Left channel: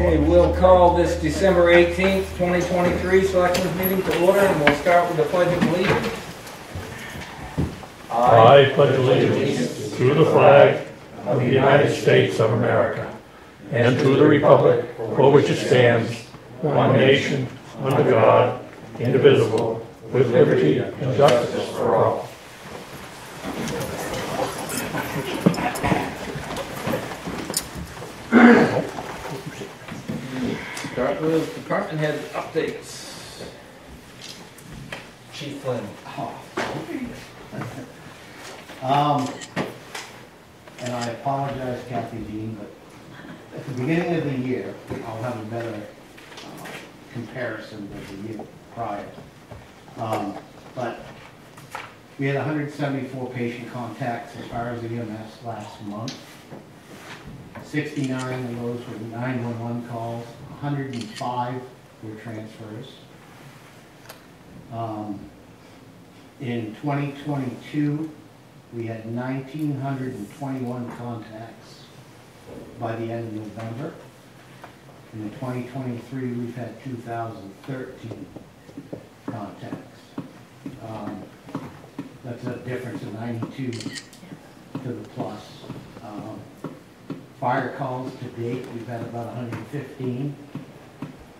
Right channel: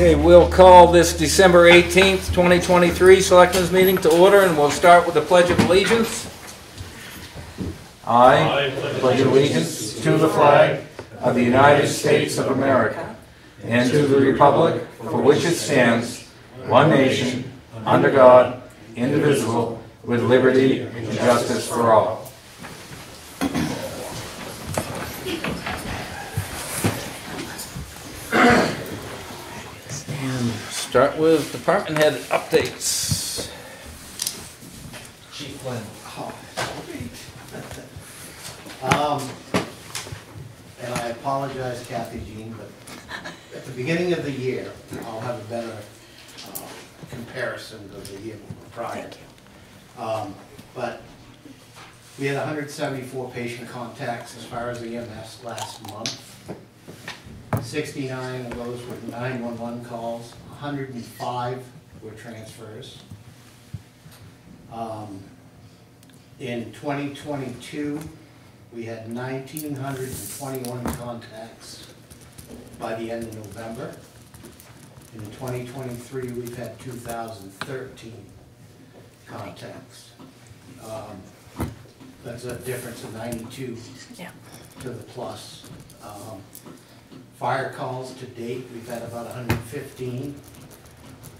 Okay, we'll call this December 18th, 2023 Selectmen's meeting to order, and we'll start with the Pledge of Allegiance. I pledge allegiance to the flag of the United States of America and to the republic for which it stands, one nation, under God, indivisible, with liberty and justice for all. Start with department head updates. Chief Flynn. And I apologize, Kathy Jean, but at the beginning of the year, I'll have a better comparison of the year prior. But we had 174 patient contacts as far as EMS last month. 69 of those were 911 calls, 105 were transfers. In 2022, we had 1,921 contacts by the end of November. In 2023, we've had 2,013 contacts. That's a difference of 92 to the plus. Fire calls to date, we've had about 115.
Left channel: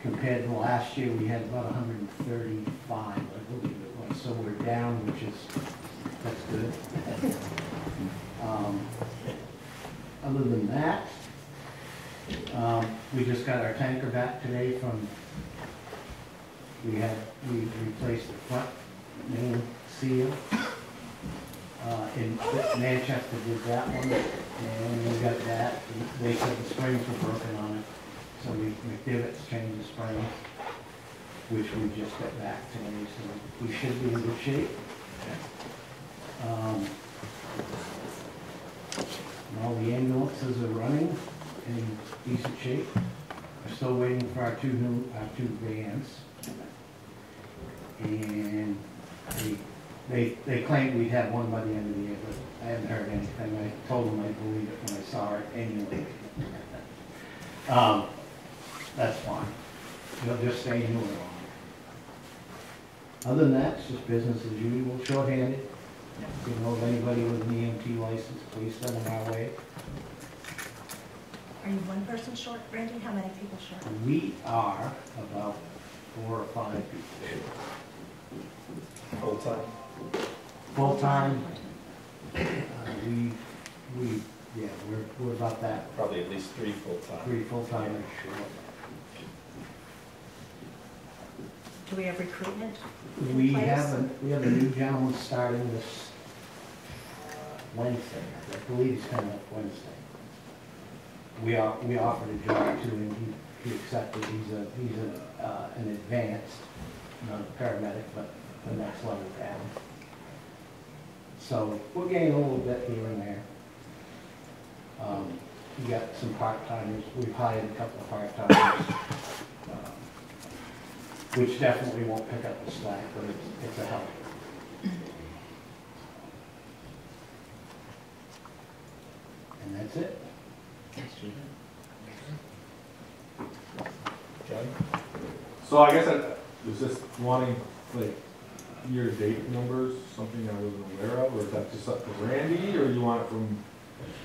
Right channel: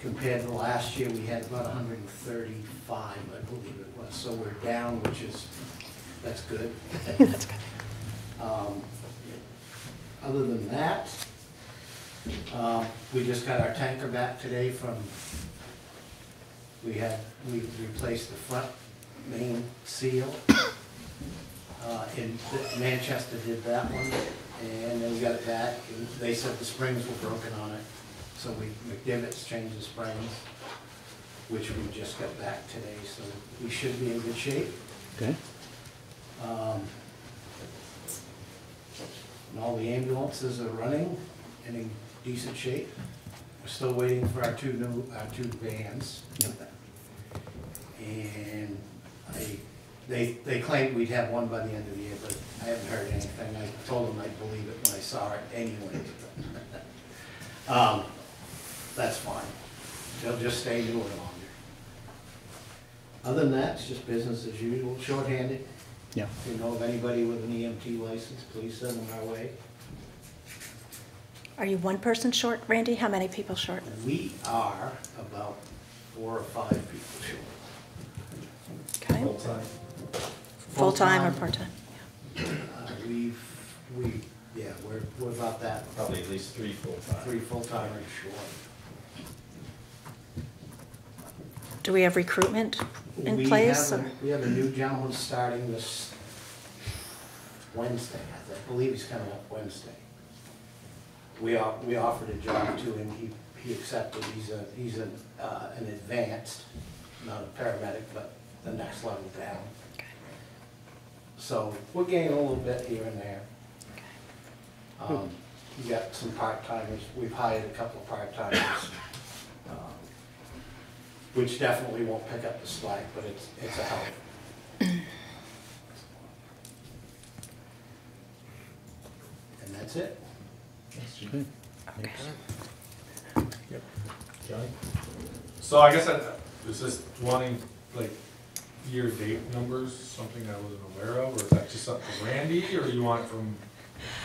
Compared to last year, we had about 135, I believe it was. So we're down, which is, that's good. Other than that, we just got our tanker back today from, we replaced the front main seal. In Manchester did that one, and we got that. They said the springs were broken on it, so McDivitt's changed the springs, which we just got back today, so we should be in good shape. Okay. And all the ambulances are running in decent shape. We're still waiting for our two vans, and they claimed we'd have one by the end of the year, but I haven't heard anything. I told them I'd believe it when I saw it anyway. That's fine. They'll just stay newer. Other than that, it's just business as usual. Short-handed. Yeah. If you know of anybody with an EMT license, please send them our way. Are you one person short, Randy? How many people short? We are about 4 or 5 people short. Okay. Full-time. Full-time or part-time? We're about that. Probably at least 3 full-time. 3 full-timers short. Do we have recruitment in place? We have a new gentleman starting this Wednesday. I believe he's coming up Wednesday. We offered a job to him. He accepted. He's an advanced, not a paramedic, but the next level down. So we're gaining a little bit here and there. We got some part-timers. We've hired a couple of part-timers, which definitely won't pick up the slack, but it's a help. And that's it. Okay. So I guess I was just wanting like year-to-date numbers, something I wasn't aware of, or is that just up to Randy, or you want it from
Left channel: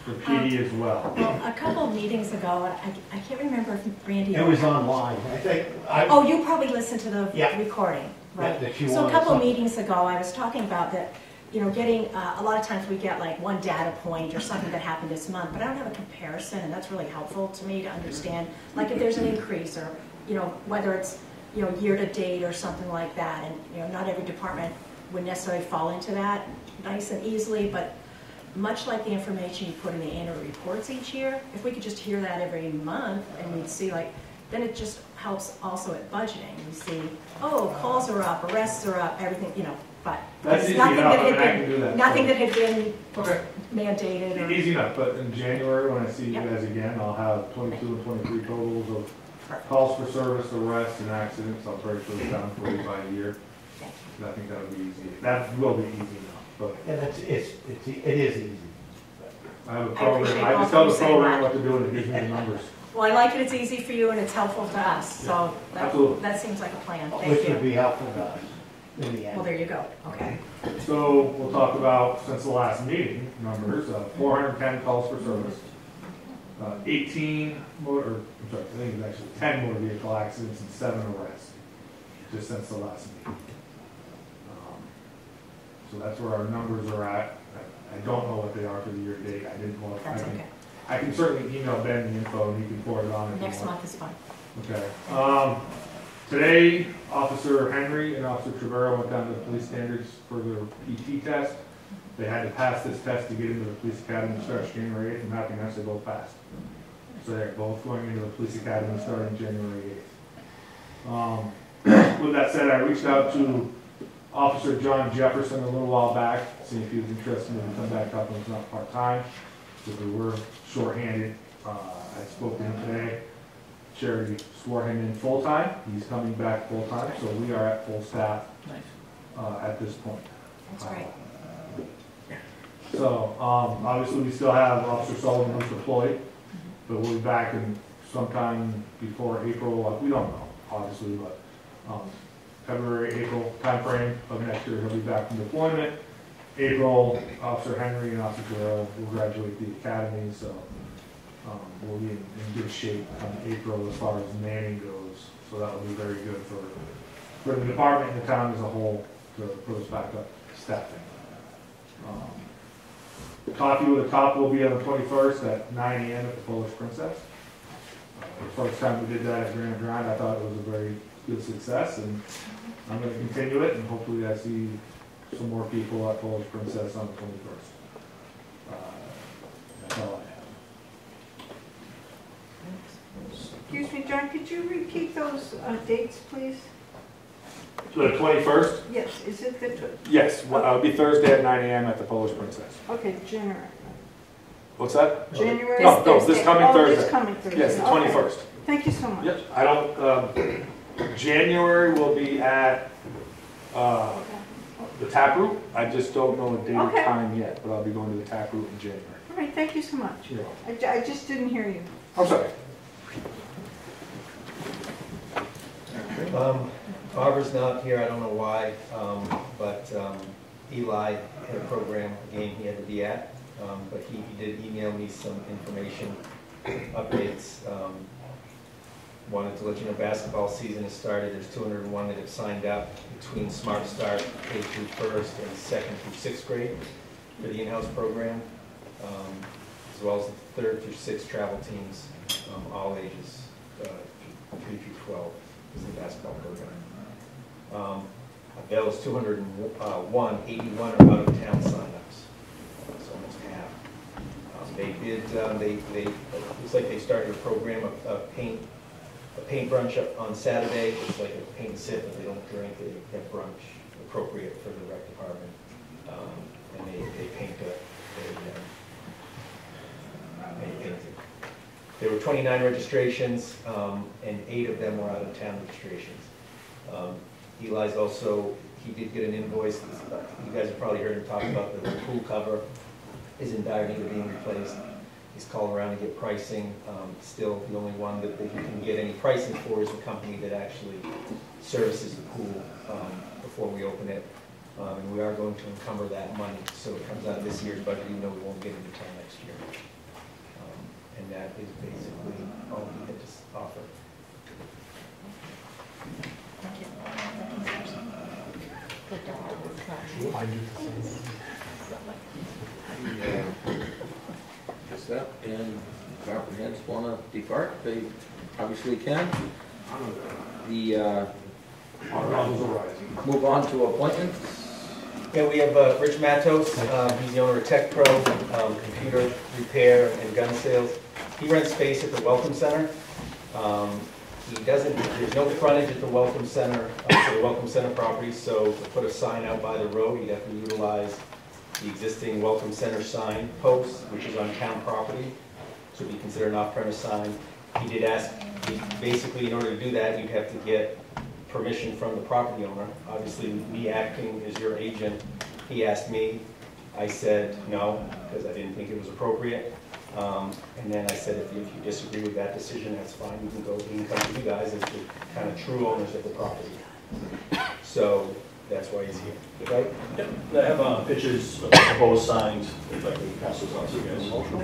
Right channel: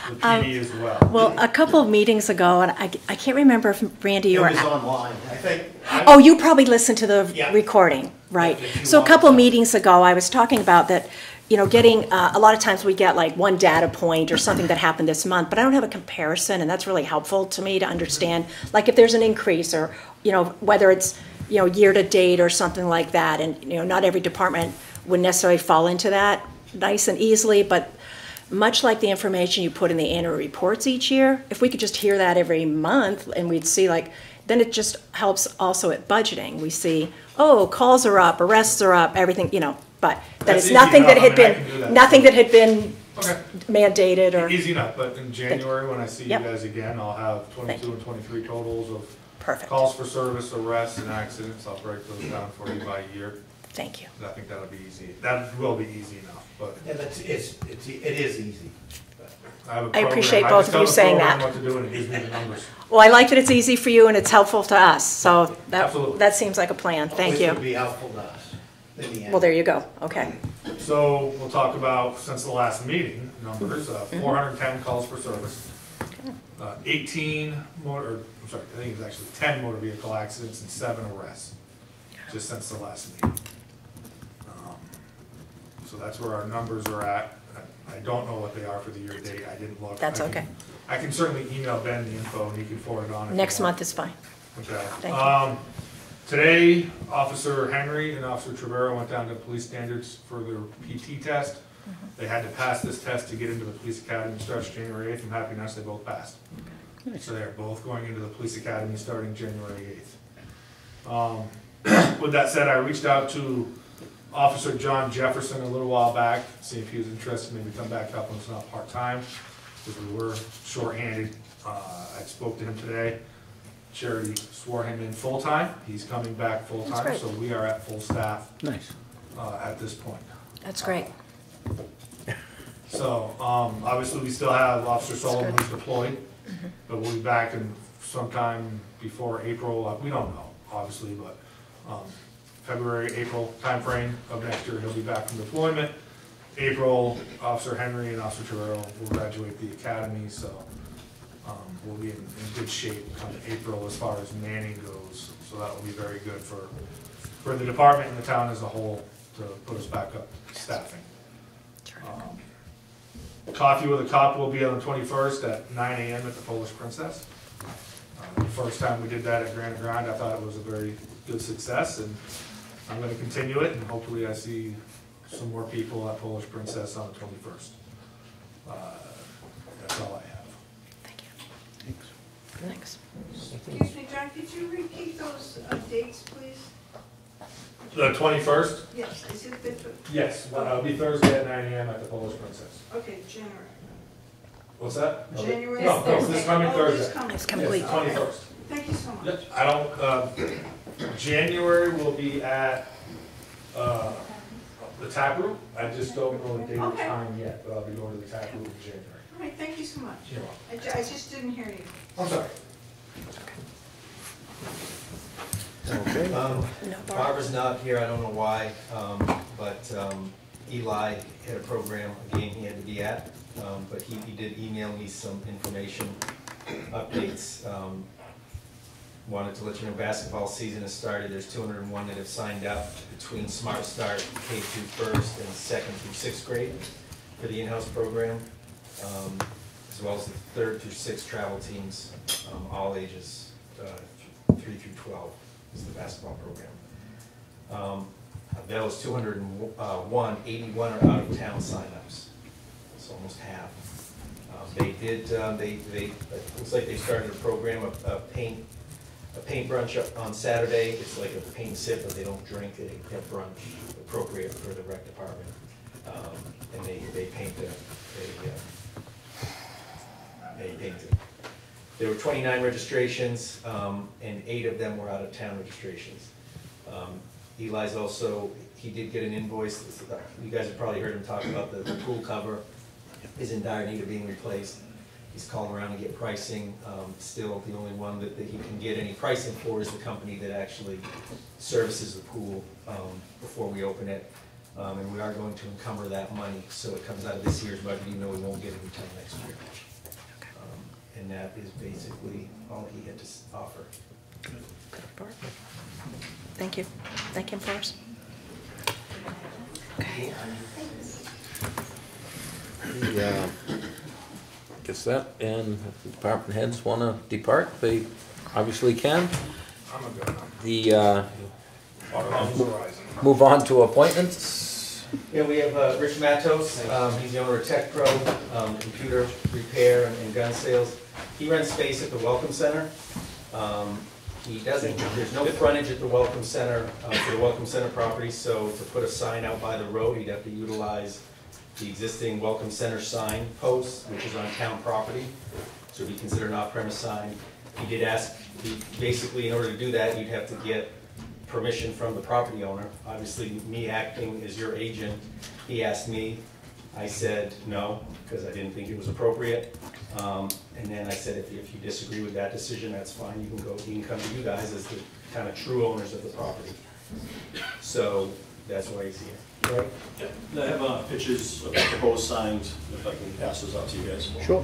the PD as well? Well, a couple of meetings ago, and I can't remember if Randy or... It was online, I think. Oh, you probably listened to the recording, right? Yeah, so a couple of meetings ago, I was talking about that, you know, getting, a lot of times we get like one data point or something that happened this month, but I don't have a comparison, and that's really helpful to me to understand, like if there's an increase or, you know, whether it's, you know, year to date or something like that. And, you know, not every department would necessarily fall into that nice and easily, but much like the information you put in the annual reports each year, if we could just hear that every month and we'd see like, then it just helps also at budgeting. We see, oh, calls are up, arrests are up, everything, you know, but that's nothing that had been, nothing that had been mandated or. Easy enough, but in January when I see you guys again, I'll have 22 and 23 totals of calls for service, arrests, and accidents. I'll break those down for you by year. Thank you. I think that'll be easy. That will be easy enough, but yeah, it is easy. I have a I program. appreciate I both just of you tell the saying program that. what to do and it gives me the numbers. Well, I like that it's easy for you and it's helpful to us, so Absolutely. that seems like a plan, thank Which you. would be helpful to us in the end. Well, there you go, okay. So we'll talk about, since the last meeting, numbers, 410 calls for service, 18 motor, I'm sorry, I think it's actually 10 motor vehicle accidents and 7 arrests, just since the last meeting. So that's where our numbers are at. I don't know what they are for the year to date, I didn't look. That's okay. I can certainly email Ben the info and he can forward it on. if you Next want. month is fine. Okay. Thank Today, Officer Henry and Officer Trevero went down to police standards for their PT test. They had to pass this test to get into the police academy, starts January 8th. I'm happy enough they both passed. So they're both going into the police academy starting January 8th. With that said, I reached out to Officer John Jefferson a little while back, see if he was interested in to come back up when it's not part-time, because we were short-handed. I spoke to him today. Charity swore him in full-time. He's coming back full-time, That's so we are at full staff Nice. at this point. That's great. So, obviously, we still have Officer Sullivan who's deployed, but we'll be back in sometime before April. We don't know, obviously, but February, April timeframe of next year, he'll be back from deployment. April, Officer Henry and Officer Terrell will graduate the academy, so we'll be in good shape come April as far as manning goes. So that will be very good for the department and the town as a whole to put us back up staffing. Coffee with a Cop will be on the 21st at 9 a.m. at the Polish Princess. The first time we did that at Granite, I thought it was a very good success, and I'm going to continue it, and hopefully I see some more people at Polish Princess on the 21st. That's all I have. Thanks. Excuse me, John, could you repeat those dates, please? The 21st? Yes, is it the, Yes, well, it'll be Thursday at 9 a.m. at the Polish Princess. okay, January. What's that? January? No, this coming Oh, this Thursday. coming Thursday. Yes, the Okay. 21st. Thank you so much. Yep, I don't, January will be at the tap room. I just don't know a date or Okay. time yet, but I'll be going to the tap room in January. All right, thank you so much. You're I just didn't hear you. I'm sorry. Barbara's not here, I don't know why, but Eli had a program, a game he had to be at, but he did email me some information, updates. Wanted to let you know basketball season has started, there's 201 that have signed up between Smart Start, K through first and second through sixth grade for the in-house program, as well as the third through sixth travel teams, all ages, 3 through 12. Is the basketball program. That was 201, 81 are out of town signups, so almost half. They did, it looks like they started a program of paint brunch on Saturday. It's like a paint sip, but they don't drink, they have brunch appropriate for the rec department. And they paint they painted. There were 29 registrations, and 8 of them were out-of-town registrations. Eli's also, he did get an invoice. You guys have probably heard him talk about the pool cover is in dire need of being replaced. He's calling around to get pricing. Still, the only one that he can get any pricing for is the company that actually services the pool before we open it. And we are going to encumber that money, so it comes out of this year's budget, even though we won't get it until next year. And that is basically all he had to offer. Thank you. Thank you, Forrest. Guess that, and if department heads want to depart, they obviously can. The, move on to appointments. Yeah, we have Rich Matos, he's the owner of Tech Pro, computer repair and gun sales. He rents space at the Welcome Center. He doesn't, there's no frontage at the Welcome Center, for the Welcome Center property, so to put a sign out by the road, he'd have to utilize the existing Welcome Center sign post, which is on town property, so it'd be considered an off-premise sign. He did ask, basically in order to do that, you'd have to get permission from the property owner. Obviously, me acting as your agent, he asked me I said no, because I didn't think it was appropriate. And then I said, if you disagree with that decision, that's fine, you can come to you guys as the kind of true owners of the property. So that's why he's here. Right. Yep, I have pictures of the proposed signs, if I can pass those out to you guys. Sure.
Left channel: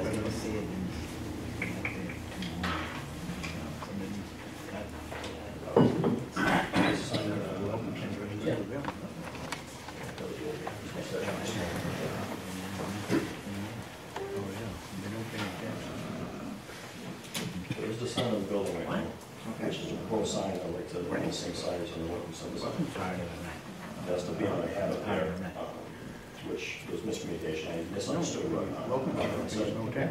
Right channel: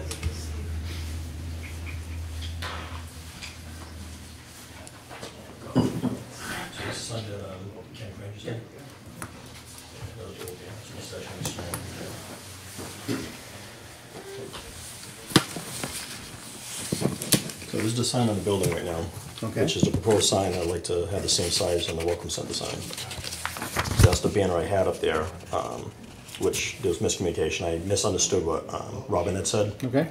So this is the sign on the building right now, Okay. which is the proposed sign. I'd like to have the same size as the Welcome Center sign. That's the banner I had up there, which there was miscommunication. I misunderstood what Robin had said. Okay.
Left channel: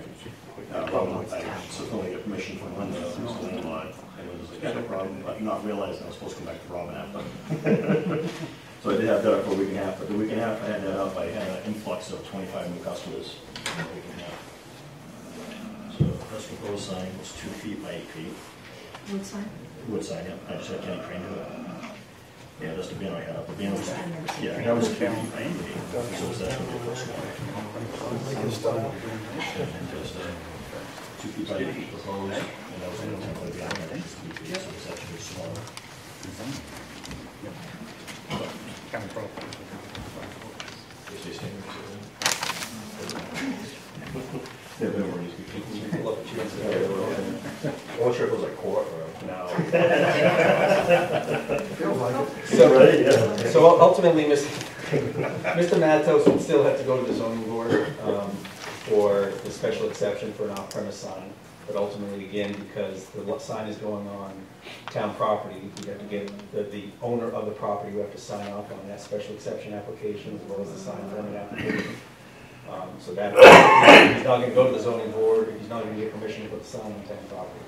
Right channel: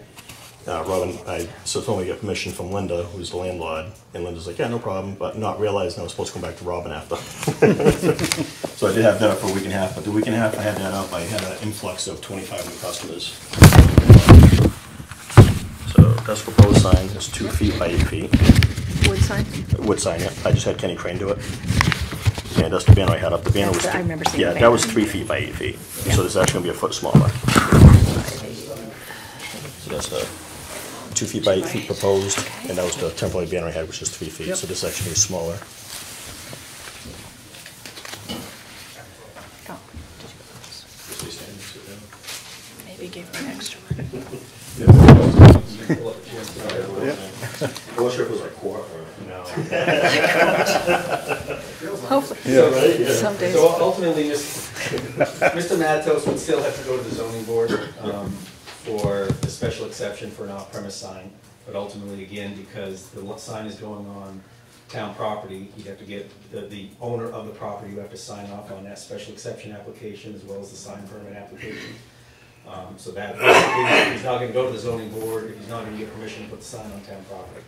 Robin, I subsequently got permission from Linda, who's the landlord, and Linda's like, yeah, no problem, but not realizing I was supposed to come back to Robin after. So I did have that for a week and a half, but the week and a half I had that up, I had an influx of 25 new customers. So that's the proposed sign, it's 2 feet by 8 feet. Wood sign? Wood sign, yeah, I just had Kenny Crane do it. And that's the banner I had up, the banner was, I remember seeing yeah, the that was banner. 3 feet by 8 feet, so this is actually gonna be a foot smaller. So that's the 2 feet by 8 feet proposed, and that was the temporary banner I had, which is 3 feet, so this actually is smaller. The strip was like quarter. So ultimately, Mr. Matos would still have to go to the zoning board for the special exception for an off-premise sign. But ultimately, again, because the sign is going on town property, you have to get the owner of the property, who have to sign off on that special exception application as well as the sign permit application. So that, he's not gonna go to the zoning board, he's not gonna get permission to put the sign on town property.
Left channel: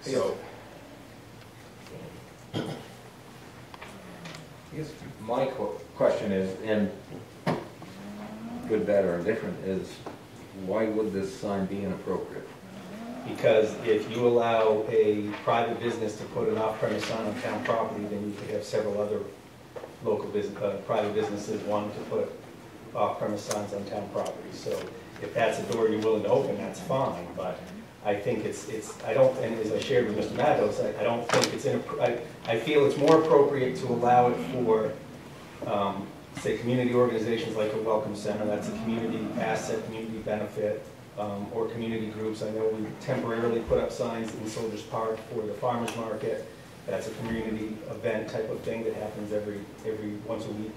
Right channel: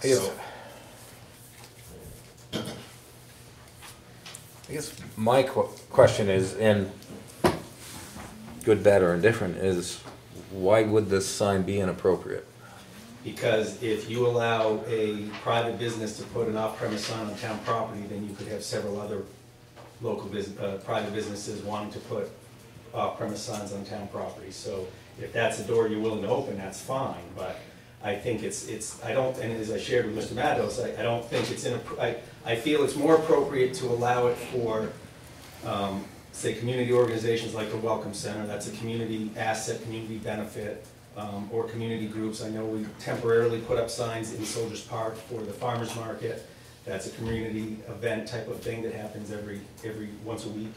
So, I guess my question is, and good, bad, or indifferent, is why would this sign be inappropriate? because if you allow a private business to put an off-premise sign on town property, then you could have several other local private businesses wanting to put off-premise signs on town property. So if that's a door you're willing to open, that's fine, but I think I don't, and as I shared with Mr. Matos, I don't think it's I feel it's more appropriate to allow it for, say, community organizations like the Welcome Center. That's a community asset, community benefit, or community groups. I know we temporarily put up signs in Soldiers Park for the farmers market. That's a community event type of thing that happens every once a week.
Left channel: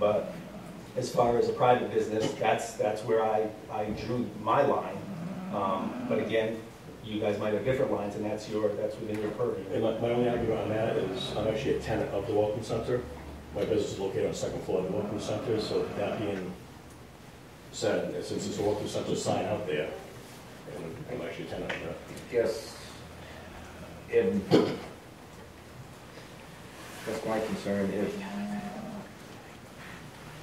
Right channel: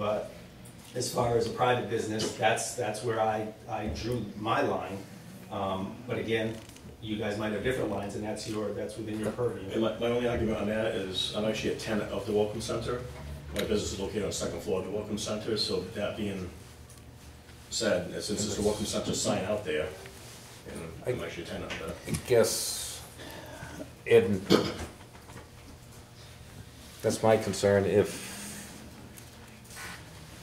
But as far as a private business, that's where I drew my line. But again, you guys might have different lines, and that's within your purview. And my only argument on that is I'm actually a tenant of the Welcome Center. My business is located on the second floor of the Welcome Center, so that being said, since it's the Welcome Center sign out there, and I'm actually a tenant of that. I guess that's my concern. If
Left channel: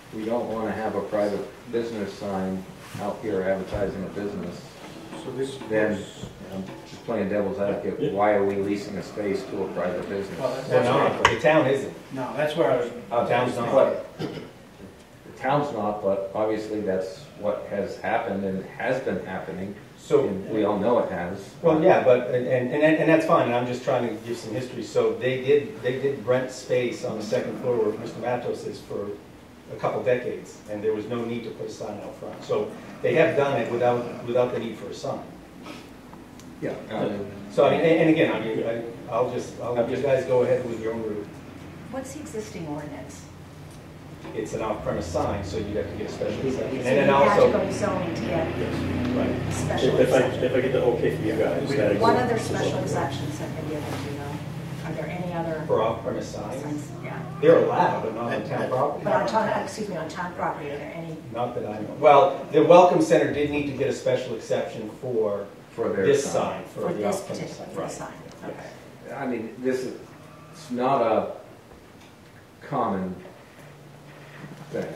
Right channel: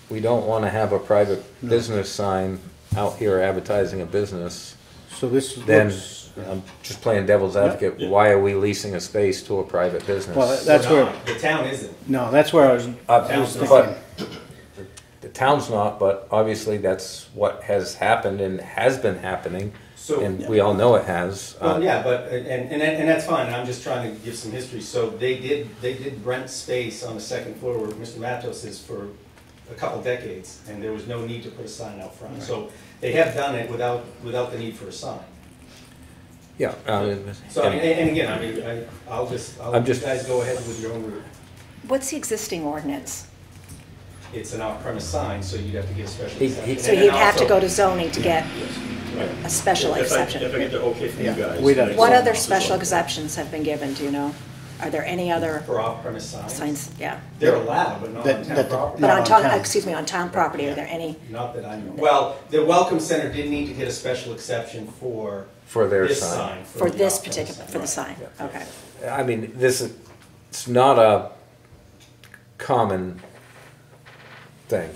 we don't want to have a private business sign out here advertising a business, So this then looks, I'm just playing devil's advocate. Yeah. Why are we leasing a space to a private business? well, that's where, The town isn't. no, that's where I was, Town's not. But the town's not, but obviously that's what has happened and has been happening, So. and we all know it has. Well, yeah, but, and that's fine, and I'm just trying to give some history. So they did rent space on the second floor where Mr. Matos is for a couple decades, and there was no need to put a sign out front. So they have done it without the need for a sign. Yeah. So, I mean, and again, I mean, I'll let you guys go ahead with your own route. What's the existing ordinance? It's an off-premise sign, so you have to get a special He- exception. So And you then have to also- go to zoning to get Right. a special If I exception. get the okay from you guys. We'd have- then What it's- other special exceptions have been given, do you know? Are there any other For off-premise signs. signs? Yeah. They're allowed, but not on town property. But Not on on town, town. excuse me, on town property, are there any? Not that I know. Well, the Welcome Center did need to get a special exception for their this sign. sign. For the this off-premise particular, for the sign, okay. I mean, it's not a common thing.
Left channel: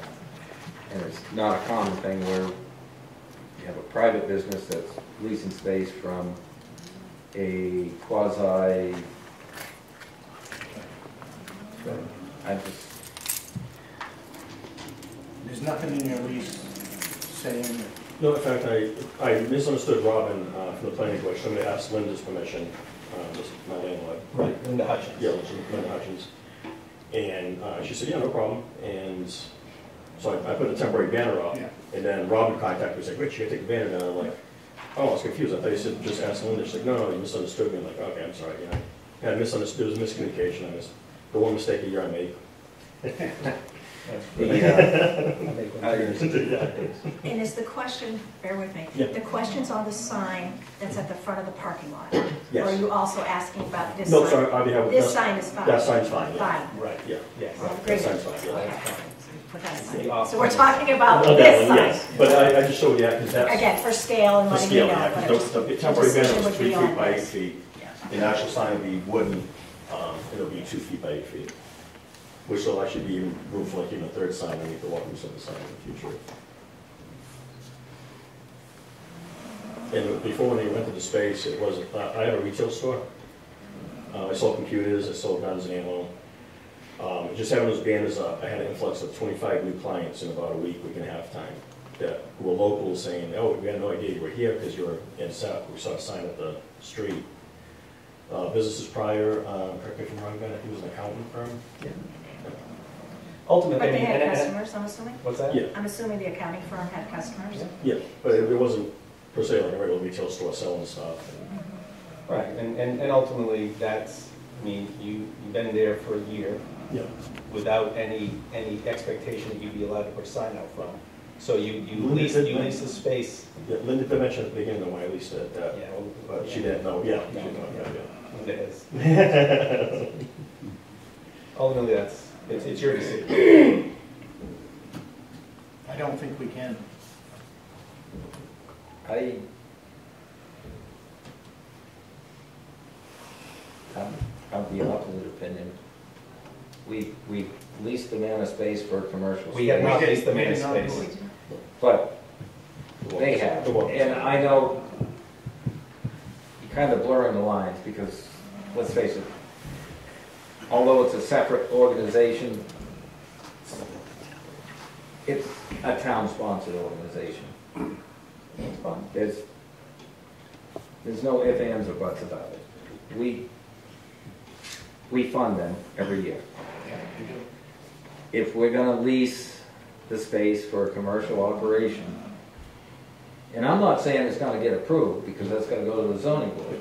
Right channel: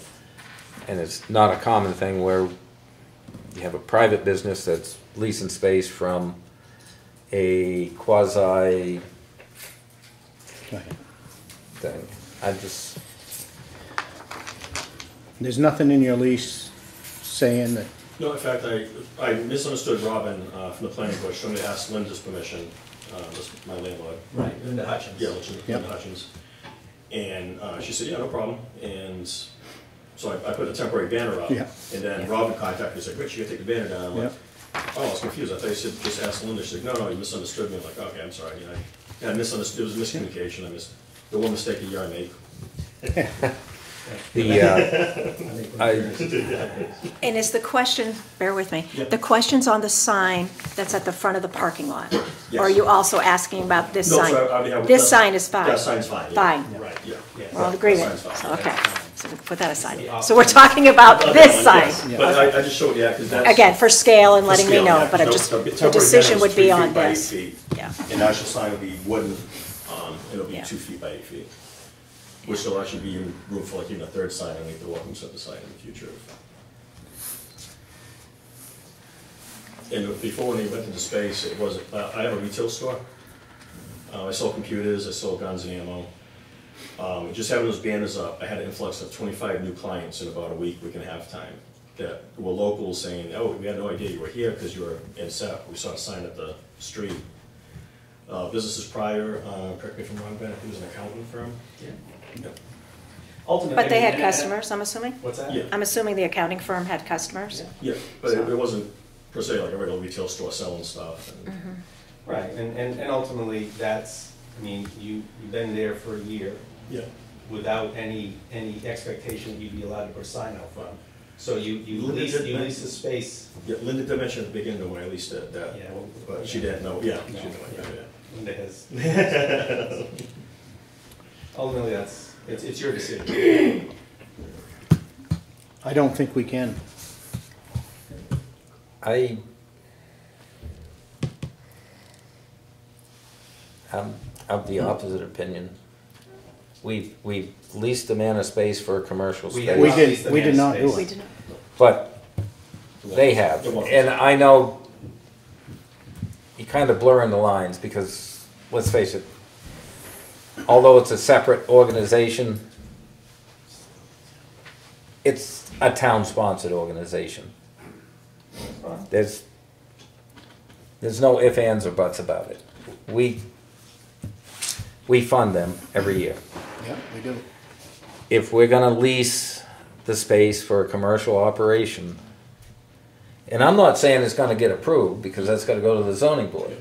And it's not a common thing where you have a private business that's leasing space from a quasi thing. I just, There's nothing in your lease saying that, No, in fact, I misunderstood Robin from the planning board. Somebody asked Linda's permission, this my landlord. Right, Linda Hutchins. Yeah, Linda Hutchins. And she said, yeah, no problem. And so I put a temporary banner up. Yeah. And then Robin contacted me, said, Rich, you gotta take the banner down. I'm like, oh, I was confused. I thought you said just ask Linda. She's like, no, you misunderstood me. I'm like, okay, I'm sorry. You know, and I misunderstood. There was a miscommunication. The one mistake a year I made. And is the question, bear with me, Yeah. the question's on the sign that's at the front of the parking lot? Yes. Or are you also asking about this No, sign? sorry, I already have. This sign is fine? That sign's fine. Yeah. Fine. Right, yeah. We're all in That agreement? sign's fine. Okay, so we put that aside. So we're talking about Okay, this sign? yes. But I just showed you, because that's. Again, for scale and the letting me scale, know, yeah. but I So just, the the temporary decision banner would is be 3 on feet by 8 this. feet. Yeah. And the actual sign will be wooden, it'll be Yeah. 2 feet by 8 feet. Which will actually be even room for like even a third sign underneath the welcome center sign in the future. And before, when they rented the space, it wasn't, I have a retail store. I sold computers, I sold guns and ammo. Just having those banners up, I had an influx of 25 new clients in about a week and a half time that were locals saying, oh, we had no idea you were here because you were in SAP. We saw a sign at the street. Businesses prior, correct me if I'm wrong, Ben, I think it was an accountant firm. Yeah. Ultimately. But they had and- customers, I'm assuming? What's that? Yeah, I'm assuming the accounting firm had customers? yeah, but it wasn't per se like a regular retail store selling stuff. And Right, and ultimately, that's, I mean, you've been there for a year yeah, without any expectation that you'd be allowed to put a sign out front. So you Linda lease did- the space. yeah. Linda did mention at the beginning when I leased it that, Yeah. but she didn't know. Yeah, No. she didn't know. Linda has, Yeah. ultimately, it's your decision. I don't think we can. I'm of the opposite opinion. We leased the man a space for a commercial We space, have We not did- leased the we did man's not do space. it. We did not. but they have. And I know you're kind of blurring the lines because, let's face it, although it's a separate organization, it's a town-sponsored organization. There's no ifs, ands, or buts about it. We fund them every year. Yeah, we do. If we're gonna lease the space for a commercial operation, and I'm not saying it's gonna get approved, because that's gotta go to the zoning board.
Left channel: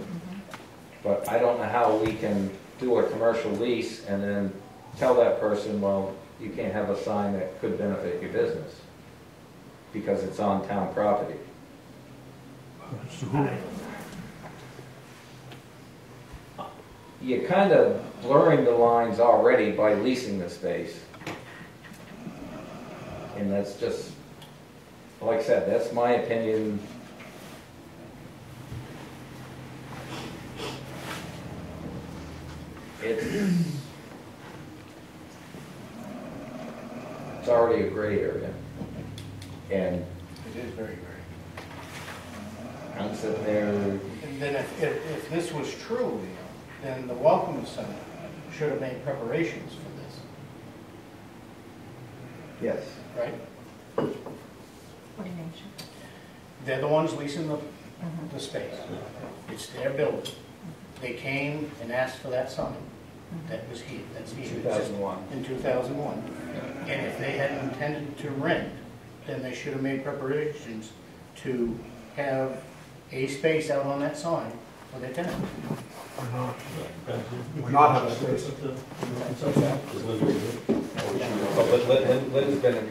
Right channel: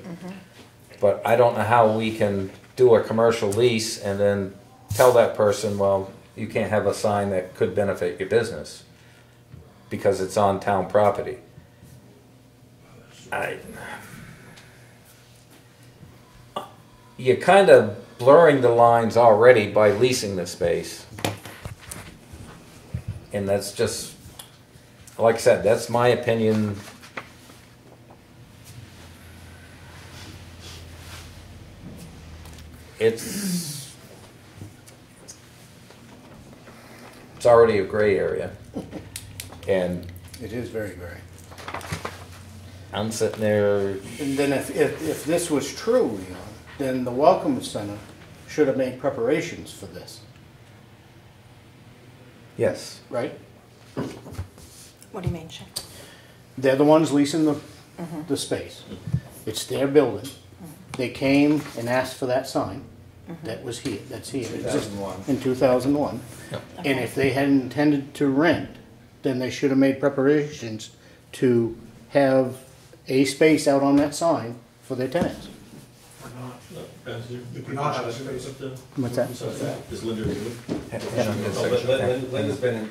But I don't know how we can do a commercial lease and then tell that person, well, you can't have a sign that could benefit your business, because it's on town property. You're kind of blurring the lines already by leasing the space. And that's just, like I said, that's my opinion. It's already a gray area. And It is very, very. I'm sitting there, And then if this was true, you know, then the Welcome Center should have made preparations for this, yes, right? What do you mean, Jim? They're the ones leasing the space. It's their building. They came and asked for that sign that was here, that's here. 2001. In 2001. And if they had intended to rent, then they should have made preparations to have a space out on that sign for their tenants. We're not having a space. What's that? Is Linda removed? Linda's been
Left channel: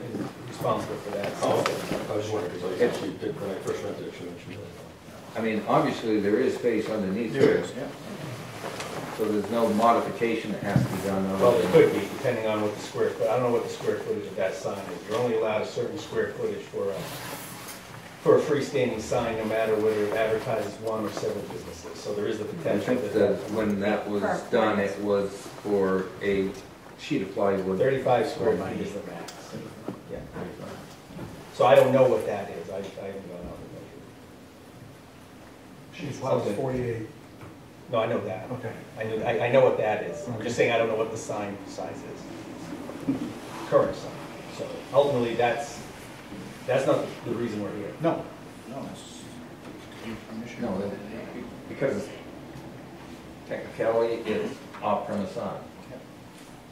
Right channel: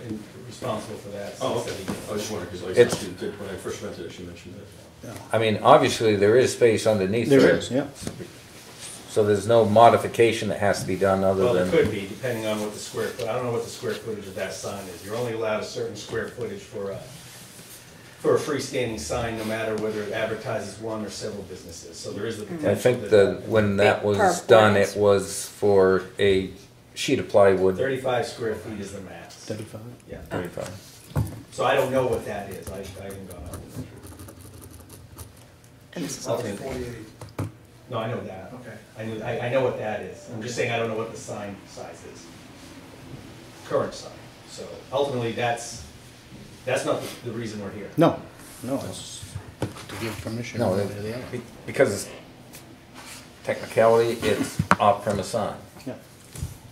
responsible for that. Oh, okay. I just wondered, because It's- when I first rented it, she mentioned that. I mean, obviously, there is space underneath There is, yeah. So there's no modification that has to be done other Well, there than, could be, depending on what the square foot, I don't know what the square footage of that sign is. You're only allowed a certain square footage for a freestanding sign, no matter whether it advertises one or several businesses. So there is the potential. I think that when that was done, it was for a sheet of plywood. 35 square feet is the max. 35. Yeah. 35. So I don't know what that is. I don't know. It's 48. No, I know that. Okay. I know what that is. I'm just saying I don't know what the sign size is. Current sign. So ultimately, that's not the reason we're here. No, it's to give permission. No, one way or the other. because technicality, it's off-premise sign. Yeah.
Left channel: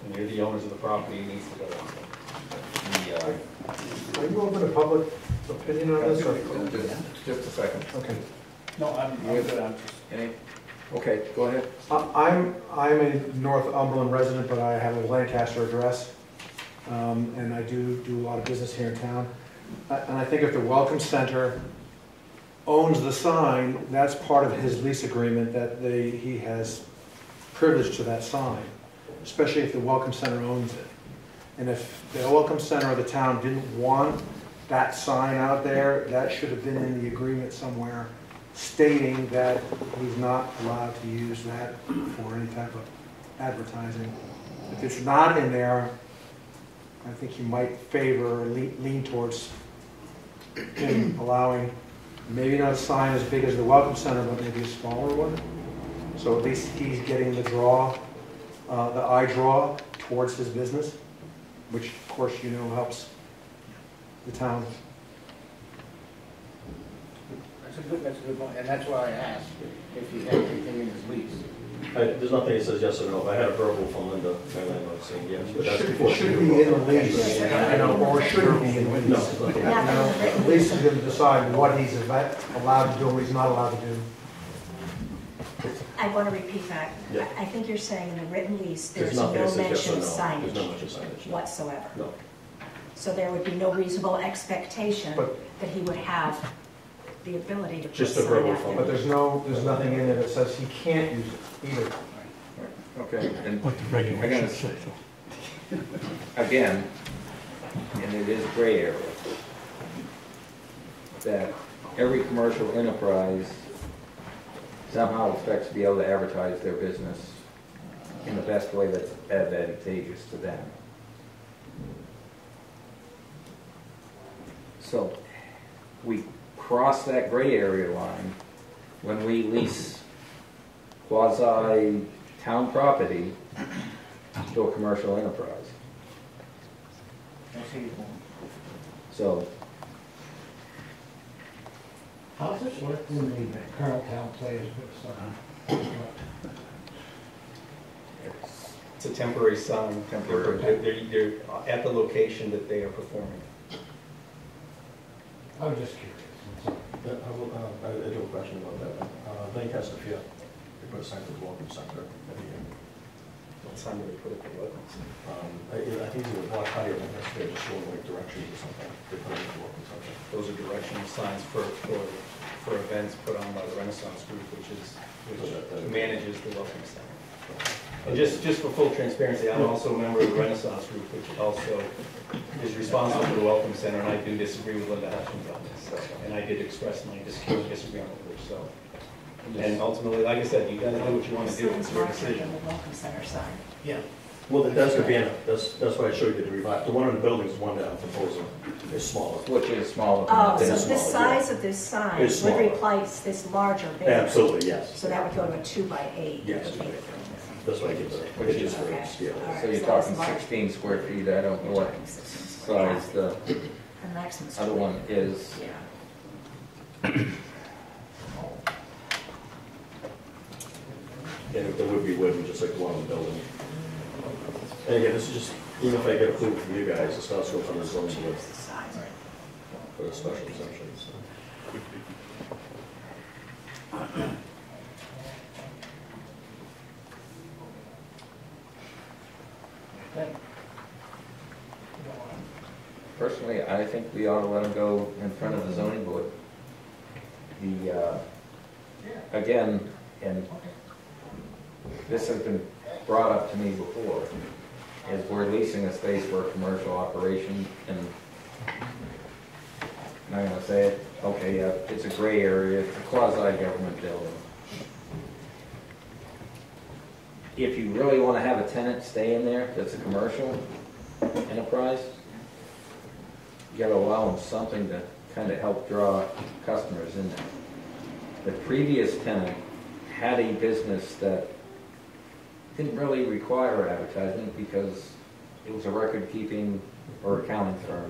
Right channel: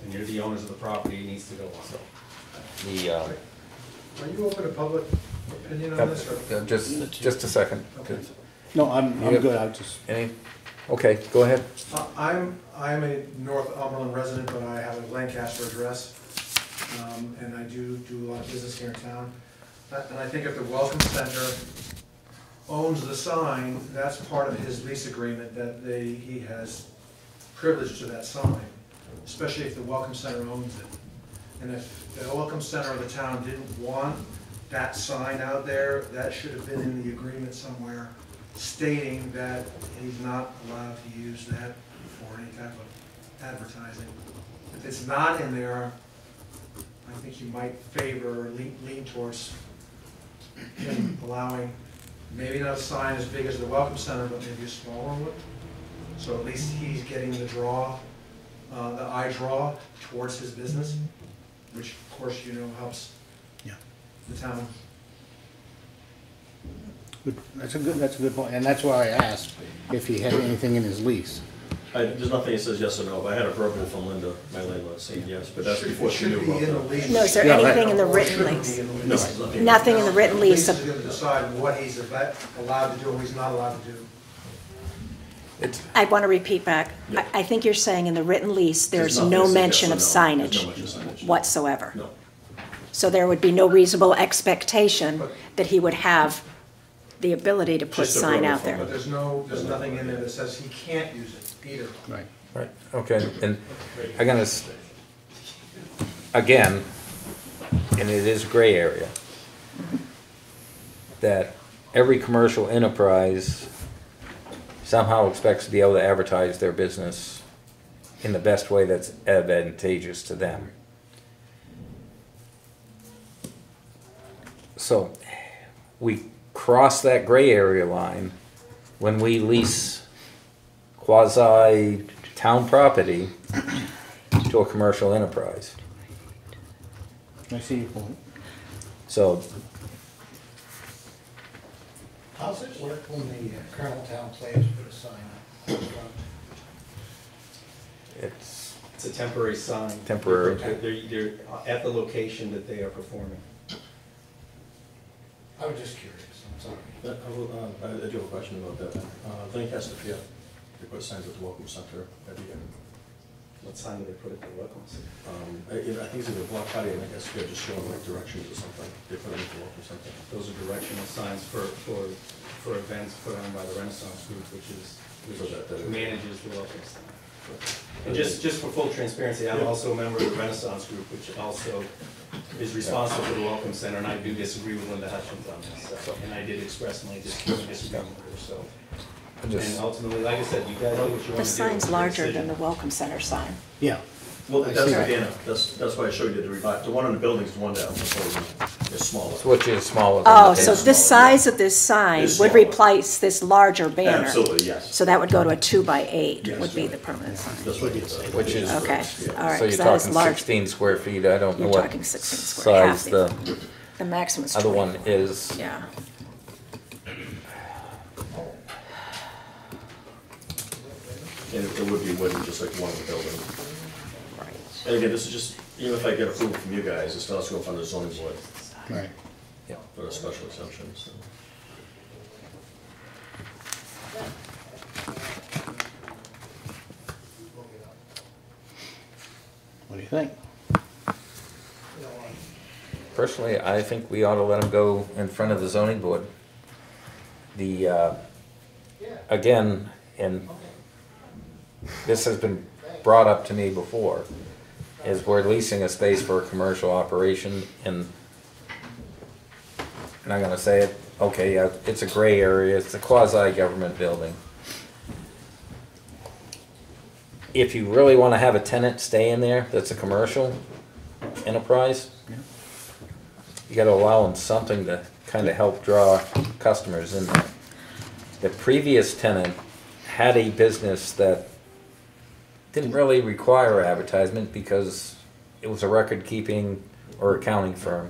And you're the owners of the property, it needs to go also. The, Are you open to public opinion on this? Or? just a second. Okay. No, I'm good, I'm just, Any, okay, go ahead. I'm a Northumberland resident, but I have a Lancaster address, and I do a lot of business here in town. And I think if the Welcome Center owns the sign, that's part of his lease agreement, that he has privilege to that sign, especially if the Welcome Center owns it. And if the Welcome Center or the town didn't want that sign out there, that should have been in the agreement somewhere, stating that he's not allowed to use that for any type of advertising. If it's not in there, I think you might favor or lean towards him allowing, maybe not a sign as big as the Welcome Center, but maybe a smaller one. So at least he's getting the draw, the eye draw towards his business, which of course you know helps the town. that's a good point, and that's why I asked if he had anything in his lease. There's nothing that says yes or no, but I had a verbal from Linda, my landlord, saying yes, but that's before she Should knew be in the about lease. that. No, is there Yeah, I anything in know. the Or should written it be lease? in the lease? No, there's nothing. Nothing in the written The lease lease. is going to decide what he's allowed to do and what he's not allowed to do. I want to repeat back. Yeah. I think you're saying in the written lease, there's nothing no that says mention of yes or no. There's signage no mention of signage. whatsoever. No. So there would be no reasonable expectation But- that he would have the ability to put Just a sign verbal out from there. But there's nothing in there that says he can't use it either. Right. Right, okay, and I'm gonna, again, and it is a gray area, that every commercial enterprise somehow expects to be able to advertise their business in the best way that's advantageous to them. So, we cross that gray area line when we lease quasi-town property to a commercial enterprise. I see your point. So, How's it work when the Colonel Town players put a sign? It's a temporary sign. Temporary. They're at the location that they are performing. I was just curious. I do have a question about that. Lancaster, yeah, they put signs at the Welcome Center at the end. What sign do they put at the Welcome Center? I think it was a block party of Lancaster, just showing like directions or something. They put it at the Welcome Center. Those are directional signs for events put on by the Renaissance Group, which So that- manages the Welcome Center. And just for full transparency, I'm also a member of the Renaissance Group, which also is responsible for the Welcome Center, and I do disagree with Linda Hutchins on this. And I did express my disagreement with her, so. And ultimately, like I said, you guys know what you The want to do. sign's larger than the Welcome Center sign. Yeah, Well, that's the Sure. banner, that's why I showed you the one in the building is the one down, proposal is smaller. which is smaller than Oh, the so table. the size of this sign It's would smaller. replace this larger banner? Absolutely, yes. So that would go to a 2x8 Yes. would be the permanent sign? That's what it is. Which is- Okay, Yeah. all right, So 'cause you're that is talking large. 16 square feet, I don't know You're what talking 16 square, half size the, the the maximum is other 20. one is. Yeah. And it would be wooden, just like the one in the building. And again, this is just, even if I get approval from you guys, it's not going from the zoning board right. for a special exemption, so. What do you think? Personally, I think we ought to let them go in front of the zoning board. Again, and this has been brought up to me before, is we're leasing a space for a commercial operation, and I'm gonna say it, okay, yeah, it's a gray area, it's a quasi-government building. If you really wanna have a tenant stay in there that's a commercial enterprise, you gotta allow them something to kinda help draw customers in there. The previous tenant had a business that didn't really require advertisement because it was a record-keeping or accounting firm.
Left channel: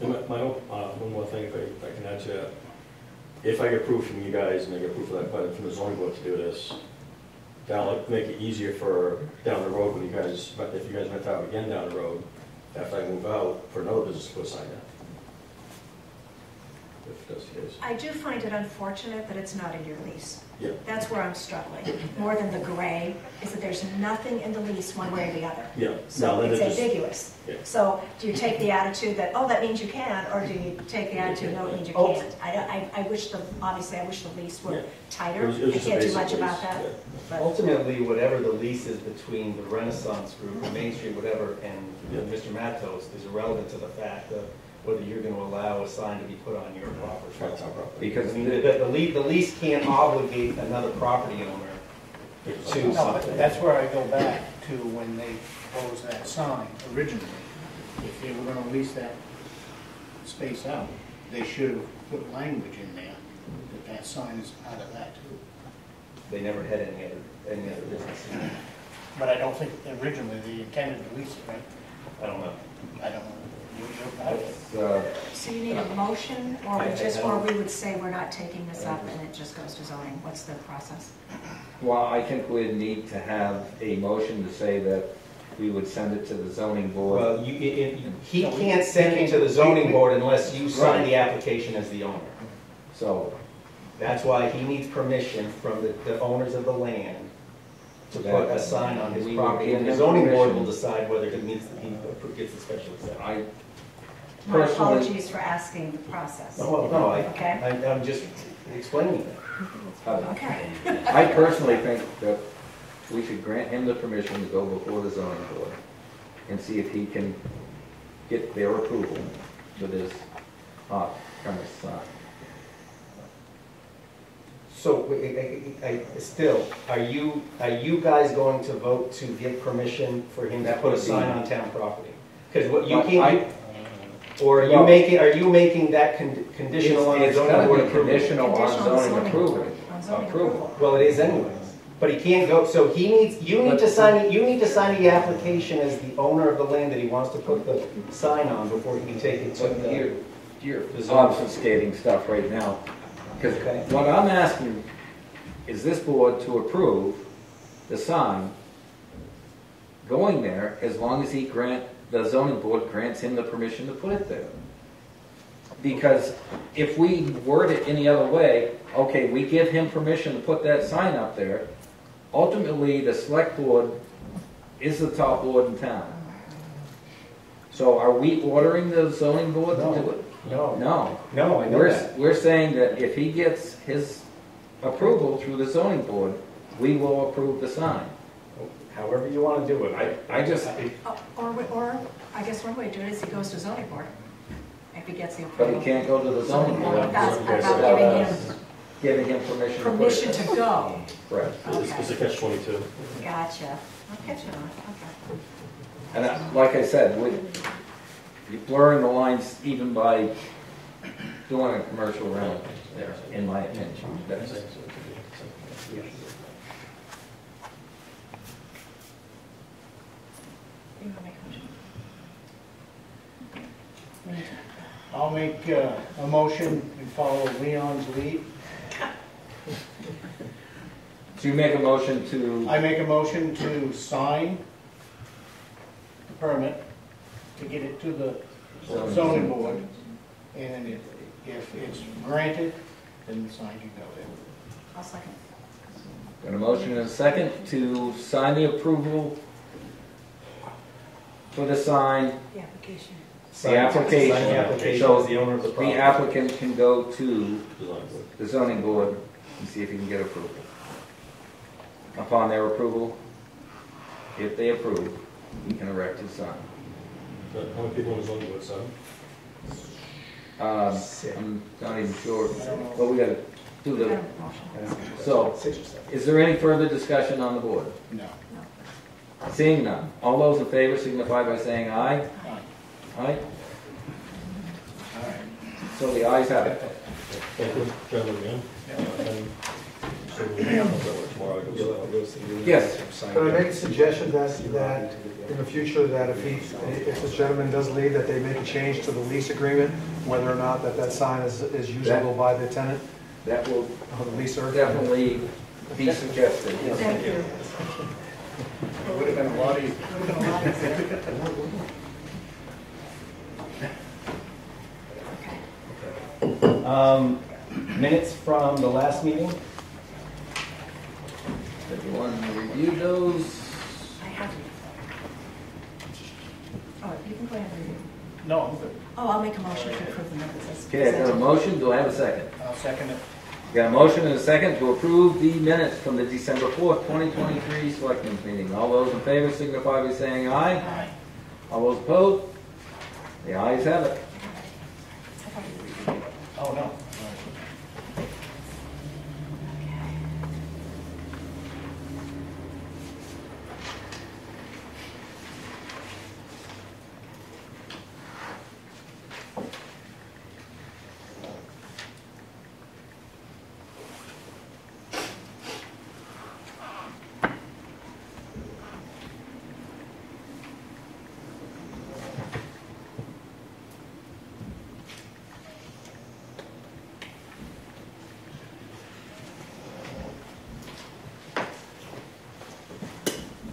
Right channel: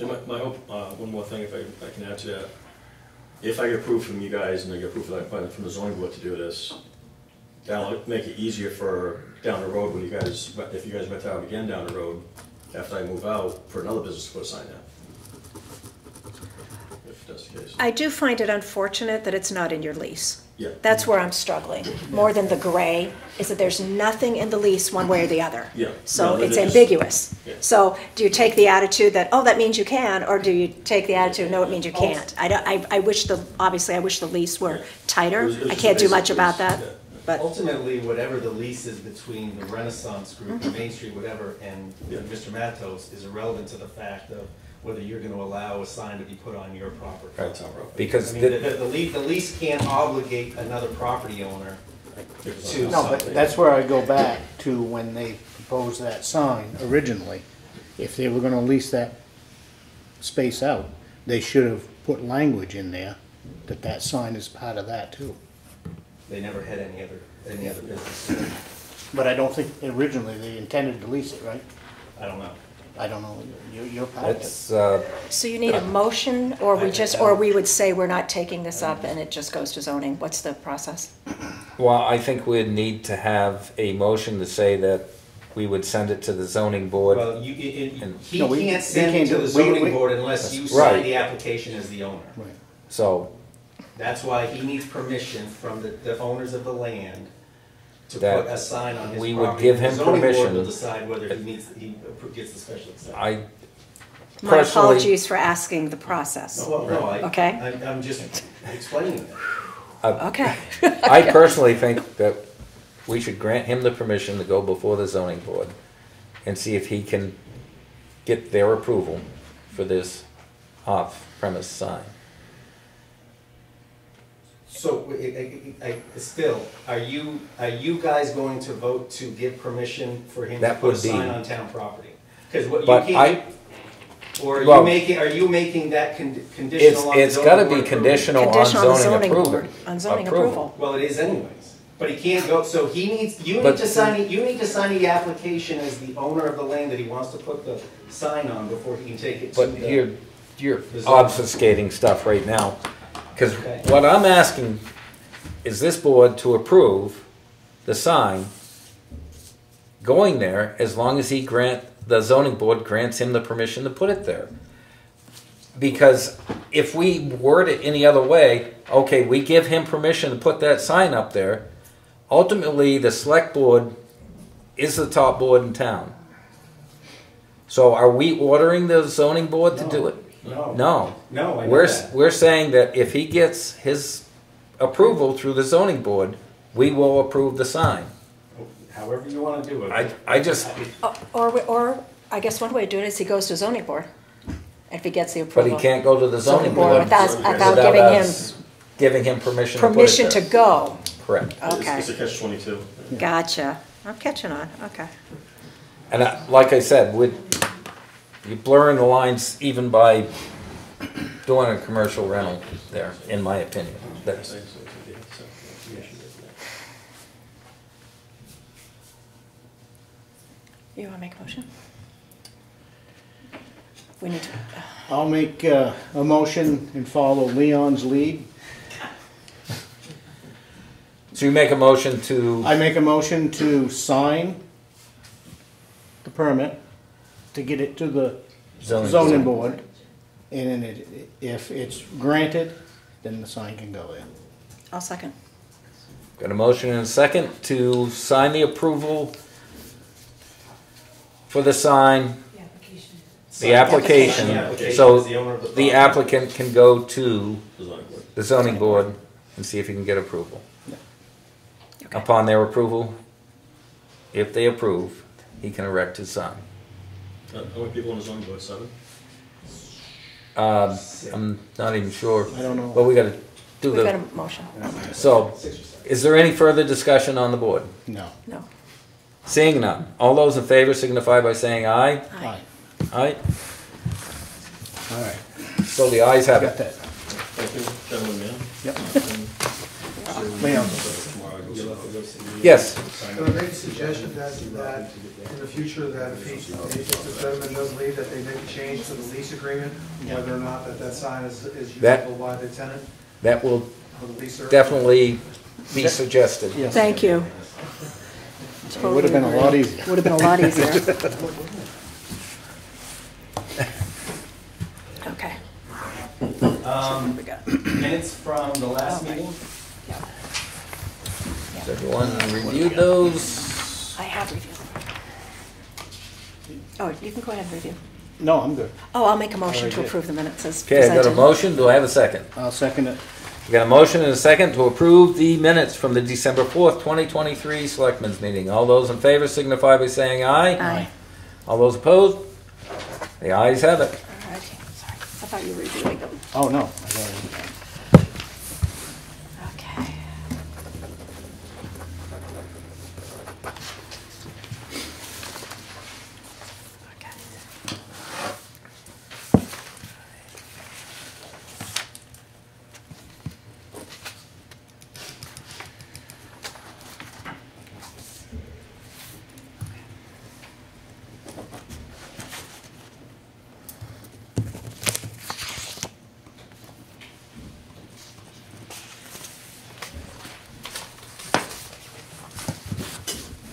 And my hope, one more thing if I can add to that. If I get approved from you guys and I get approved from the zoning board to do this, that'll make it easier for down the road when you guys, if you guys rent out again down the road, after I move out, for another business to put a sign down. If that's the case. I do find it unfortunate that it's not in your lease. Yeah. That's where I'm struggling, more than the gray, is that there's nothing in the lease one way or the other. Yeah. So No, it's that is- ambiguous. Yeah. So do you take the attitude that, oh, that means you can, or do you take the attitude, no, it means you can't? I wish obviously I wish the lease were Yeah. tighter. It was I just can't a do basic much about lease, that, yeah. but, Ultimately, whatever the lease is between the Renaissance Group, Main Street, whatever, and Yeah. Mr. Matos is irrelevant to the fact of whether you're gonna allow a sign to be put on your property. Right, it's our property. Because I mean, the lease can't obligate another property owner to No, but something. that's where I go back to when they proposed that sign originally. If they were gonna lease that space out, they should have put language in there that that sign is part of that too. They never had any other business. But I don't think originally they intended to lease it, right? I don't know. I don't know. You're part of it. That's, so you need a motion, or we would say we're not taking this up and it just goes to zoning? What's the process? well, I think we'd need to have a motion to say that we would send it to the zoning board. Well, he No, we- can't we send it can't to do- the zoning we- board unless you Right. sign the application as the owner. So That's why he needs permission from the owners of the land to That put a sign on his we would property. give And the him zoning board permission. will decide whether he gets the special exception. I My personally, apologies for asking the process. No, Okay. I'm just explaining it. Okay. I personally think that we should grant him the permission to go before the zoning board and see if he can get their approval for this off-premise sign. So, still, are you guys going to vote to give permission for him to That put a would be- sign on town property? Because what you But can't, or well- are you making that conditional on the It's zoning gotta board be approval? conditional on Conditional on zoning approval. board, on zoning approval. Well, it is anyways, but he can't go, so you need But- to sign the application as the owner of the land that he wants to put the sign on before he can take it to But the. you're obfuscating stuff right now. Because Okay. what I'm asking is this board to approve the sign going there as long as the zoning board grants him the permission to put it there. Because if we word it any other way, okay, we give him permission to put that sign up there, ultimately the select board is the top board in town. So are we ordering the zoning board to do it? No. No. No, I know that. We're saying that if he gets his approval through the zoning board, we will approve the sign. However you want to do it. I just, Or I guess one way to do it is he goes to zoning board, if he gets the but approval. he can't go to the zoning board Without giving him permission to put it permission to there. go. Correct. Okay, It's a catch-22. gotcha. I'm catching on, okay. And like I said, you're blurring the lines even by doing a commercial rental there, in my opinion. That's- You want to make a motion? We need to, I'll make a motion and follow Leon's lead. So you make a motion to, I make a motion to sign the permit, to get it to the zoning board, and then if it's granted, then the sign can go in. I'll second. got a motion and a second to sign the approval for the sign, the application. Sign the application So as the owner of the the property. applicant can go to The zoning board. the zoning board and see if he can get approval. Upon their approval, if they approve, he can erect his sign. How many people in the zoning board, 7? I'm not even sure, I don't know. but we gotta do We've got the, a motion. so, 6 or 7. is there any further discussion on the board? No. No. Seeing none, all those in favor signify by saying aye. Aye. Aye, All right. so the ayes have Got it. that. Thank you, gentlemen, man. Yep. Yes, Can I make a suggestion that in the future, that if the gentleman does leave, that they make a change to the lease agreement, whether or not that sign is usable by the tenant, that will or the leaser? definitely be suggested. Thank you. It would have been a lot easier. Would have been a lot easier. Okay. Minutes from the last meeting? Has everyone reviewed those? I have reviewed. Oh, you can go ahead and review. No, I'm good. Oh, I'll make a motion to approve the minutes as Okay, I got a presented. motion, do I have a second? I'll second it. I got a motion and a second to approve the minutes from the December 4th, 2023 Selectmen's meeting. All those in favor signify by saying aye. Aye. All those opposed? The ayes have it. Okay, sorry. I thought you were reviewing. Oh, no. Okay.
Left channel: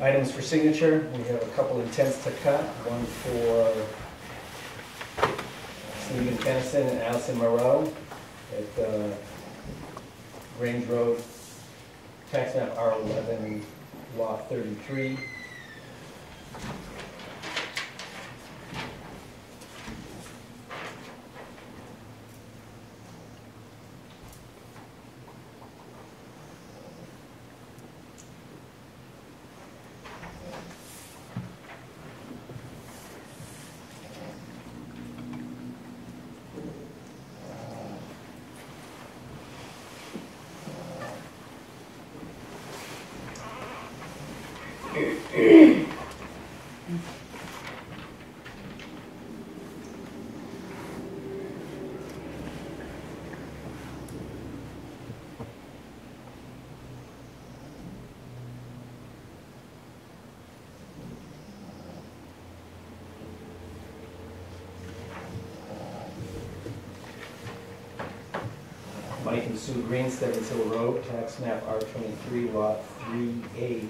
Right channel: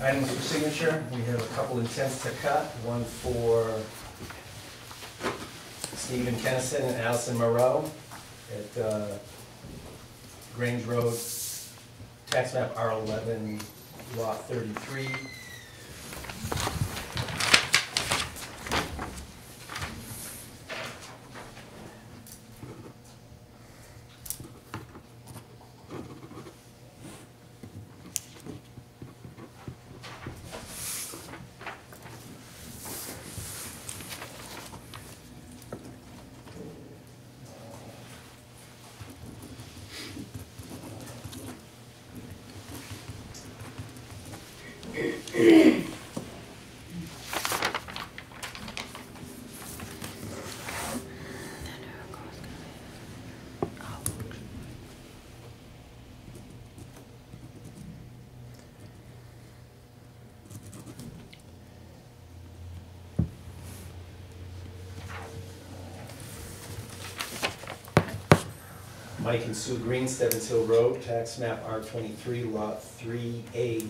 Items for signature, we have a couple intents to cut, one for Stephen Tennyson and Allison Moreau at Grange Road, tax map R11, lot 33. Mike and Sue Green, Stebbins Hill Road, tax map R23, lot 3A8.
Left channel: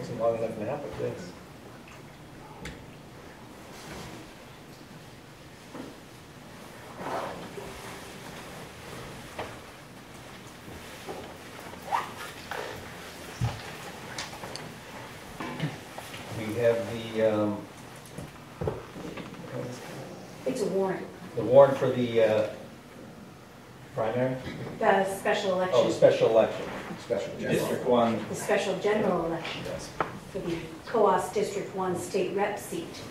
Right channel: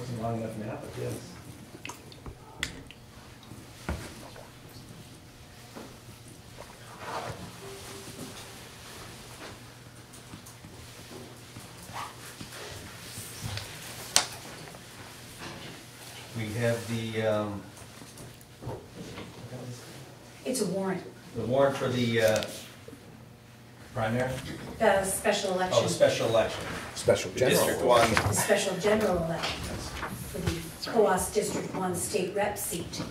Wasn't long enough nap, but yes. We have It's a warrant, the warrant for the primary, the special oh, the election, special election. Special District general. 1. the special general election for the COAS District 1 state rep seat.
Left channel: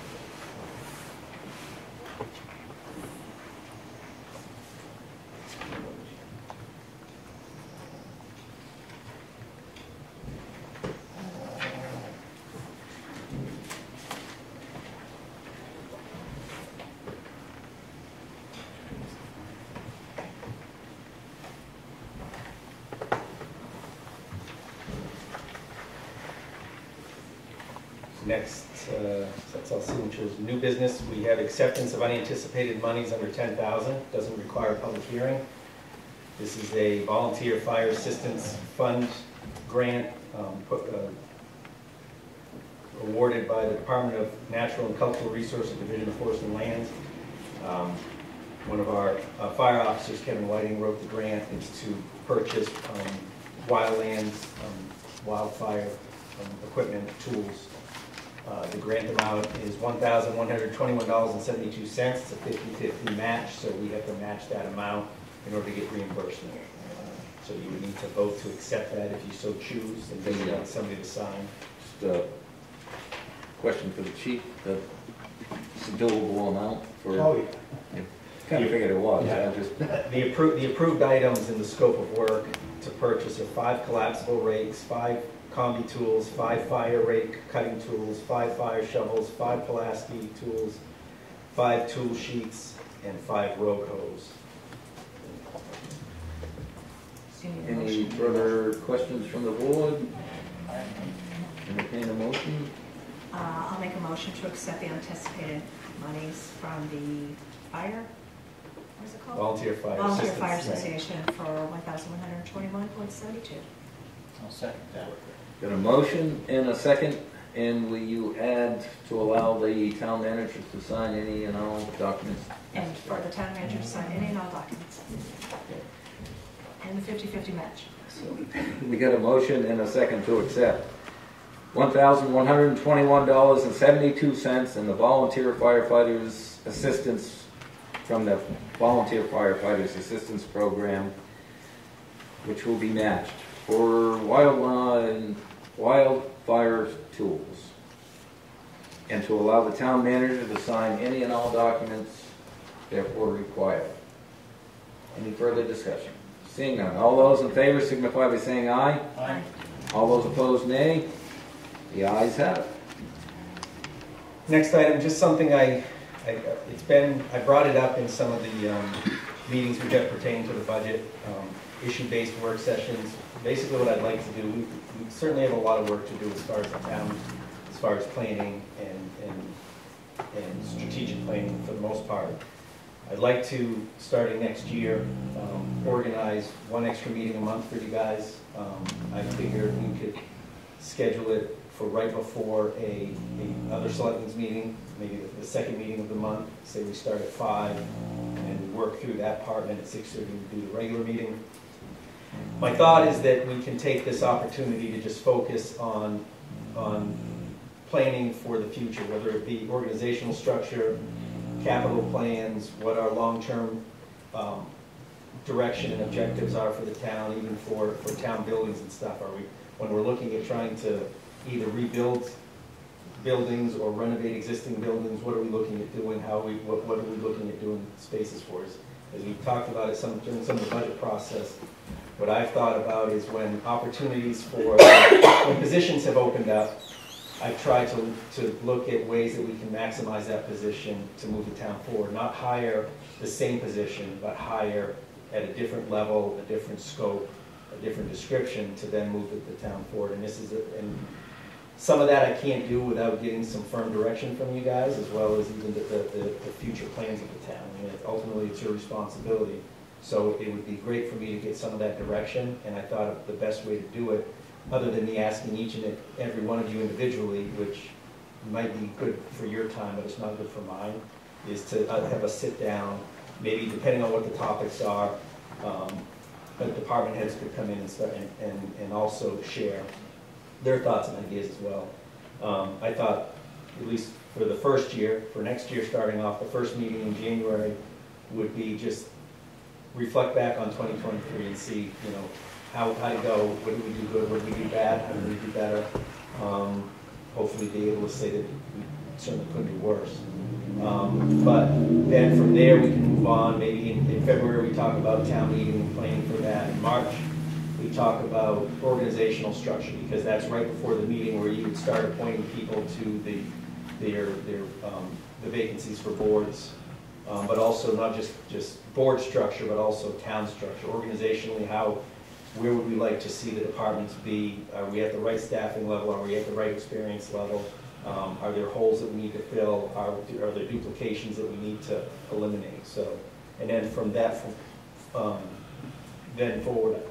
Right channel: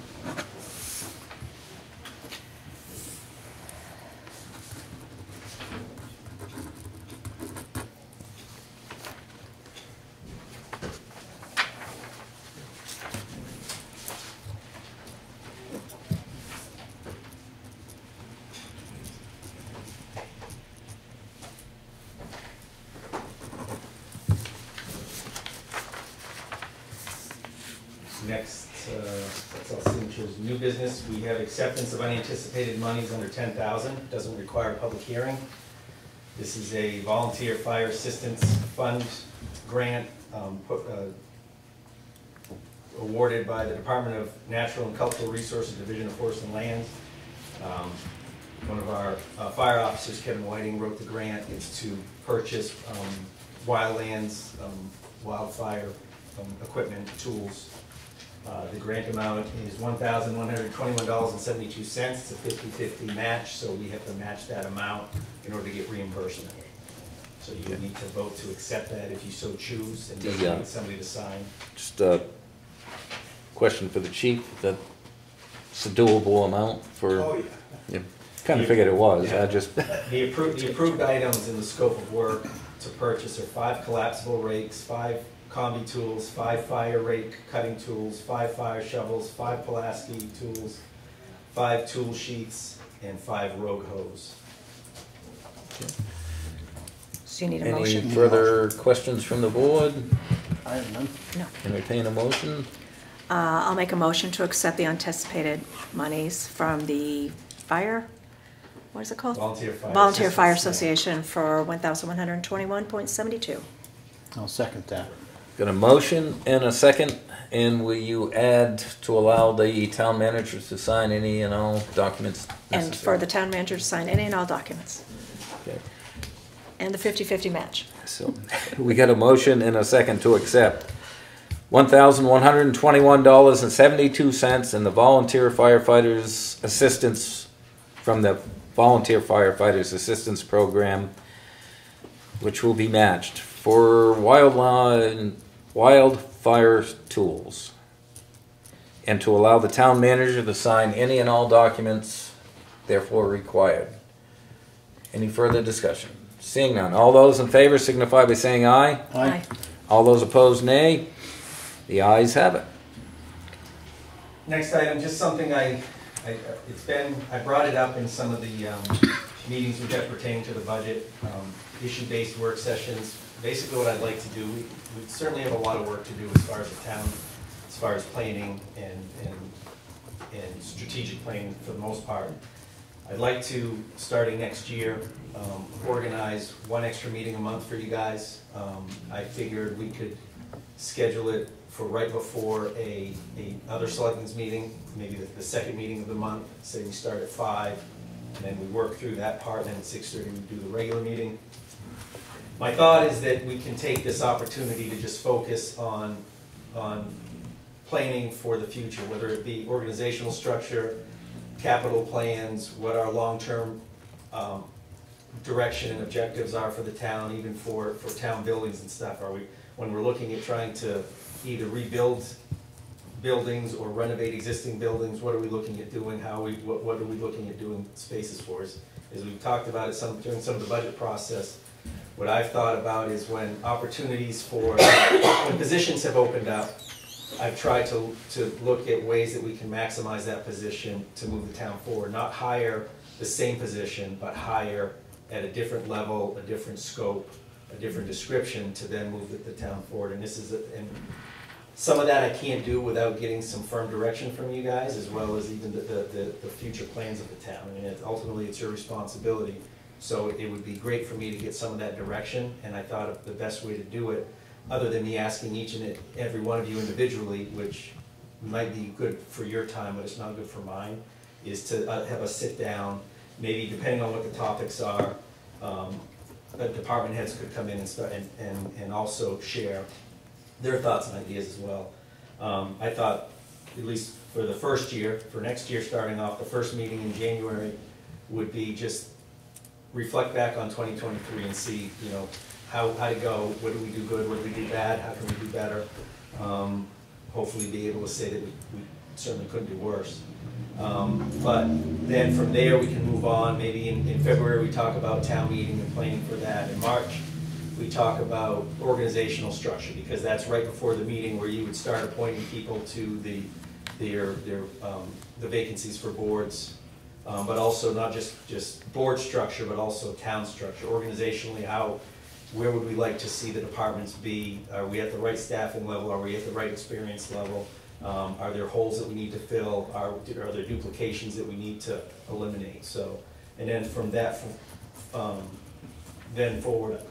Next, that's all signatures. New business, we have acceptance of unanticipated monies under 10,000, doesn't require a public hearing. This is a volunteer fire assistance fund grant awarded by the Department of Natural and Cultural Resources, Division of Forest and Land. One of our fire officers, Kevin Whiting, wrote the grant. It's to purchase wildlands, wildfire equipment, tools. The grant amount is $1,121.72. It's a 50-50 match, so we have to match that amount in order to get reimbursement. So you would need to vote to accept that if you so choose, and just need somebody to sign. Just a question for the chief, that it's a doable amount for, Oh, yeah. kind of figured it was, Yeah. I just, The approved items in the scope of work to purchase are 5 collapsible rakes, 5 combi tools, 5 fire rake cutting tools, 5 fire shovels, 5 Pulaski tools, 5 tool sheets, and 5 rogue hose. So you need a any motion? further questions from the board? I have none. Entertain a motion? I'll make a motion to accept the anticipated monies from the fire, what is it called? Volunteer Fire Volunteer Fire Assistance. Association for $1,121.72. I'll second that. Got a motion and a second, and will you add to allow the town manager to sign any and all documents And for necessary? the town manager to sign any and all documents. Okay. And the 50-50 match. So, we got a motion and a second to accept $1,121.72 in the volunteer firefighters assistance from the Volunteer Firefighters Assistance Program, which will be matched for wildfire tools, and to allow the town manager to sign any and all documents therefore required. Any further discussion? Seeing none, all those in favor signify by saying aye. Aye. All those opposed, nay. The ayes have it. Next item, just something I brought it up in some of the meetings we've had pertaining to the budget, issue-based work sessions. Basically what I'd like to do, we certainly have a lot of work to do as far as the town, as far as planning and strategic planning for the most part. I'd like to, starting next year, organize one extra meeting a month for you guys. I figured we could schedule it for right before another selectmen's meeting, maybe the second meeting of the month. Say we start at 5, and we work through that part, and then at 6:30 we do the regular meeting. My thought is that we can take this opportunity to just focus on planning for the future, whether it be organizational structure, capital plans, what our long-term direction and objectives are for the town, even for town buildings and stuff. When we're looking at trying to either rebuild buildings or renovate existing buildings, what are we looking at doing? What are we looking at doing spaces for? As we've talked about it during some of the budget process, what I've thought about is when opportunities when positions have opened up, I've tried to look at ways that we can maximize that position to move the town forward. Not hire the same position, but hire at a different level, a different scope, a different description to then move the town forward. And some of that I can't do without getting some firm direction from you guys, as well as even the future plans of the town. I mean, ultimately, it's your responsibility. So it would be great for me to get some of that direction, and I thought the best way to do it, other than me asking each and every one of you individually, which might be good for your time, but it's not good for mine, is to have a sit down, maybe depending on what the topics are, department heads could come in and also share their thoughts and ideas as well. I thought, at least for the first year, for next year starting off, the first meeting in January would be just reflect back on 2023 and see, how to go, what did we do good, what did we do bad, how did we do better. Hopefully be able to say that we certainly couldn't do worse. But then from there we can move on. Maybe in February we talk about town meeting and planning for that. In March we talk about organizational structure, because that's right before the meeting where you would start appointing people to the vacancies for boards. But also not just board structure, but also town structure. Organizationally, where would we like to see the departments be? Are we at the right staffing level? Are we at the right experience level? Are there holes that we need to fill? Are there duplications that we need to eliminate? So, and then from that, then forward,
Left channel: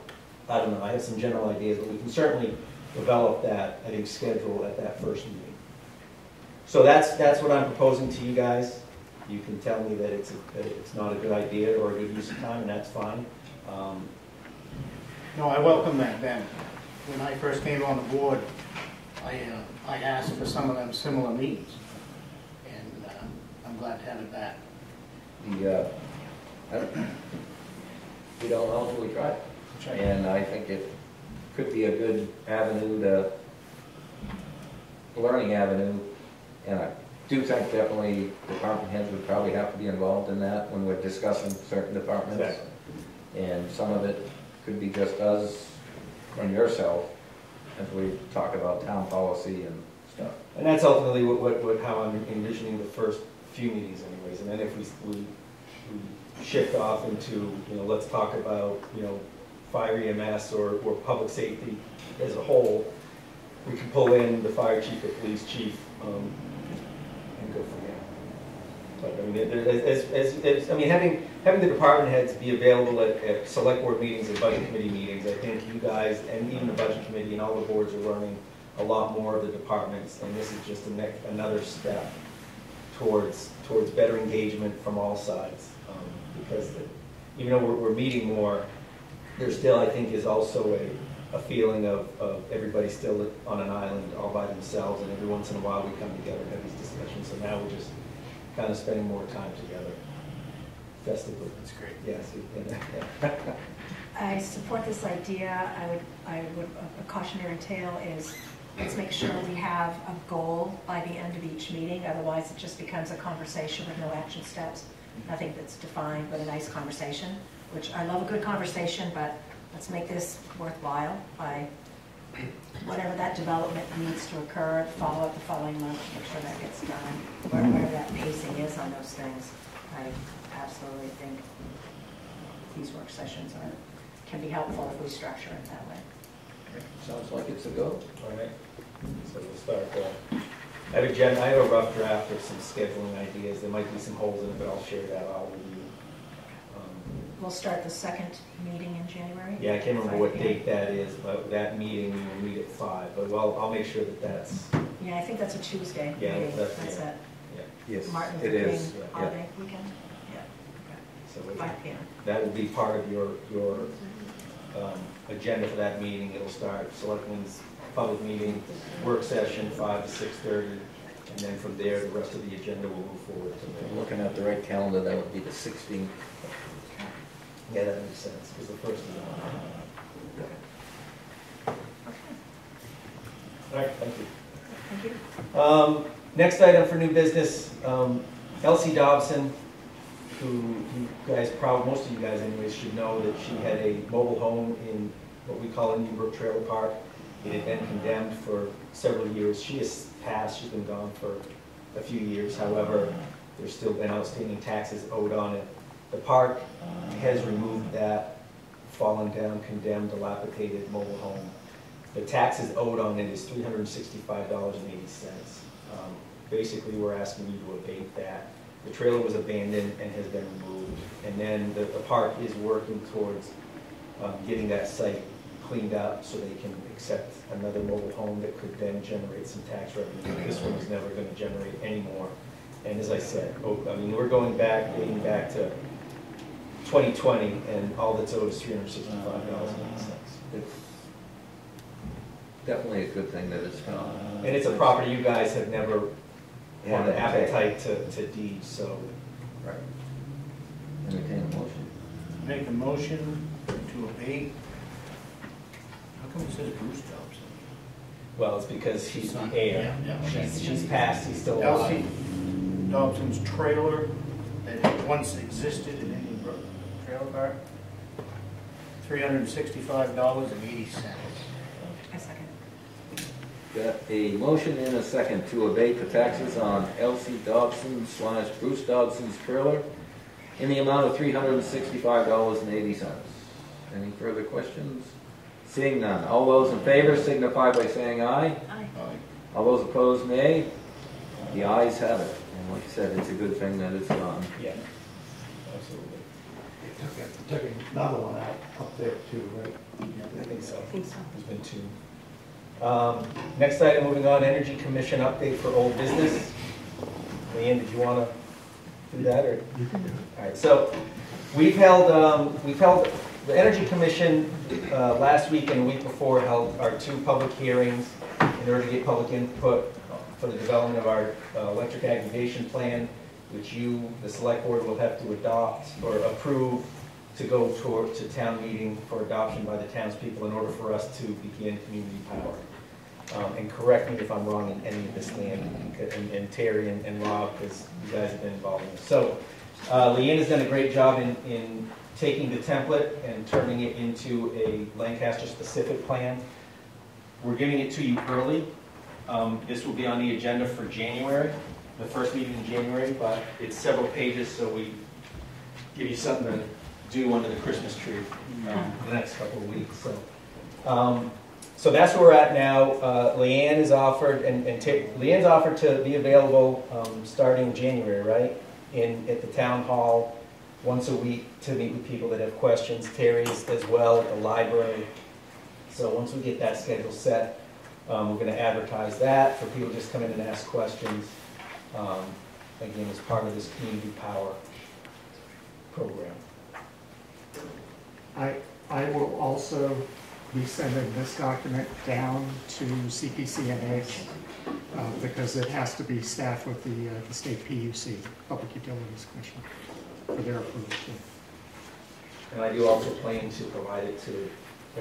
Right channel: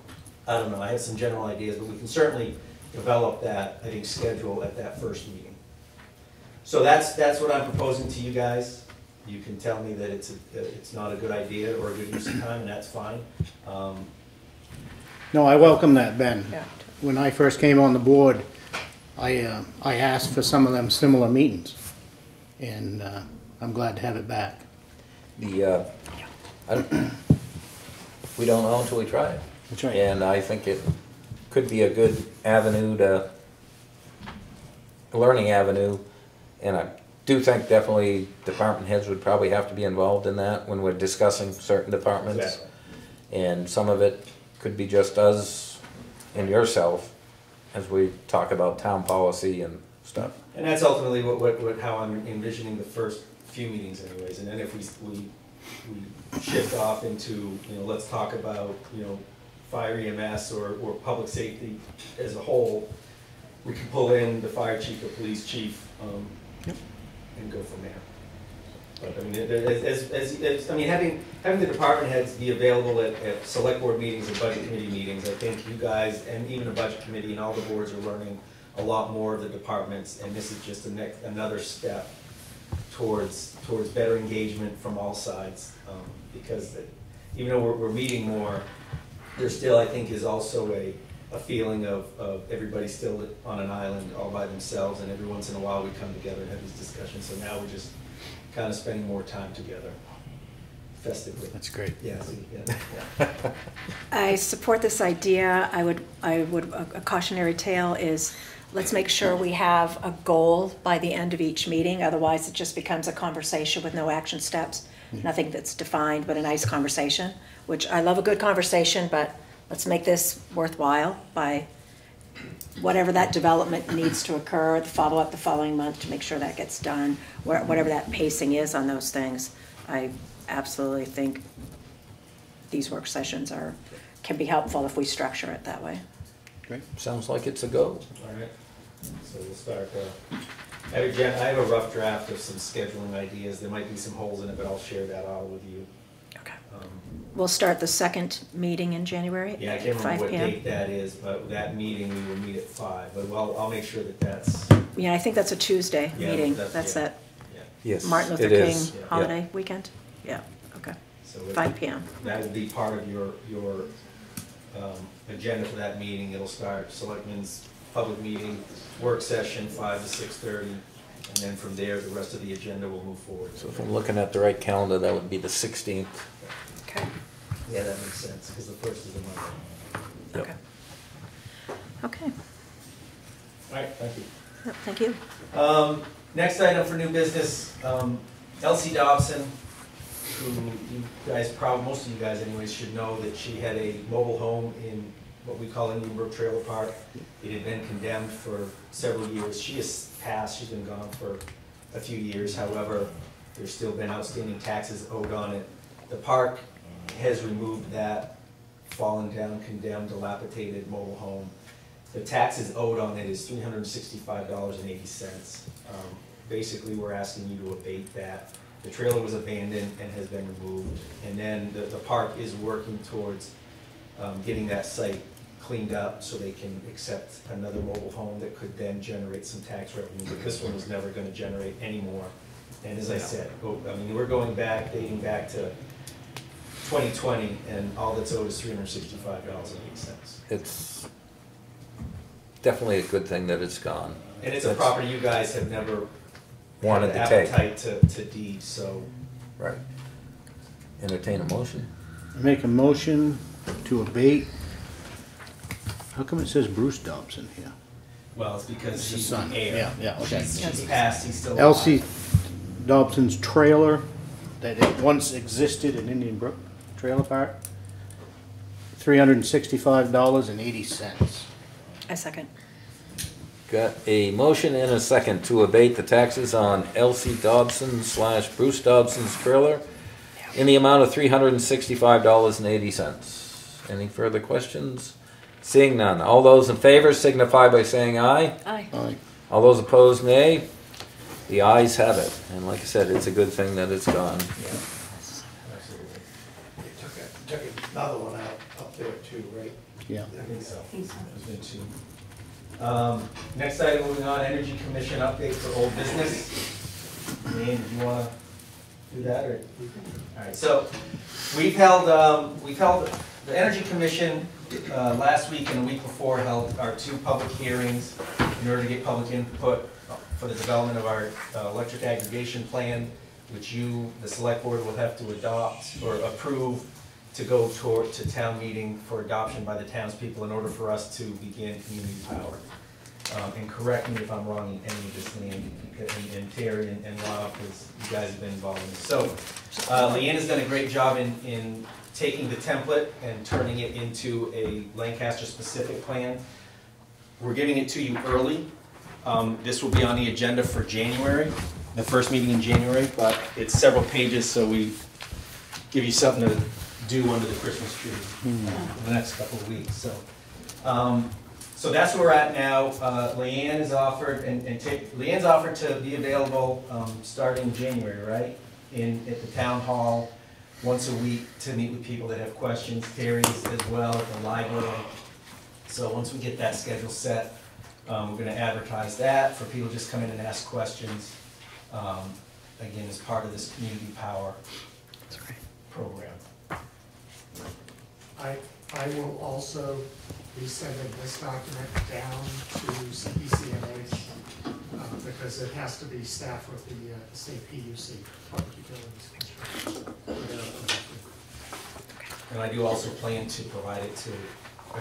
I don't know, I have some general ideas, but we can certainly develop that, schedule at that first meeting. So that's what I'm proposing to you guys. You can tell me that it's not a good idea or a good use of time, and that's fine. No, I welcome that, Ben. When I first came on the board, I asked for some of them similar meetings, and I'm glad to have it back. We don't know until we try it. That's right. And I think it could be a good avenue to, a learning avenue. And I do think definitely department heads would probably have to be involved in that when we're discussing certain departments. Exactly. And some of it could be just us and yourself as we talk about town policy and stuff. And that's ultimately how I'm envisioning the first few meetings anyways. And then if we shift off into, you know, let's talk about, you know, fire EMS or public safety as a whole, we can pull in the fire chief, the police chief, and go from there. But I mean, having the department heads be available at select board meetings and budget committee meetings, I think you guys and even the budget committee and all the boards are learning a lot more of the departments, and this is just another step towards better engagement from all sides. Because even though we're meeting more, there still, I think, is also a feeling of everybody still on an island all by themselves, and every once in a while we come together and have these discussions. So now we're just kind of spending more time together festively. That's great. Yes. Yeah. I support this idea. A cautionary tale is, let's make sure we have a goal by the end of each meeting. Otherwise, it just becomes a conversation with no action steps. Nothing that's defined, but a nice conversation, which I love a good conversation, but let's make this worthwhile by whatever that development needs to occur, follow up the following month to make sure that gets done, whatever that pacing is on those things. I absolutely think these work sessions can be helpful if we structure it that way. Great. Sounds like it's a go. All right. So we'll start. I have a rough draft of some scheduling ideas. There might be some holes in it, but I'll share that out with you. Okay. We'll start the second meeting in January. Yeah, I can't remember 5 what p.m. date that is, but that meeting we will meet at 5. But well, I'll make sure that that's. Yeah, I think that's a Tuesday Yeah, meeting. that's- That's yeah. that Yes, Martin Luther it King is. holiday weekend. Yeah. Okay. So 5 p.m. that will be part of your agenda for that meeting. It will start selectmen's public meeting, work session 5 to 6:30, and then from there the rest of the agenda will move forward. So if I'm looking at the right calendar, that would be the 16th. Okay. Yeah, that makes sense because the first is a Monday. Okay. Okay. All right, thank you. Thank you. Next item for new business, Elsie Dobson, who you guys most of you guys anyways should know that she had a mobile home in what we call a Newbrook Trailer Park. It had been condemned for several years. She has passed, she's been gone for a few years. However, there's still been outstanding taxes owed on it. The park has removed that fallen down, condemned, dilapidated mobile home. The taxes owed on it is $365.80. Basically, we're asking you to abate that. The trailer was abandoned and has been removed. And then the park is working towards getting that site cleaned up so they can accept another mobile home that could then generate some tax revenue. This one is never going to generate any more. And as I said, I mean, we're dating back to 2020, and all that's owed is $365.80. It's definitely a good thing that it's gone. And it's a property you guys have never Wanted had to the take. appetite to deed, so. Right. Entertain a motion. Make a motion to abate. How come it says Bruce Dobson here? Well, it's because It's she's the the son. heir. Yeah, okay. She's passed, he's still alive. Elsie Dobson's trailer that it once existed in Indian Brook Trailer Park, $365.80. I second. Got a motion and a second to abate the taxes on Elsie Dobson / Bruce Dobson's trailer in the amount of $365.80. Any further questions? Seeing none. All those in favor signify by saying aye. Aye. All those opposed, nay. The ayes have it. And like I said, it's a good thing that it's gone. Yeah, absolutely. Took another one out up there too, right? Yeah. I think so. I think so. There's been 2. Next item, moving on, Energy Commission update for old business. Leanne, did you want to do that, or? All right, so we've held the Energy Commission last week and the week before held our 2 public hearings in order to get public input for the development of our electric aggregation plan, which you, the select board, will have to adopt or approve to go to town meeting for adoption by the townspeople in order for us to begin community power. And correct me if I'm wrong in any of this name, and Terry and Rob, because you guys have been involved in this. So Leanne has done a great job in taking the template and turning it into a Lancaster-specific plan. We're giving it to you early. This will be on the agenda for January, the first meeting in January, but it's several pages, so we give you something to do under the Christmas tree for the next couple of weeks. So that's where we're at now. Leanne has offered, Leanne's offered to be available starting January, right? At the town hall, once a week to meet with people that have questions. Terry's as well at the library. So once we get that schedule set, we're going to advertise that for people to just come in and ask questions. Again, as part of this community power program. I will also be sending this document down to CPCNH because it has to be staffed with the state PUC, Public Utilities Commission, for their approval. And I do also plan to provide it to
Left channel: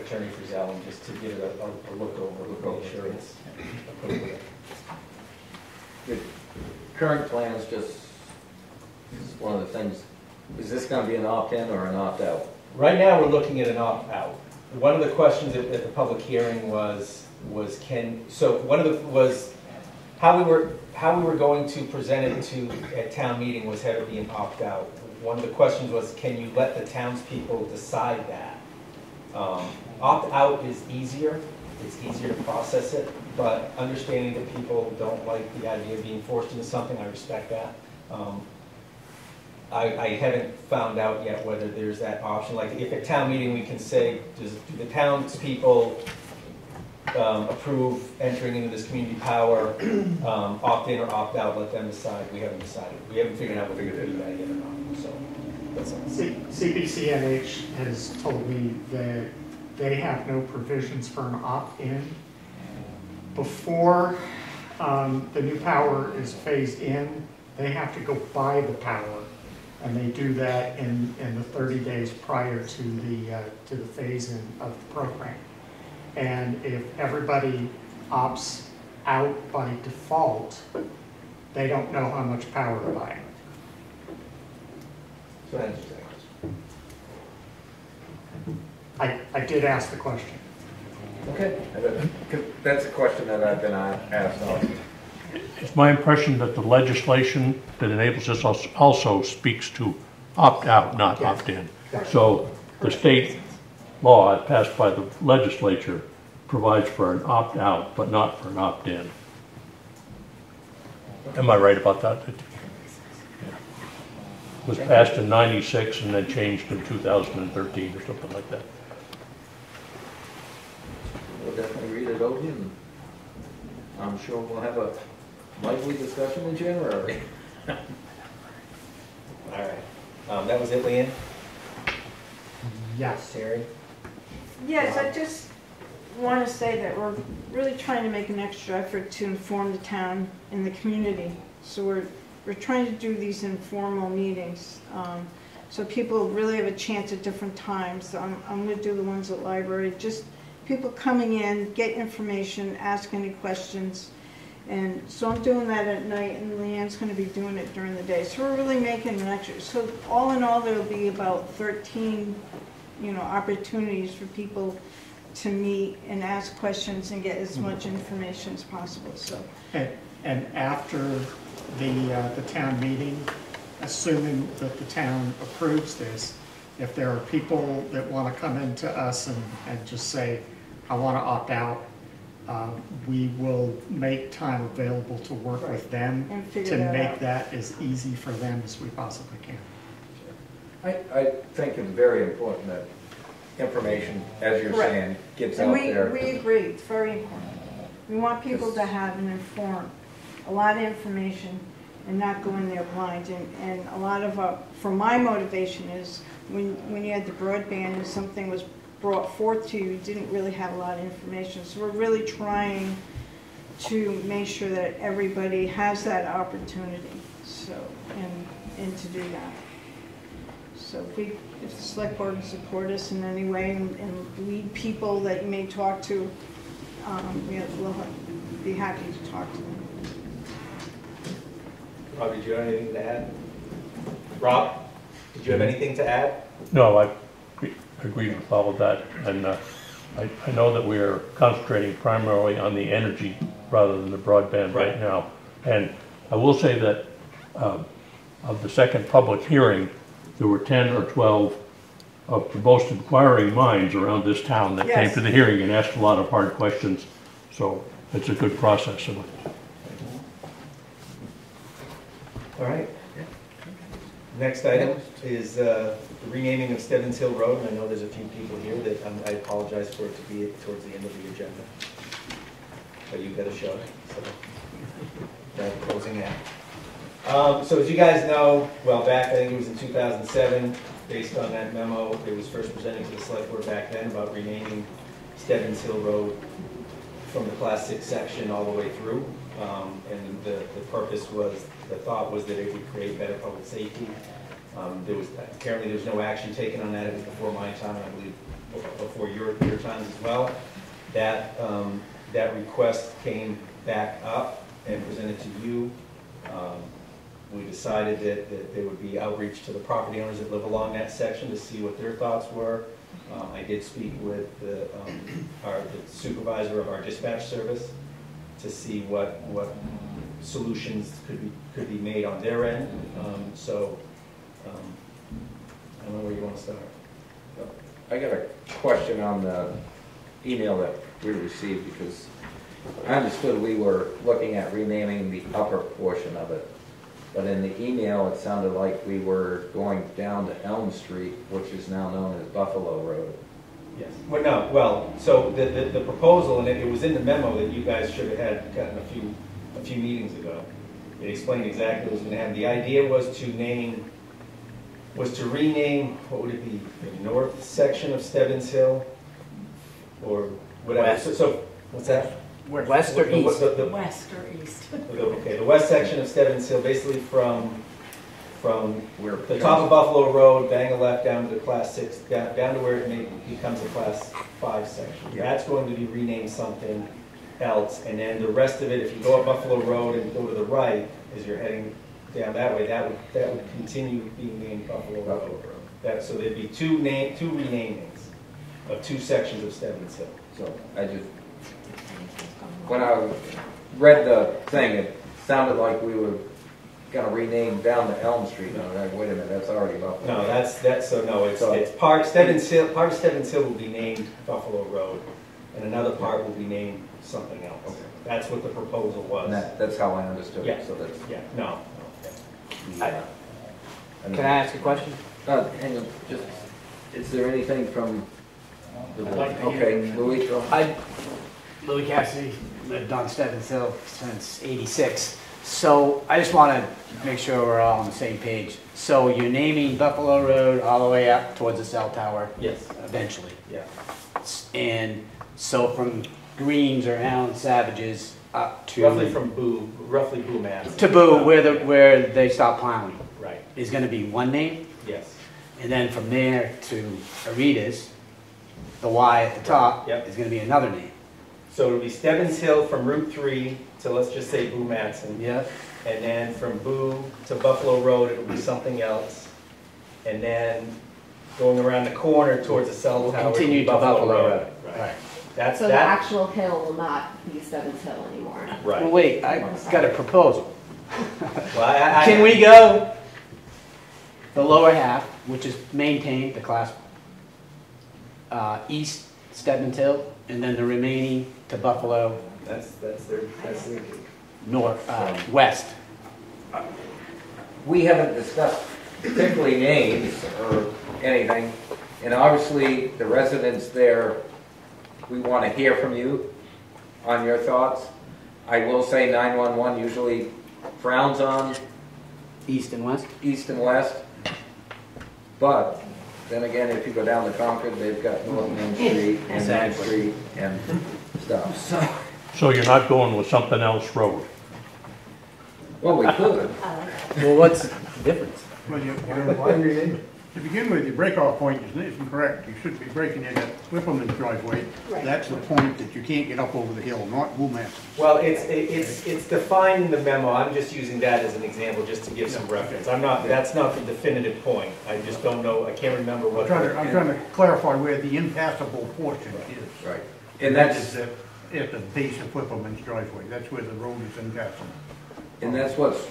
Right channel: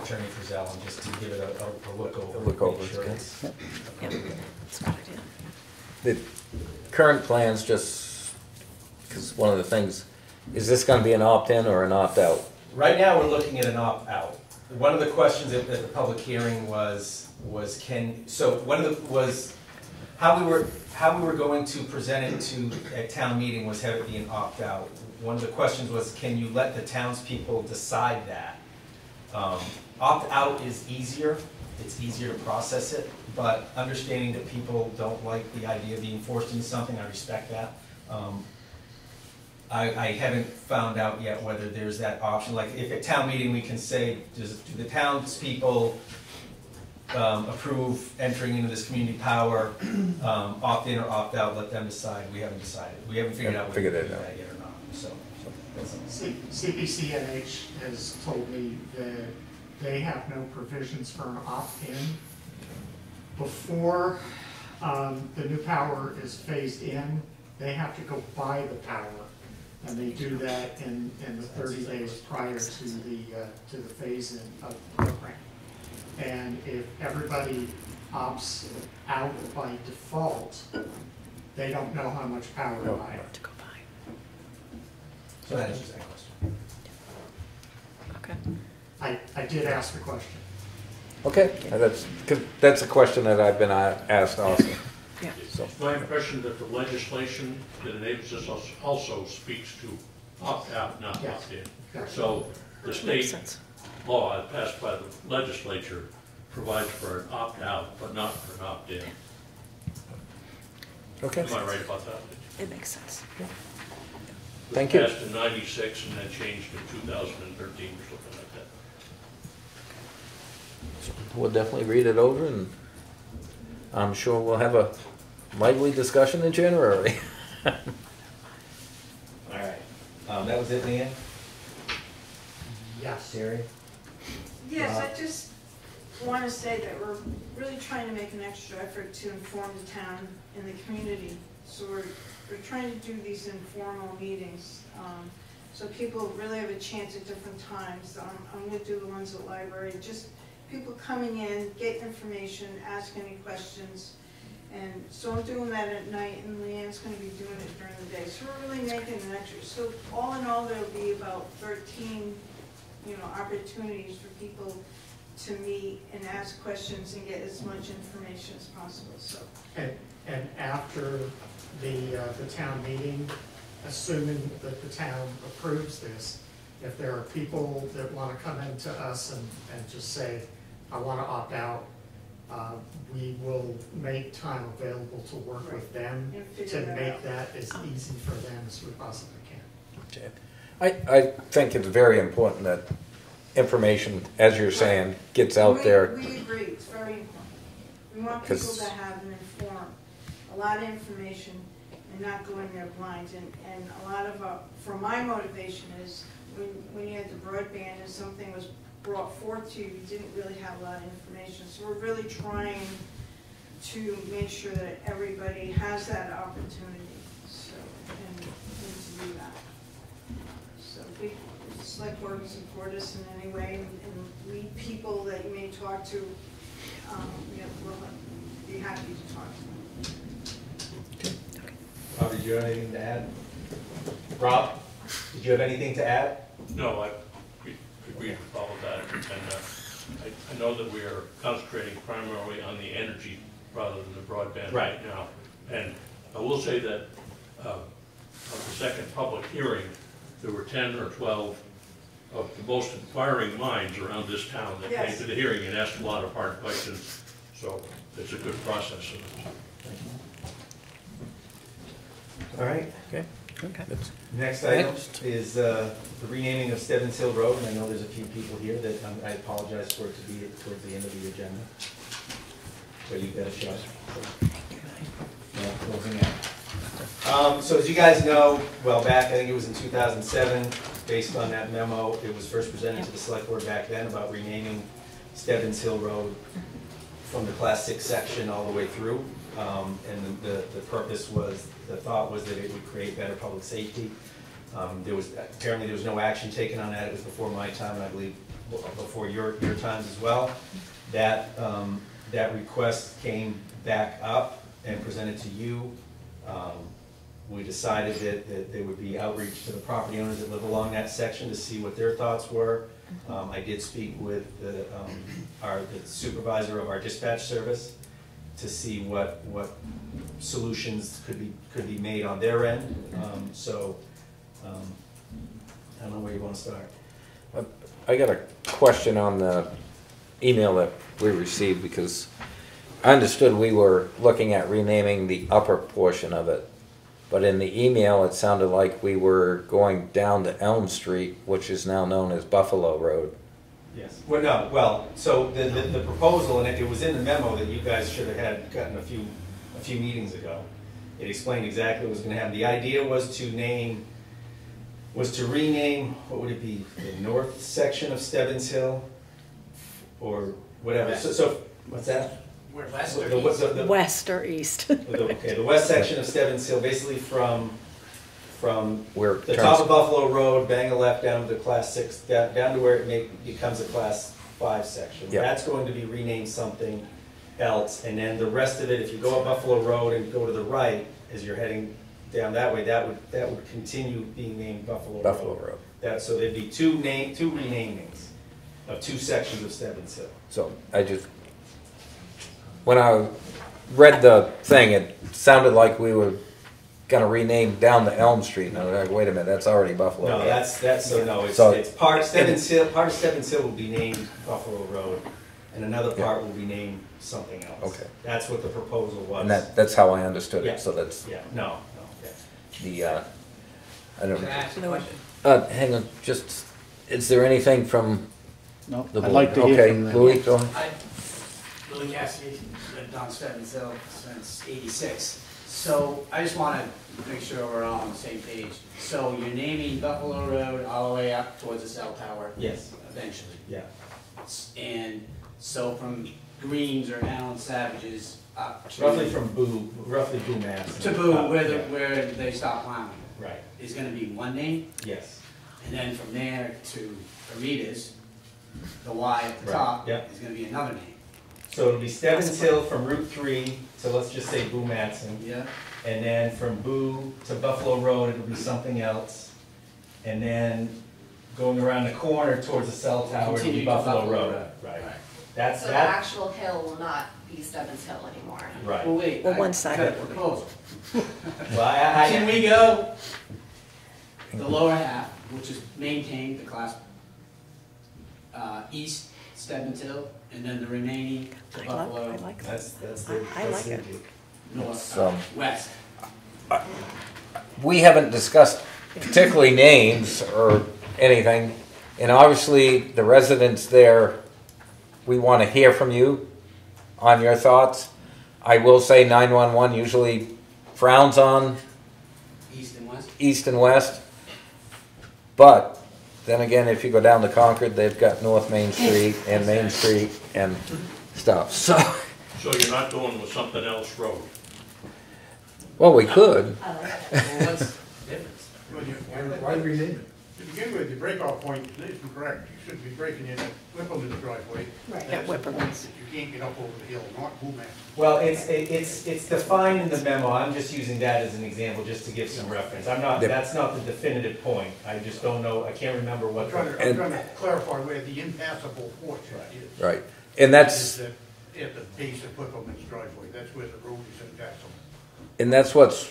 Attorney Frizzell and just to give it a look over, make sure it's The current plans, just, because one of the things, is this going to be an opt-in or an opt-out? Right now, we're looking at an opt-out. One of the questions at the public hearing was how we were going to present it to at town meeting was have it be an opt-out. One of the questions was, can you let the townspeople decide that? Opt-out is easier. It's easier to process it, but understanding that people don't like the idea of being forced into something, I respect that. I haven't found out yet whether there's that option. Like if at town meeting we can say, do the townspeople approve entering into this community power, opt in or opt out, let them decide. We haven't decided. We haven't figured out whether we do that yet or not. So that's CPCNH has told me that they have no provisions for an opt-in. Before the new power is phased in, they have to go buy the power. And they do that in the 30 days prior to the phase-in of the program. And if everybody opts out by default, they don't know how much power to buy. So that answers the question. Okay. I did ask the question. Okay, that's a question that I've been asked also. It's my impression that the legislation that enables this also speaks to opt-out, not opt-in. So the state law passed by the legislature provides for an opt-out, but not for an opt-in. Okay. Am I right about that? It makes sense. It was Thank passed you. in '96 and then changed in 2013 or something like that. We'll definitely read it over, and I'm sure we'll have a lively discussion in January. All right. That was it, Leanne? Yes. Terry? Yes, I just want to say that we're really trying to make an extra effort to inform the town and the community. So we're trying to do these informal meetings, so people really have a chance at different times. So I'm going to do the ones at library, just people coming in, get information, ask any questions. And so I'm doing that at night, and Leanne's going to be doing it during the day. So we're really making an extra. So all in all, there'll be about 13, opportunities for people to meet and ask questions and get as much information as possible. So. And after the town meeting, assuming that the town approves this, if there are people that want to come into us and just say, I want to opt out, we will make time available to work with them to make that as easy for them as we possibly can. I think it's very important that information, as you're saying, gets out there. We agree, it's very important. We want people to have an informed, a lot of information and not go in there blind. And a lot of, for my motivation is when you had the broadband and something was brought forth to you, you didn't really have a lot of information. So we're really trying to make sure that everybody has that opportunity, so, and to do that. So if the select board can support us in any way and lead people that you may talk to, we'll be happy to talk to them. Rob, did you have anything to add? Rob, did you have anything to add? No, I agree with all of that, and I know that we're concentrating primarily on the energy rather than the broadband right now. And I will say that of the second public hearing, there were 10 or 12 of the most inquiring minds around this town that came to the hearing and asked a lot of hard questions. So it's a good process. All right. Next item is the renaming of Stebbins Hill Road, and I know there's a few people here that I apologize for it to be towards the end of the agenda. But you got a show. So, closing out. So as you guys know, well back, I think it was in 2007, based on that memo, it was first presented to the select board back then about renaming Stebbins Hill Road from the Class 6 section all the way through. And the purpose was, the thought was that it would create better public safety. Apparently there was no action taken on that. It was before my time, and I believe before your time as well. That request came back up and presented to you. We decided that there would be outreach to the property owners that live along that section to see what their thoughts were. I did speak with the supervisor of our dispatch service to see what solutions could be made on their end. I don't know where you want to start. I got a question on the email that we received, because I understood we were looking at renaming the upper portion of it, but in the email it sounded like we were going down to Elm Street, which is now known as Buffalo Road. Yes. Well, no. Well, so the proposal, and it was in the memo that you guys should have gotten a few meetings ago. It explained exactly what it was going to have. The idea was to rename, what would it be, the north section of Stebbins Hill, or whatever. So what's that? West or east? West or east. Okay, the west section of Stebbins Hill, basically from Where the top of Buffalo Road, bang a left down to Class 6, down to where it becomes a Class 5 section. Yep. That's going to be renamed something else, and then the rest of it, if you go up Buffalo Road and go to the right, as you're heading down that way, that would continue being named Buffalo Road. So there'd be two renamings of two sections of Stebbins Hill. So when I read the thing, it sounded like we were gonna rename down to Elm Street. And I was like, wait a minute, that's already Buffalo. No, Road. it's part of Stebbins Hill will be named Buffalo Road, and another part will be named something else. Okay. That's what the proposal was. And that's how I understood Yeah. it. So that's No. the. I don't know. Can I ask a question? Hang on, is there anything from No. the I'd like to hear Okay, from Louis, go ahead. Louis Cassidy, lived on Stebbins Hill since '86. So I just want to make sure we're all on the same page. So you're naming Buffalo Road all the way up towards the cell tower? Yes. Eventually? Yeah. And so from Greens or Allen Savage's up to... Roughly Boo Mass. To Boo, where they stop plowing? Right. Is going to be one name? Yes. And then from there to Arita's, the Y at the top, Yep. is going to be another name? So it'll be Stebbins Hill from Route 3 to, let's just say, Boo Matson. Yeah. And then from Boo to Buffalo Road, it'll be something else. And then going around the corner towards the cell tower, it'll Continue be to Buffalo Road. Right. That's So the that. actual hill will not be Stebbins Hill anymore. Right. Well, wait, On I one got side. a proposal. Well, Can we go the lower half, which is maintained, the class east Stebbins Hill, and then the remaining to Buffalo That's I like it. north, So- west? We haven't discussed particularly names or anything, and obviously the residents there, we want to hear from you on your thoughts. I will say 911 usually frowns on East and west? east and west, but then again, if you go down to Concord, they've got North Main Street and Main Street and stuff. So you're not going with something else road? well, we could. Well, what's the difference? Why rename it? To begin with, your break-off point is incorrect. You should be breaking it at Whippleman's driveway. Right. That's the point that you can't get up over the hill, not Woolman. Well, it's defined in the memo, I'm just using that as an example, just to give some reference. I'm not, that's not the definitive point, I just don't know, I can't remember what. I'm trying to clarify where the impassable portion is. Right, and that's, At the base of Whippleman's driveway, that's where the road is impassable. and that's what's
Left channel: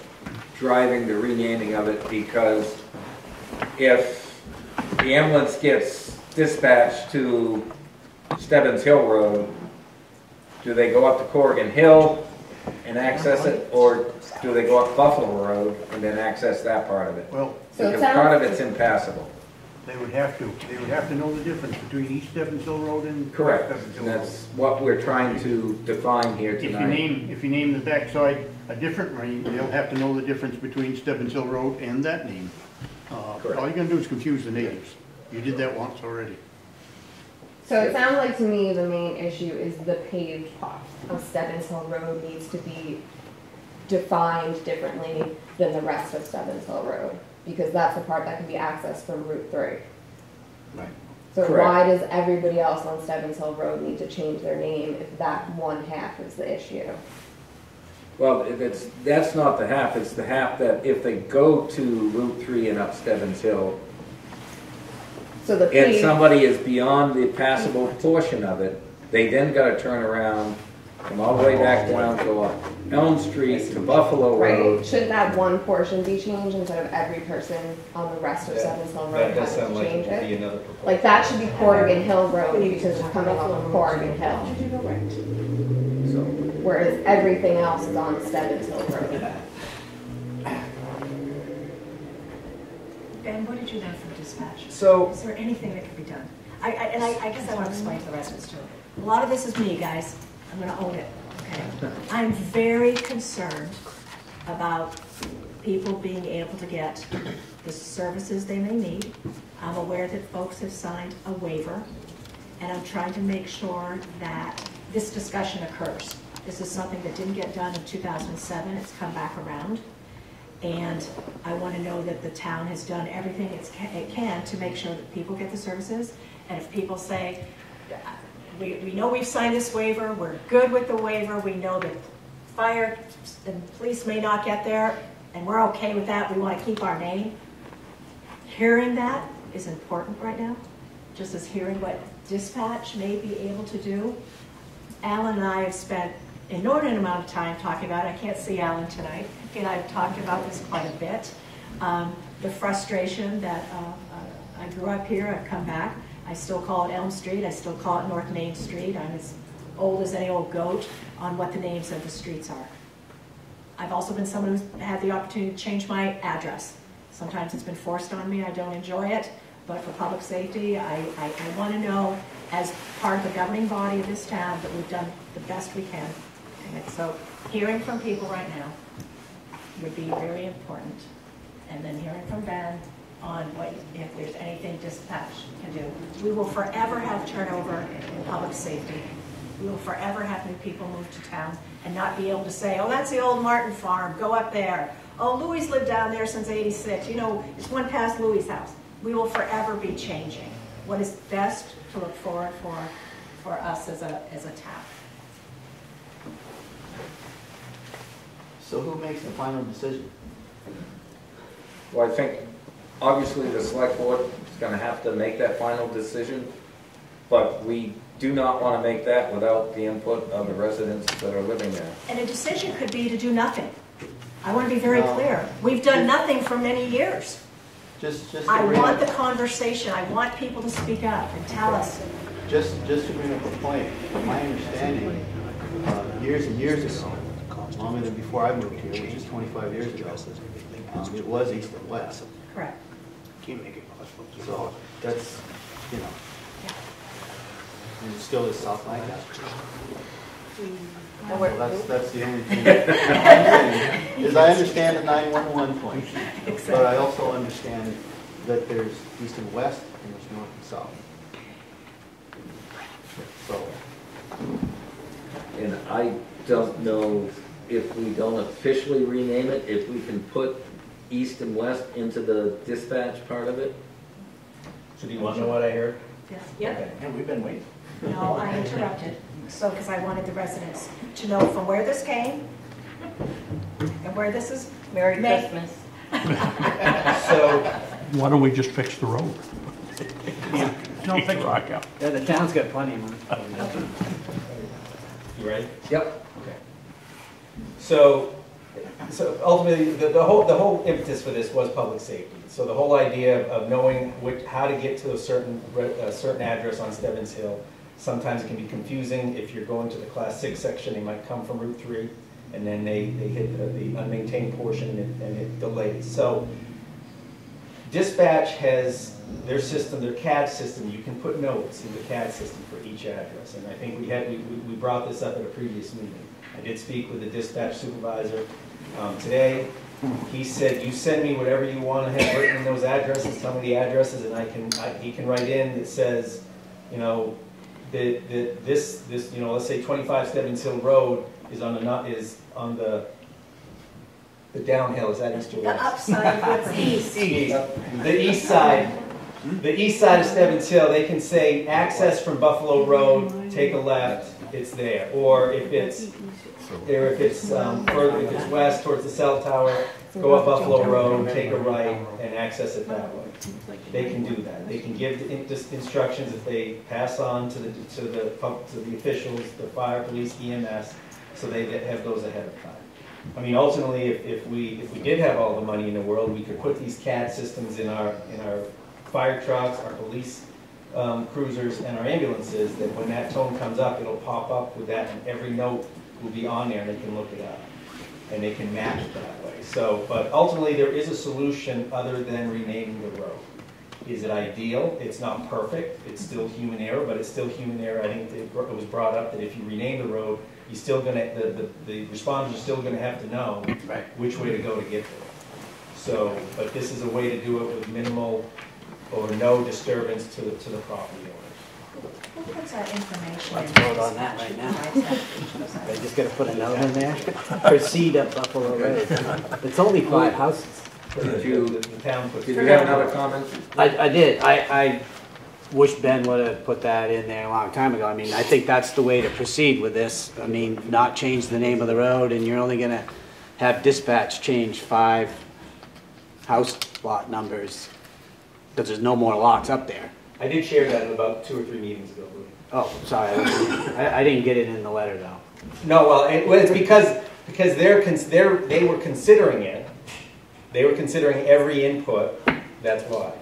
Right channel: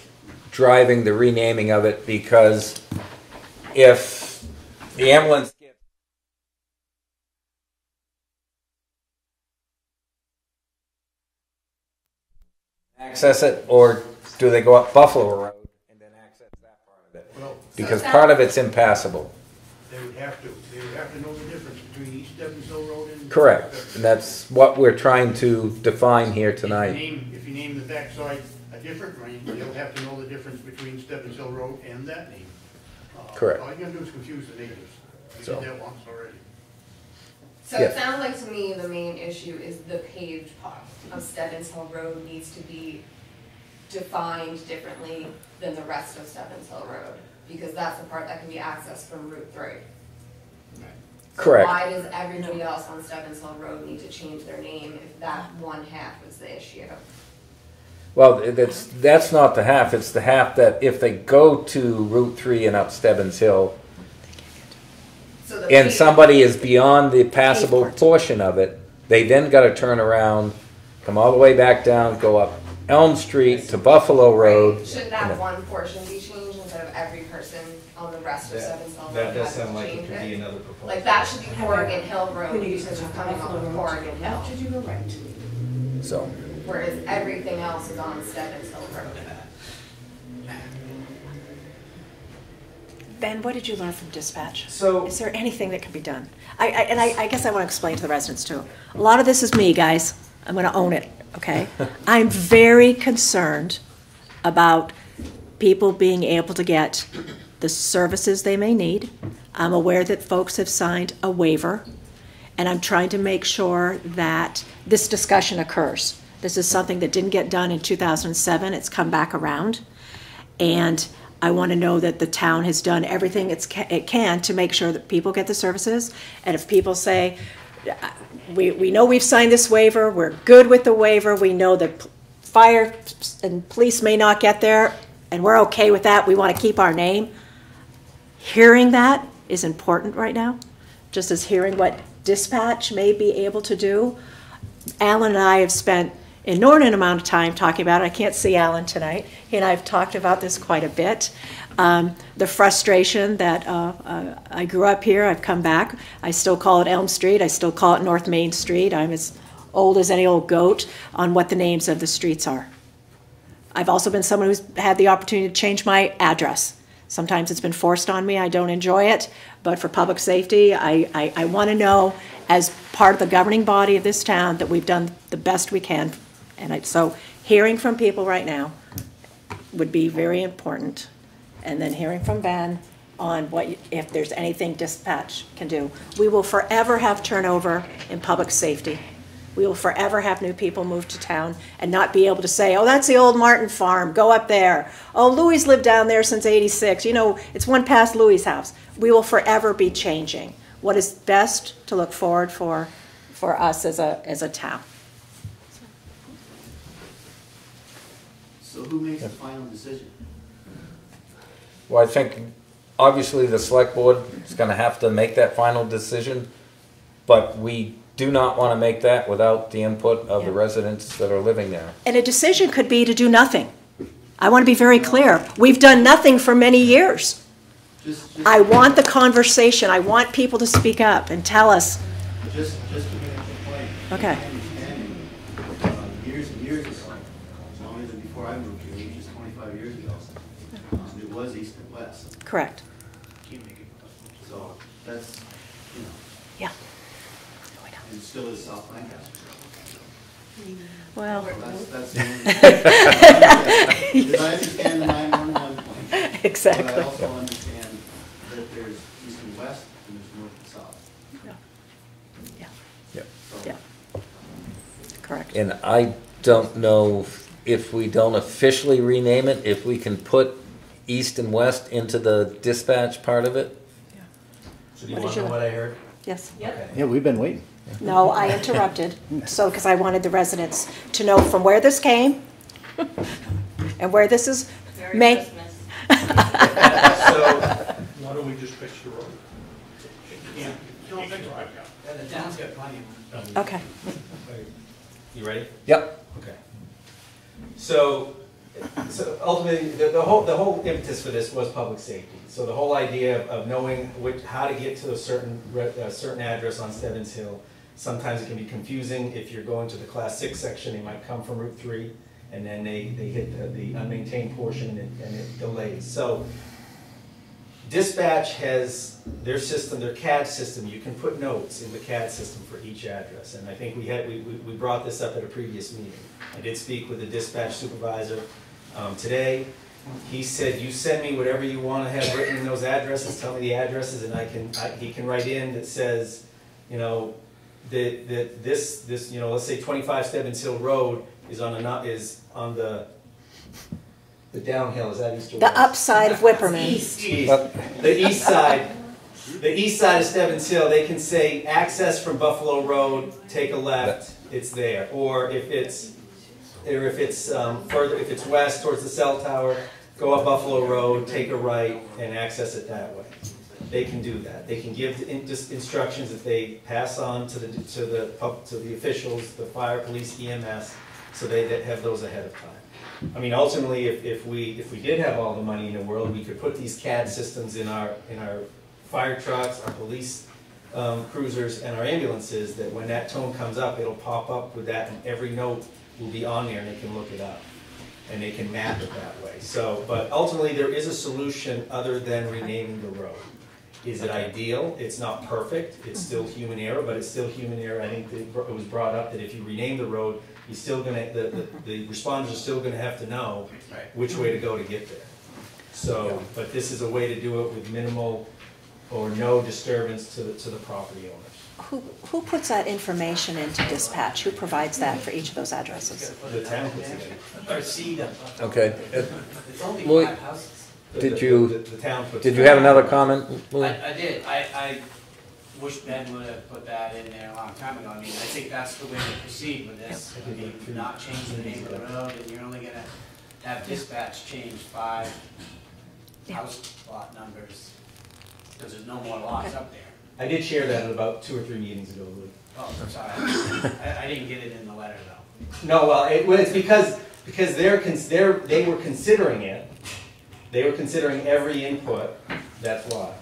driving the renaming of it, because if the ambulance gets dispatched to Stebbins Hill Road, do they go up to Corrigan Hill and access it, or do they go up Buffalo Road and then access that part of it? Well, Because part of it's impassable. they would have to know the difference between East Stebbins Hill Road and. Correct, Stebbins Hill and that's what we're trying to define here tonight. If you name the backside a different name, they'll have to know the difference between Stebbins Hill Road and that name. Correct. All you're gonna do is confuse the neighbors. You did that once already. So it Yeah. sounds like to me the main issue is the paved part of Stebbins Hill Road needs to be defined differently than the rest of Stebbins Hill Road, because that's the part that can be accessed from Route 3. Right. So Correct. why does everybody else on Stebbins Hill Road need to change their name if that one half is the issue? Well, that's not the half, it's the half that if they go to Route 3 and up Stebbins Hill, So the and paved- somebody is beyond the passable portion of it, they then gotta turn around, come all the way back down, go up Elm Street to Buffalo Road. Right. Shouldn't that one portion be changed instead of every person on the rest of Stebbins Hill Road That does having sound to like change it could be it? another proposal. Like that should be Corrigan Hill Road because you're coming off of Corrigan Hill, So, whereas everything else is on Stebbins Hill Road. Ben, what did you learn from dispatch? So, Is there anything that can be done? I guess I want to explain to the residents too. A lot of this is me, guys. I'm going to own it, okay? I'm very concerned about people being able to get the services they may need. I'm aware that folks have signed a waiver, and I'm trying to make sure that this discussion occurs. This is something that didn't get done in 2007. It's come back around. And I want to know that the town has done everything it can to make sure that people get the services. And if people say, we know we've signed this waiver, we're good with the waiver, we know that fire and police may not get there, and we're okay with that, we want to keep our name. Hearing that is important right now, just as hearing what dispatch may be able to do. Alan and I have spent an inordinate amount of time talking about it. I can't see Alan tonight. He and I have talked about this quite a bit. The frustration that I grew up here, I've come back. I still call it Elm Street. I still call it North Main Street. I'm as old as any old goat on what the names of the streets are. I've also been someone who's had the opportunity to change my address. Sometimes it's been forced on me. I don't enjoy it. But for public safety, I want to know, as part of the governing body of this town, that we've done the best we can. And so hearing from people right now would be very important. And then hearing from Ben on if there's anything dispatch can do. We will forever have turnover in public safety. We will forever have new people move to town and not be able to say, oh, that's the old Martin farm, go up there. Oh, Louis lived down there since '86. You know, it's one past Louis' house. We will forever be changing. What is best to look forward for us as a town. So who makes the final decision? well, I think obviously the select board is gonna have to make that final decision, but we do not wanna make that without the input of the residents that are living there. And a decision could be to do nothing. I want to be very clear. We've done nothing for many years. I want the conversation. I want people to speak up and tell us. Just to bring up a point. Okay. My understanding, years and years ago, longer than before I moved here, which is 25 years ago, it was east and west. Correct. So that's, you know. Yeah. And it's still the South Lancaster. Well, That's the only thing. I understand the 911 point. Exactly. But I also understand that there's east and west and there's north and south. So. Yeah. Correct. And I don't know if we don't officially rename it, if we can put east and west into the dispatch part of it. So do you want to know what I heard? Yes. Okay. Yeah, we've been waiting. No, I interrupted, so, because I wanted the residents to know from where this came and where this is. Merry May- Christmas. So, Why don't we just fix the road? No, Take the rock out. Yeah, the town's got plenty of money. Okay. you ready? Yep. Okay. So ultimately, the whole impetus for this was public safety. So the whole idea of knowing how to get to a certain address on Stebbins Hill, sometimes it can be confusing. If you're going to the Class 6 section, they might come from Route 3, and then they hit the unmaintained portion and it delays. So dispatch has their system, their CAD system. You can put notes in the CAD system for each address, and I think we brought this up at a previous meeting. I did speak with the dispatch supervisor today. He said, you send me whatever you want to have written in those addresses, tell me the addresses, and he can write in that says, you know, that this you know, let's say 25 Stebbins Hill Road is on the downhill, is that east or The west? upside of Whipperman. East. The east side. The east side of Stebbins Hill, they can say access from Buffalo Road, take a left, it's there. Or if it's further, if it's west towards the cell tower, go up Buffalo Road, take a right, and access it that way. They can do that. They can give instructions that they pass on to the officials, the fire, police, EMS, so they have those ahead of time. I mean, ultimately, if we did have all the money in the world, we could put these CAD systems in our fire trucks, our police cruisers, and our ambulances, that when that tone comes up, it'll pop up with that, and every note will be on there, and they can look it up, and they can map it that way. So, but ultimately, there is a solution other than renaming the road. Is it ideal? It's not perfect. It's still human error, but it's still human error. I think that it was brought up that if you rename the road, you're still gonna, the responders are still gonna have to know which way to go to get there. So, but this is a way to do it with minimal or no disturbance to the property owners. Who puts that information into dispatch? Who provides that for each of those addresses? Just gotta put a note in there. Proceed up Buffalo Okay. Road. It's only 5 houses. Did you The town puts did you have another comment? I did. I wish Ben would have put that in there a long time ago. I mean, I think that's the way to proceed with this. I mean, not change the name of the road, and you're only gonna have dispatch change 5 house lot numbers, because there's no more locks up there. I did share that in about 2 or 3 meetings ago, Louis. Oh, sorry. I didn't get it in the letter, though. No, well, it's because they were considering it. They were considering every input. That's why.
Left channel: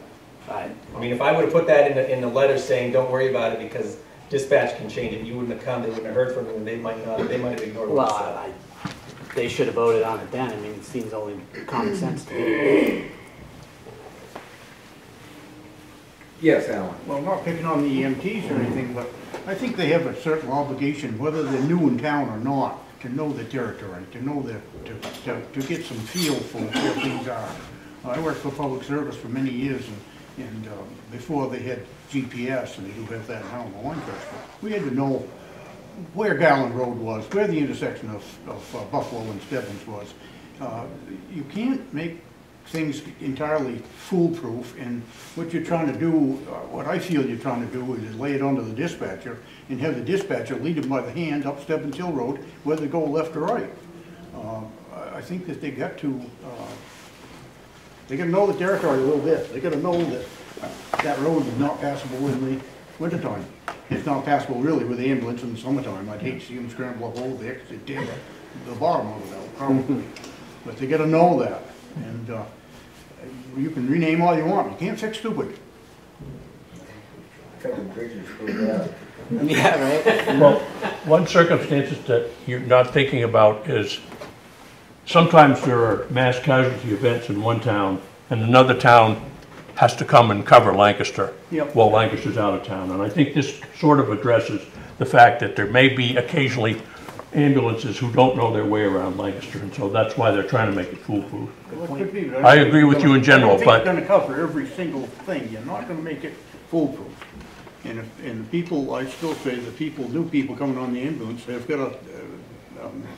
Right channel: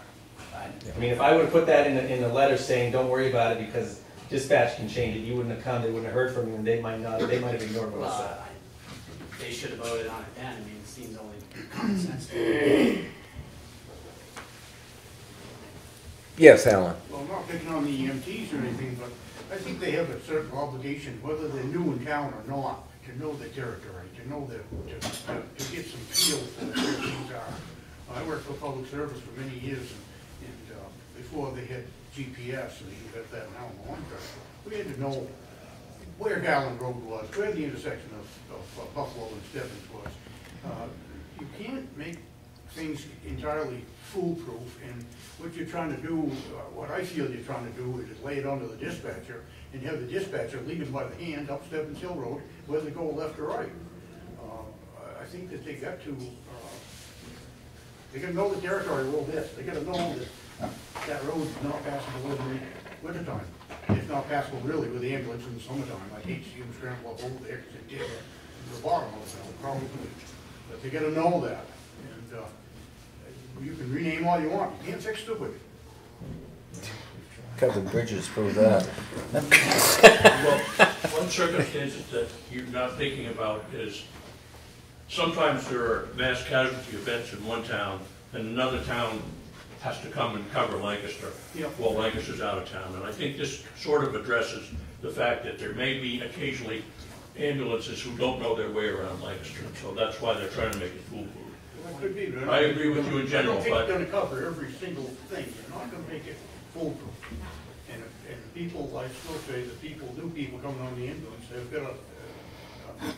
I mean, if I would have put that in the letter saying, "Don't worry about it," because dispatch can change it, you wouldn't have come. They wouldn't have heard from you, and they might have ignored it. Well, they should have voted on it then. I mean, it seems only common sense to me. Yes, Alan. Well, not picking on the EMTs or anything, but I think they have a certain obligation, whether they're new in town or not, to know the territory, to know to get some feel for where things are. I worked for public service for many years, and before they had GPS, and they do have that now in Lancaster, we had to know where Garland Road was, where the intersection of Buffalo and Stebbins was. You can't make things entirely foolproof, and what you're trying to do, what I feel you're trying to do is lay it onto the dispatcher and have the dispatcher lead them by the hand up Stebbins Hill Road, whether to go left or right. I think that they got to know the territory a little bit. They got to know that that road is not passable in the wintertime. It's not passable really with the ambulance in the summertime. I'd hate to see them scramble up over there because they did the bottom of it out, probably. But they got to know that. And you can rename all you want. You can't fix stupid. Covered bridges prove that. Yeah, right. Well, one circumstance that you're not thinking about is sometimes there are mass casualty events in one town and another town has to come and cover Lancaster. Yep. While Lancaster's out of town. And I think this sort of addresses the fact that there may be occasionally ambulances who don't know their way around Lancaster, and so that's why they're trying to make it foolproof. Well, it could be, but I agree with you in general, I but think you're going to cover every single thing. You're not going to make it foolproof. And people, I still say the new people coming on the ambulance, they've got to,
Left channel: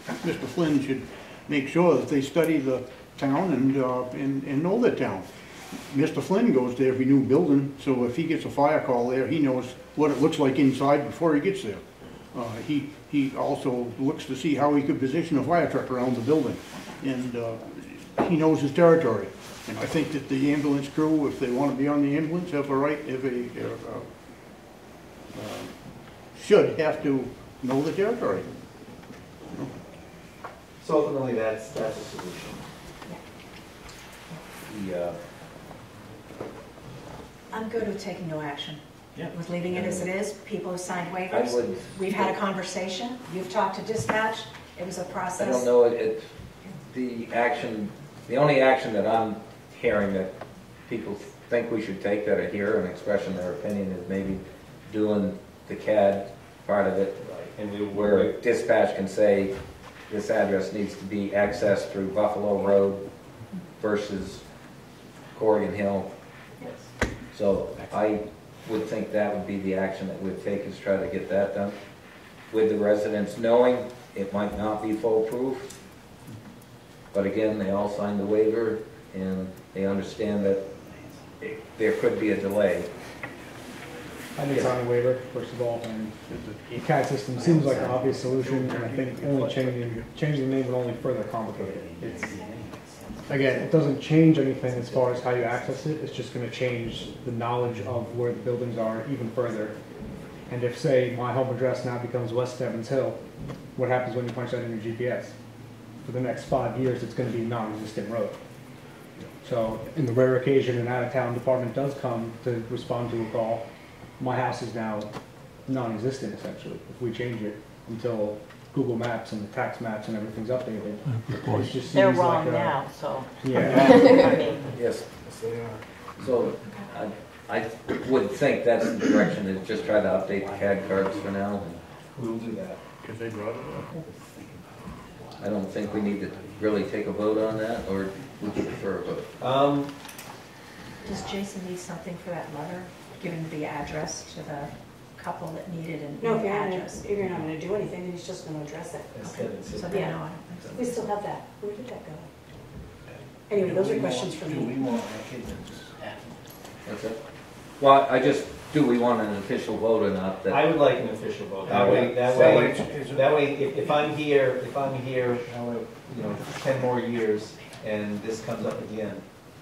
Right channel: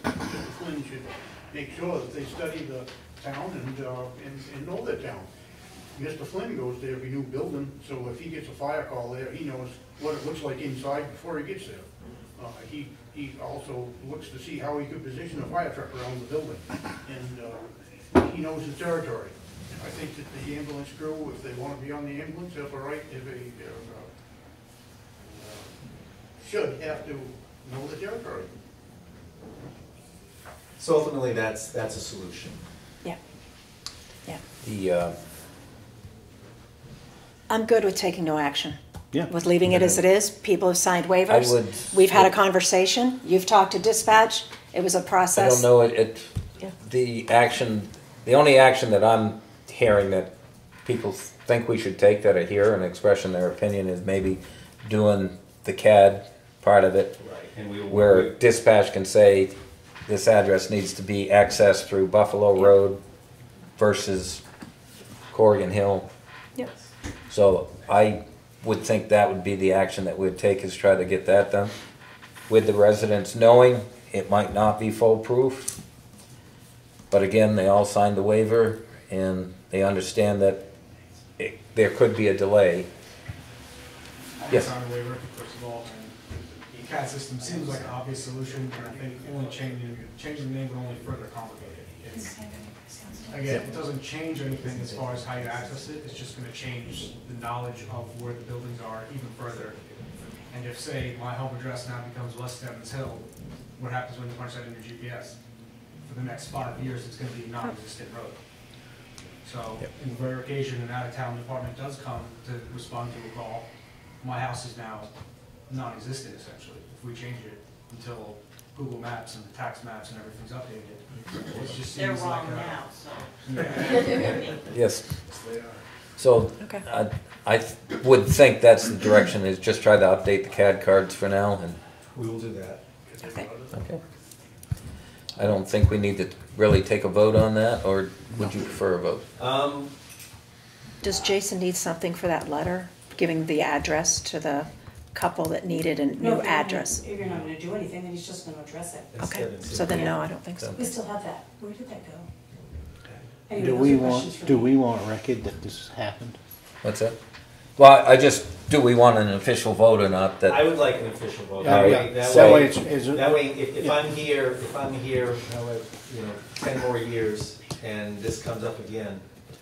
Mr. Flynn should make sure that they study the town and know the town. Mr. Flynn goes to every new building, so if he gets a fire call there, he knows what it looks like inside before he gets there. He also looks to see how he could position a fire truck around the building, and he knows his territory. And I think that the ambulance crew, if they want to be on the ambulance, have a right, should have to know the territory. So ultimately, that's a solution. Yeah. Yeah. I'm good with taking no action. Yeah. With leaving it as it is. People have signed waivers. I would- We've had a conversation. You've talked to dispatch. It was a I process. don't know, Yeah. the only action that I'm hearing that people think we should take that are here and expressing their opinion is maybe doing the CAD part of it, And we will where dispatch can say this address needs to be accessed through Buffalo Road versus Corrigan Hill. Yep. So I would think that would be the action that we'd take, is try to get that done. With the residents knowing it might not be foolproof, but again, they all signed the waiver and they understand that there could be a delay. I think it's on the waiver, first of all, and the CAD system seems like an obvious solution, and I think only changing the name would only further complicate it. It's, again, it doesn't change anything as far as how you access it, it's just gonna change the knowledge of where the buildings are even further. And if, say, my home address now becomes West Stebbins Hill, what happens when you punch that in your GPS? For the next 5 years, it's gonna be a non-existent road. So, in the rare occasion an out-of-town department does come to respond to a call, my house is now non-existent essentially, if we change it until Google Maps and the tax maps and everything's updated. It just They're seems wrong like now, so. Yeah. I mean, Yes. They are. So Okay. I would think that's the direction, is just try to update the CAD cards for now. And We will do that. I don't think we need to really take a vote on that, or would you prefer a vote? Does Jason need something for that letter, giving the address to the couple that needed a new address? If you're not gonna do anything, then he's just gonna address it. Okay, so then no, I don't think so. We still have that. Where did that go? Do Anyway, those we are questions want, for do me. we want record that this happened? What's that? Well, do we want an official vote or not? That I would like an official vote. Yeah, That way, if I'm here, you know, 10 more years and this comes up again,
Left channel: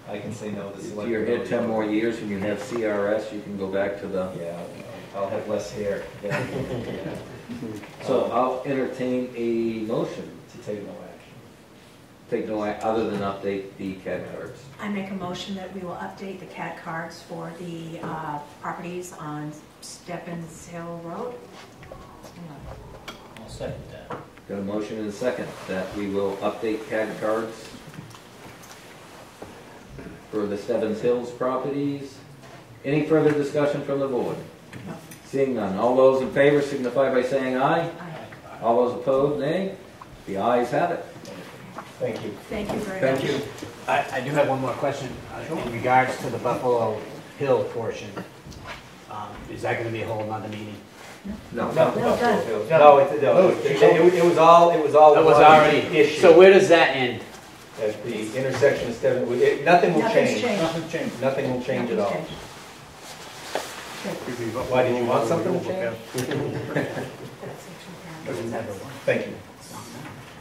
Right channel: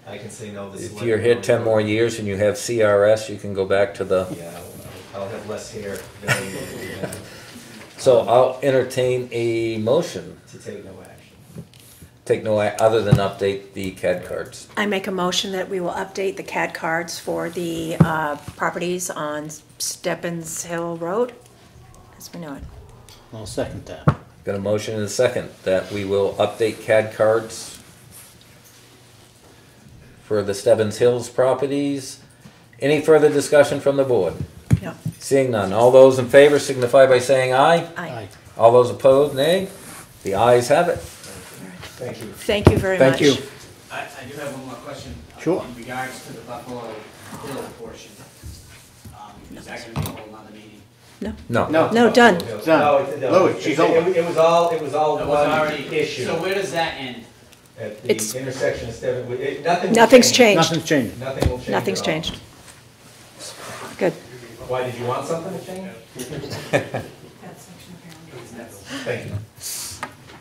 I can say no, this is. if you're here 10 more years and you have CRS, you can go back to the. Yeah, I'll have less hair. So I'll entertain a motion. To take no action. Take no act other than update the CAD cards. I make a motion that we will update the CAD cards for the properties on Stebbins Hill Road, as we know it. I'll second that. Got a motion and a second that we will update CAD cards for the Stebbins Hills properties. Any further discussion from the board? No. Seeing none. All those in favor signify by saying aye. Aye. All those opposed, nay. The ayes have it. Thank you. Thank you very much. Thank you. I do have one more question. Sure. In regards to the Buffalo Hill portion, is that gonna be a whole nother meeting? No. No, done. No, Louis, she's over. it was all. That was already, issued. so where does that end? At It's- the intersection of Stebbins, nothing will Nothing's change. changed. Nothing's changed. Nothing will change at Nothing's all. changed. Good. Why, did you want something to change? Thank you.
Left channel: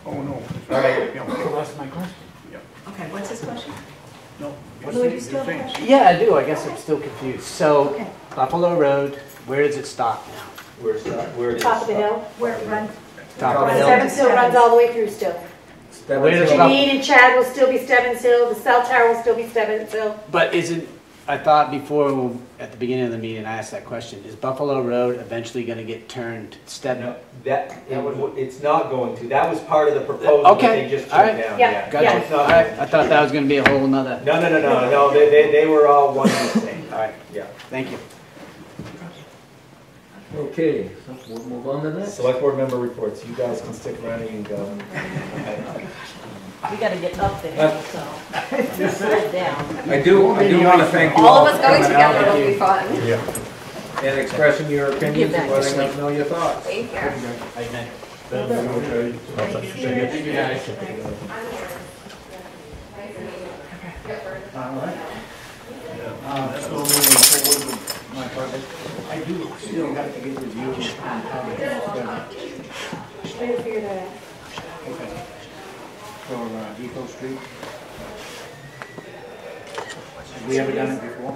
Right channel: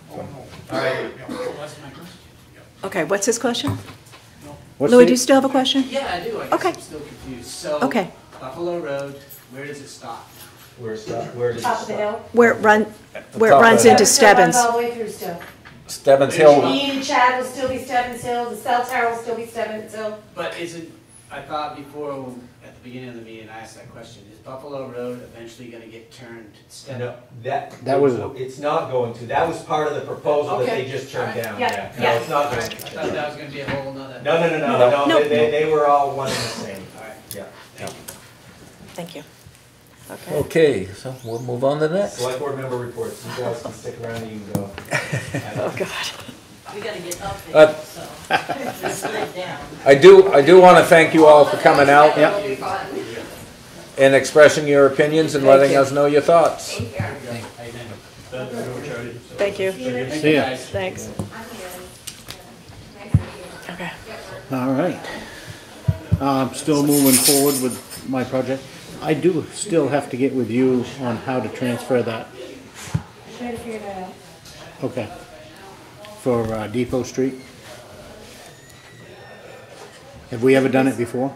Oh, no. All right. What's my question? Okay, what's his question? What's Louis, the- do you still have a question? Yeah, I do, I guess Okay. I'm still confused. So, Okay. Buffalo Road, where does it stop now? Where is Top of the hill. Where it runs Stebbins into Still runs Stebbins. all the way through still. Stebbins Wait a Hill. minute. Janine and Chad will still be Stebbins Hill, the cell tower will still be Stebbins Hill. But isn't, I thought before, at the beginning of the meeting, I asked that question, is Buffalo Road eventually gonna get turned Stebbins? That was. It's not going to. That was part of the proposal that Okay. they just All turned right. down. Yeah. Got Yeah. It's not. Alright, I thought that was gonna be a whole nother, No. They were all one and the same. alright, Yeah. thank you. Thank you. Okay. Okay, so we'll move on to the next. Select board member reports. You guys can stick around. You can go. Oh, God. we gotta get up there, so. Just sit down. I do want to thank you all of for us going coming out together will be fun. and expressing your opinions and letting us know your thoughts. Thank you. Thank you. Yeah. Thanks. Okay. All right. Still moving forward with my project. I do still have to get reviews on how to transfer that. Trying to figure that out. Okay. For Depot Street. Have we ever done it before?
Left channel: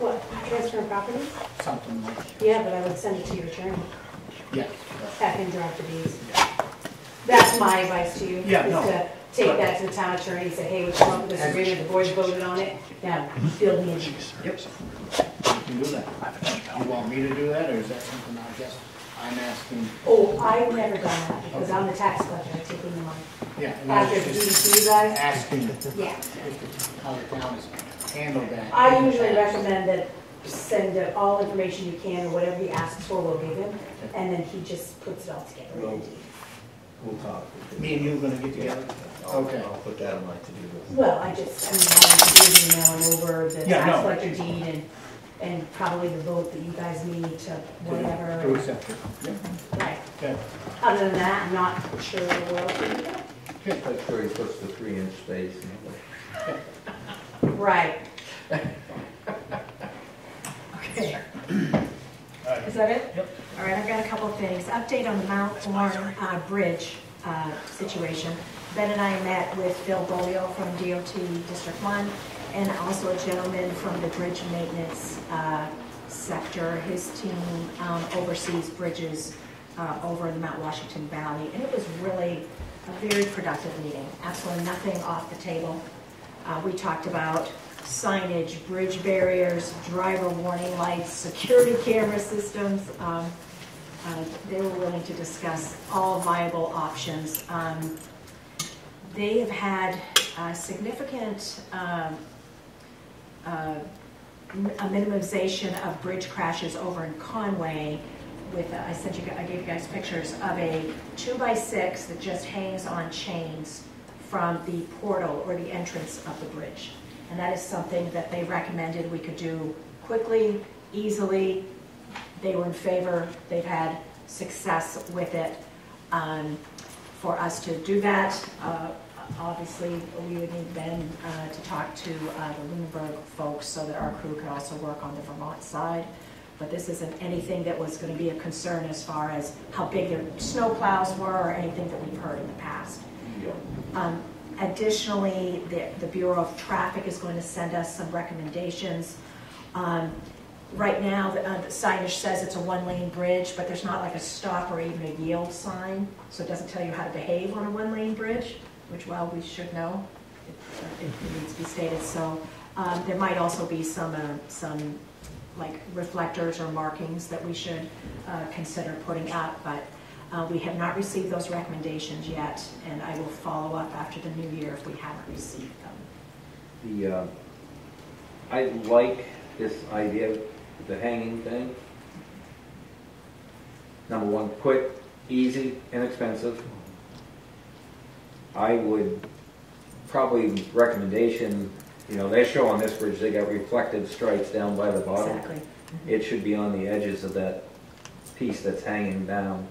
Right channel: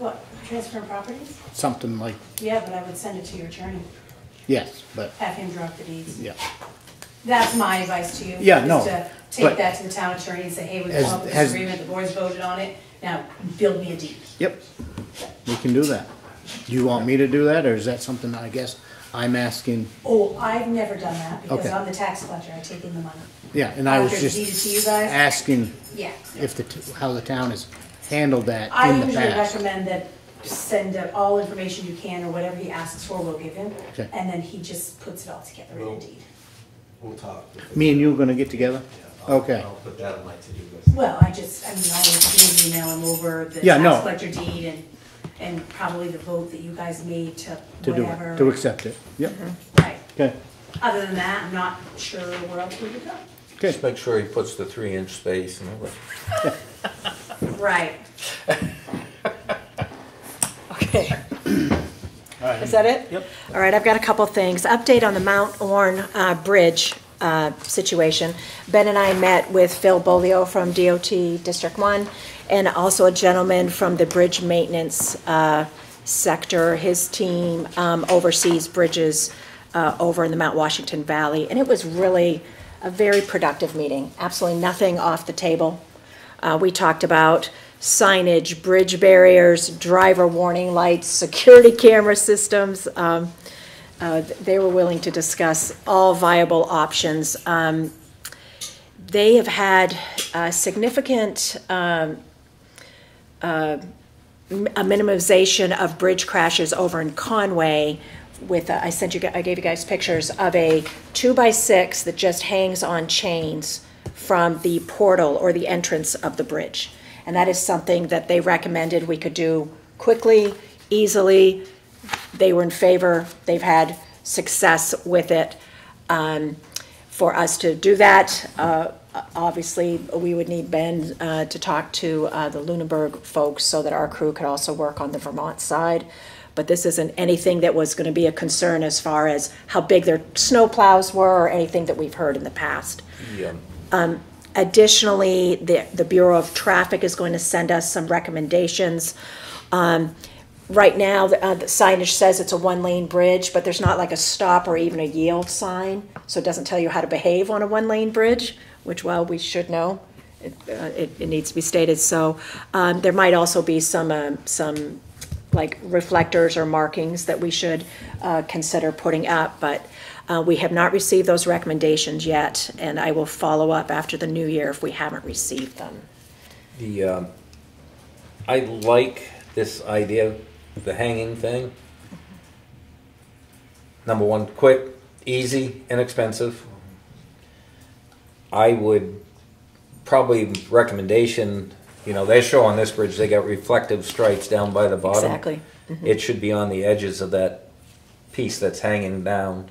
What, transfer properties? Something like, Yeah, but I would send it to your attorney, yes, but, have him draft the deeds. yeah. That's my advice to you. Yeah, is no, to but- take that to the town attorney and say, hey, we've come up with Has- this agreement, the boys voted on it, now build me a deed. Yep, we can do that. Do you want me to do that, or is that something I guess I'm asking? Oh, I've never done that, because Okay. I'm the tax collector, I've taken the money. Yeah, and I was After just deeds to you guys? asking Yeah. if how the town has handled that I in the usually past. recommend that send all information you can, or whatever he asks for, we'll give him, Okay. and then he just puts it all together in a deed. We'll talk. Me and you are gonna get together? Okay. I'll put that on my to-do list. Well, I usually email him over the Yeah, no. tax collector deed and probably the vote that you guys need to whatever. To accept it. Yep, Right. okay, Other than that, I'm not sure what else we can do. okay. Just make sure he puts the 3-inch space and all that. Right. Okay. All right. Is that it? Yep. All right, I've got a couple things. Update on the Mount Orne Bridge situation. Ben and I met with Phil Bolio from DOT District 1 and also a gentleman from the bridge maintenance sector. His team oversees bridges over in the Mount Washington Valley, and it was really a very productive meeting. Absolutely nothing off the table. We talked about signage, bridge barriers, driver warning lights, security camera systems. They were willing to discuss all viable options. They have had significant a minimization of bridge crashes over in Conway with, I gave you guys pictures of a 2x6 that just hangs on chains from the portal or the entrance of the bridge. And that is something that they recommended we could do quickly, easily. They were in favor. They've had success with it. For us to do that, obviously, we would need Ben to talk to the Lunenburg folks so that our crew could also work on the Vermont side. But this isn't anything that was going to be a concern as far as how big their snow plows were or anything that we've heard in the past. Yeah. Additionally, the Bureau of Traffic is going to send us some recommendations. Right now, the signage says it's a one-lane bridge, but there's not like a stop or even a yield sign, so it doesn't tell you how to behave on a one-lane bridge, which, well, we should know. It needs to be stated. So there might also be some like reflectors or markings that we should consider putting up, but we have not received those recommendations yet, and I will follow up after the new year if we haven't received them. I like this idea of the hanging thing. Number one, quick, easy, inexpensive. I would probably recommendation, they show on this bridge, they got reflective stripes down by the bottom. Exactly. Mm-hmm. It should be on the edges of that piece that's hanging down.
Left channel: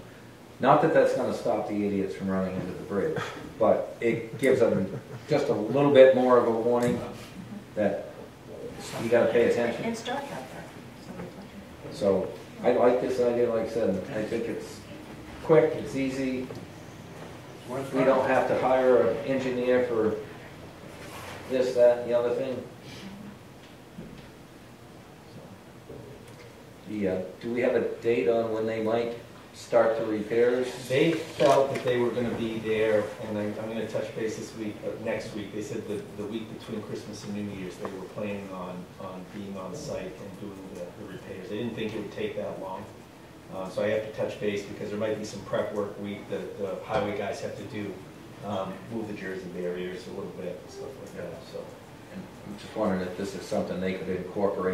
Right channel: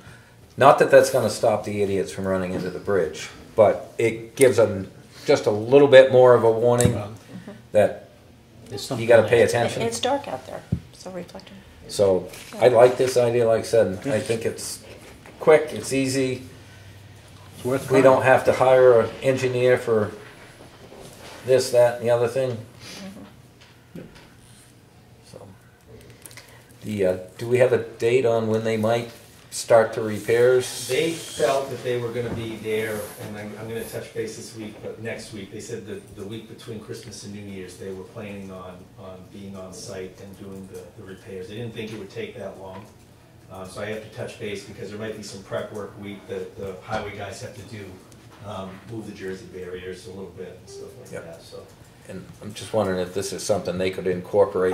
Not that that's gonna stop the idiots from running into the bridge, but it gives them just a little bit more of a warning that you gotta pay attention. It's dark out there, so reflector. So I like this idea, like I said, I think it's quick, it's easy. We don't have to hire an engineer for this, that, and the other thing. So, do we have a date on when they might start the repairs? They felt that they were gonna be there, and I'm gonna touch base this week, but next week, they said that the week between Christmas and New Year's, they were planning on being on site and doing the repairs. They didn't think it would take that long. So I have to touch base because there might be some prep work week that the highway guys have to do, move the Jersey barriers a little bit and stuff like that, so. And I'm just wondering if this is something they could incorporate.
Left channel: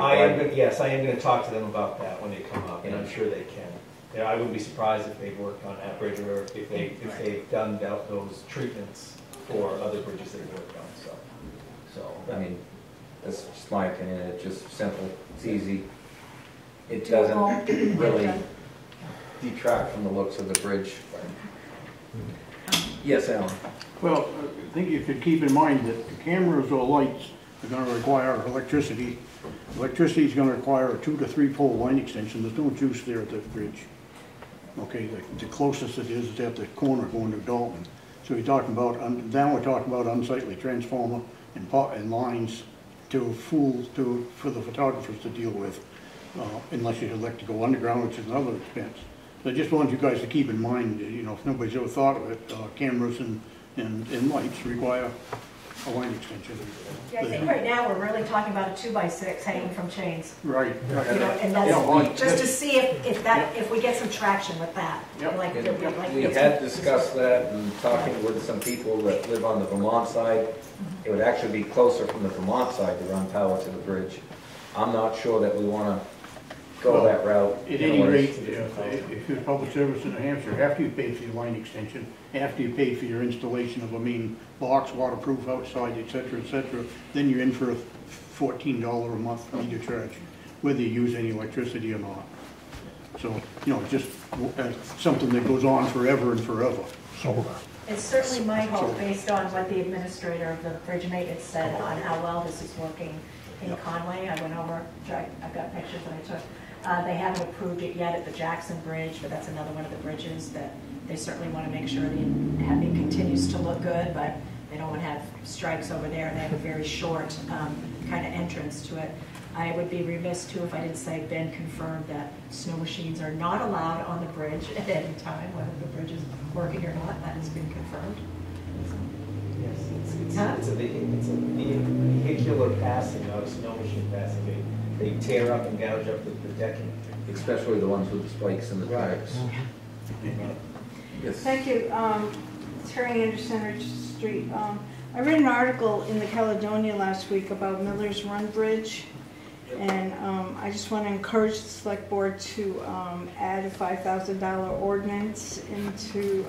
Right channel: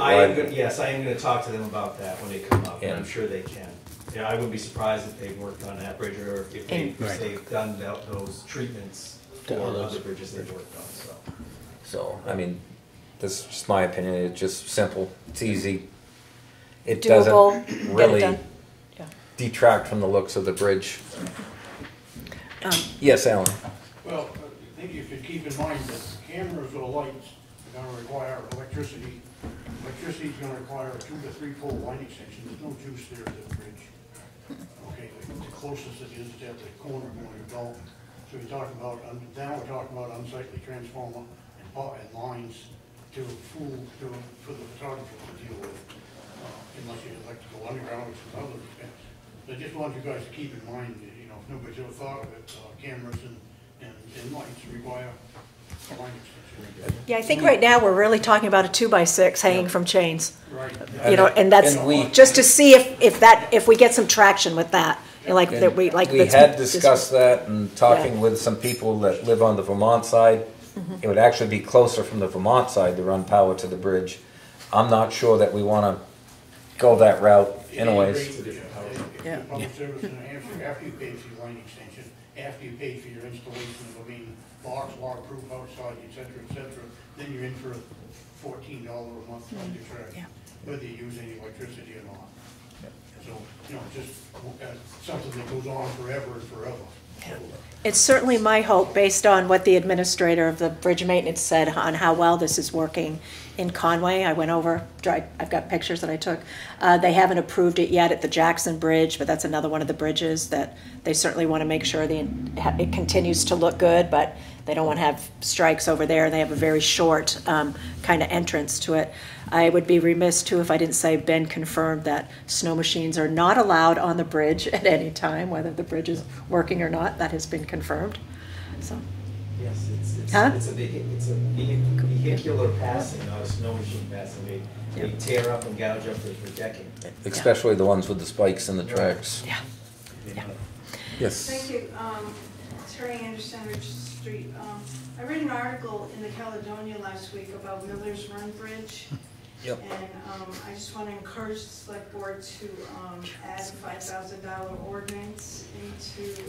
Yes, I am gonna talk to them about that when they come up, and I'm sure they can. Yeah, I would be surprised if they've worked on that bridge or if they've done those treatments for other bridges they've worked on, so. So, I mean, this is just my opinion, it's just simple, it's easy. It Doable, doesn't get it really done. detract from the looks of the bridge. Yes, Alan? Well, I think you should keep in mind that the cameras or lights are gonna require electricity Electricity is gonna require a 2 to 3 pole line extension. There's no juice there at that bridge. Okay, the closest it is at the corner going to Dalton. So you're talking about, now we're talking about unsightly transformer and lines for the photographers to deal with, unless you'd like to go underground, which is another expense. So I just want you guys to keep in mind, you know, if nobody's ever thought of it, cameras and lights require a line extension. Yeah, I think right now we're really talking about a 2x6 hanging from chains. Right. You know, and that's just to see if we get some traction with that. You know, We had discussed that and talking with some people that live on the Vermont side. It would actually be closer from the Vermont side to run power to the bridge. I'm not sure that we want to go that route anyways. If you're public service in New Hampshire, after you pay for your line extension, after you pay for your installation of a main box, waterproof outside, et cetera, then you're in for a $14 a month meter charge, whether you use any electricity or not. So, you know, just something that goes on forever and forever. It's certainly my hope, based on what the administrator of the bridge maintenance said on how well this is working in Conway. I went over, I've got pictures that I took. They haven't approved it yet at the Jackson Bridge, but that's another one of the bridges that they certainly want to make sure it continues to look good, but they don't want to have strikes over there. They have a very short kind of entrance to it. I would be remiss too if I didn't say Ben confirmed that snow machines are not allowed on the bridge at any time, whether the bridge is working or not. That has been confirmed. So. Yes, it's a vehicular passing, not a snow machine passing. They tear up and gouge up the decking. Especially the ones with the spikes in the tracks. Yeah. Yes. Thank you. Terry Anderson, Ridge Street. I read an article in the Caledonia last week about Miller's Run Bridge. Yep. And I just want to encourage the select board to add a $5,000 ordinance into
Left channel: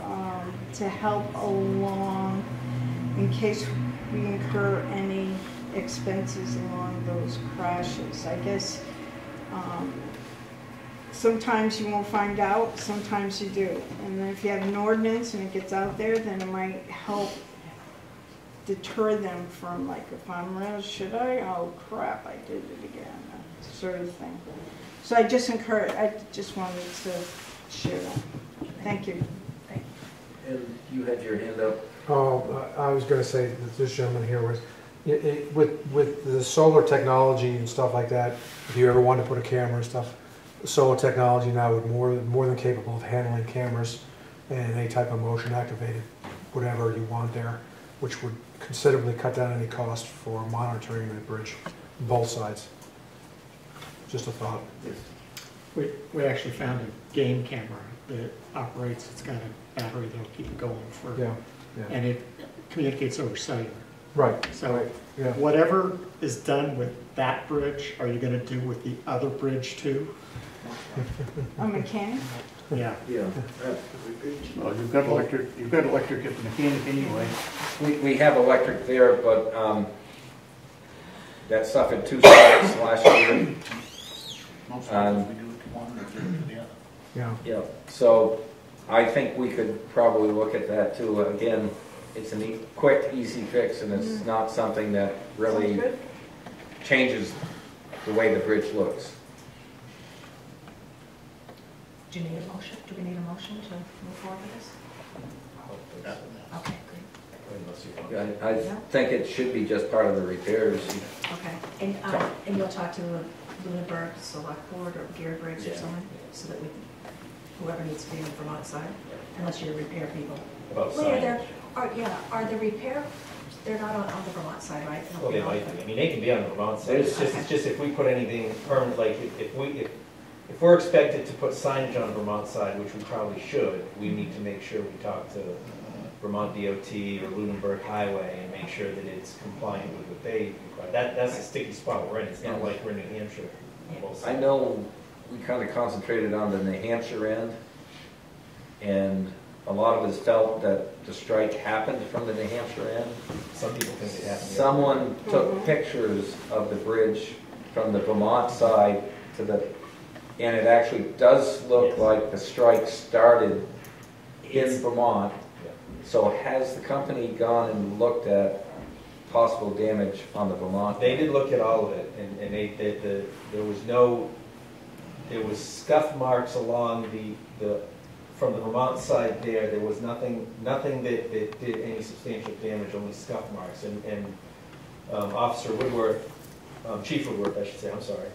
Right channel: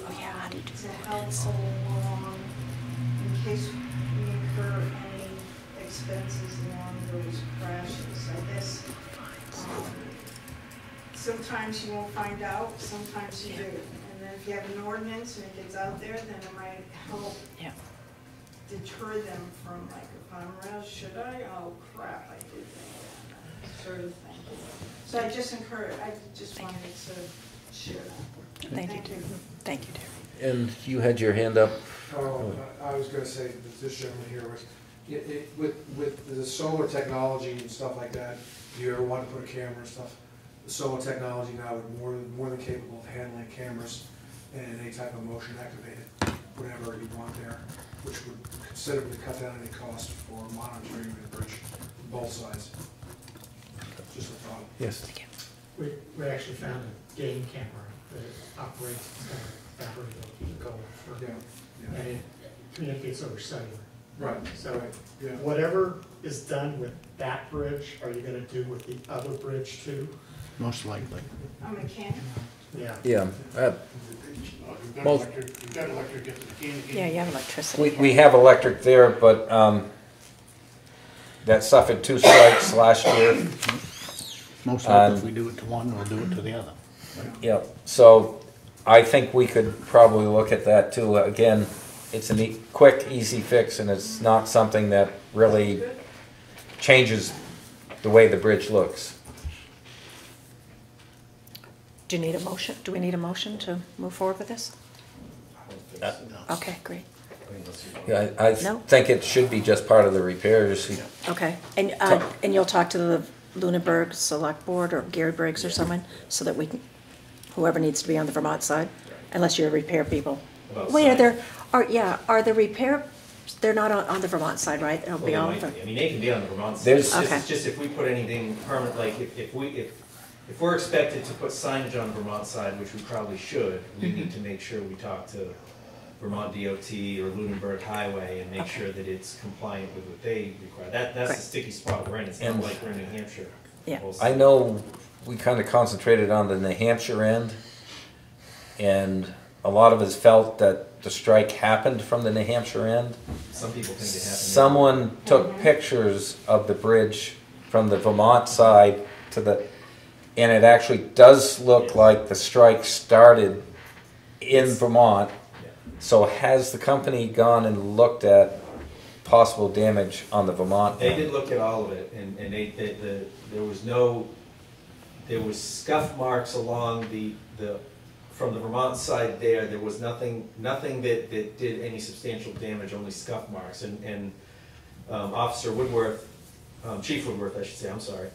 to help along in case we incur any expenses along those crashes. I guess sometimes you won't find out, sometimes you do. And then if you have an ordinance and it gets out there, then it might help deter them from, like, if I'm around, should I? Oh crap, I did it again, sort of thing. So I just wanted to share that. Thank you. Thank you, Terry. And you had your hand up. Oh, I was going to say that this gentleman here was, with the solar technology and stuff like that, if you ever want to put a camera and stuff, solar technology now is more than capable of handling cameras and any type of motion activated, whatever you want there, which would considerably cut down any cost for monitoring the bridge, both sides. Just a thought. Yes. We actually found a game camera that operates, it's got a battery that'll keep going for, and it communicates over cellular. Right. So whatever is done with that bridge, are you going to do with the other bridge too? Most likely. A mechanic? Yeah. Yeah. Well, you've got electric at the mechanic anyway. We have electric there, but that suffered 2 strikes last year. Most likely if we do it to one, we'll do it to the other. Yeah. So I think we could probably look at that too. Again, it's a quick, easy fix, and it's not something that really changes the way the bridge looks. Do you need a motion? Do we need a motion to move forward with this? Okay, great. Yeah, I think it should be just part of the repairs. Okay, and you'll talk to the Lunenburg Select Board or Gary Briggs or someone, so that we can, whoever needs to be on the Vermont side, unless you're repair people. Wait, are the repair? They're not on the Vermont side, right? They'll be on. I mean, they can be on the Vermont side. It's just if we put anything permanent, like if we're expected to put signage on the Vermont side, which we probably should, we need to make sure we talk to Vermont DOT or Lunenburg Highway and make sure that it's compliant with what they require. That's the sticky spot we're in. It's not like we're in New Hampshire. Yeah. I know we kind of concentrated on the New Hampshire end, and a lot of us felt that the strike happened from the New Hampshire end. Some people think it happened. Someone took pictures of the bridge from the Vermont side to the, and it actually does look like the strike started in Vermont. So has the company gone and looked at possible damage on the Vermont? They did look at all of it, and there was scuff marks along from the Vermont side there. There was nothing that did any substantial damage, only scuff marks. And Officer Woodworth, Chief Woodworth, I should say, I'm sorry,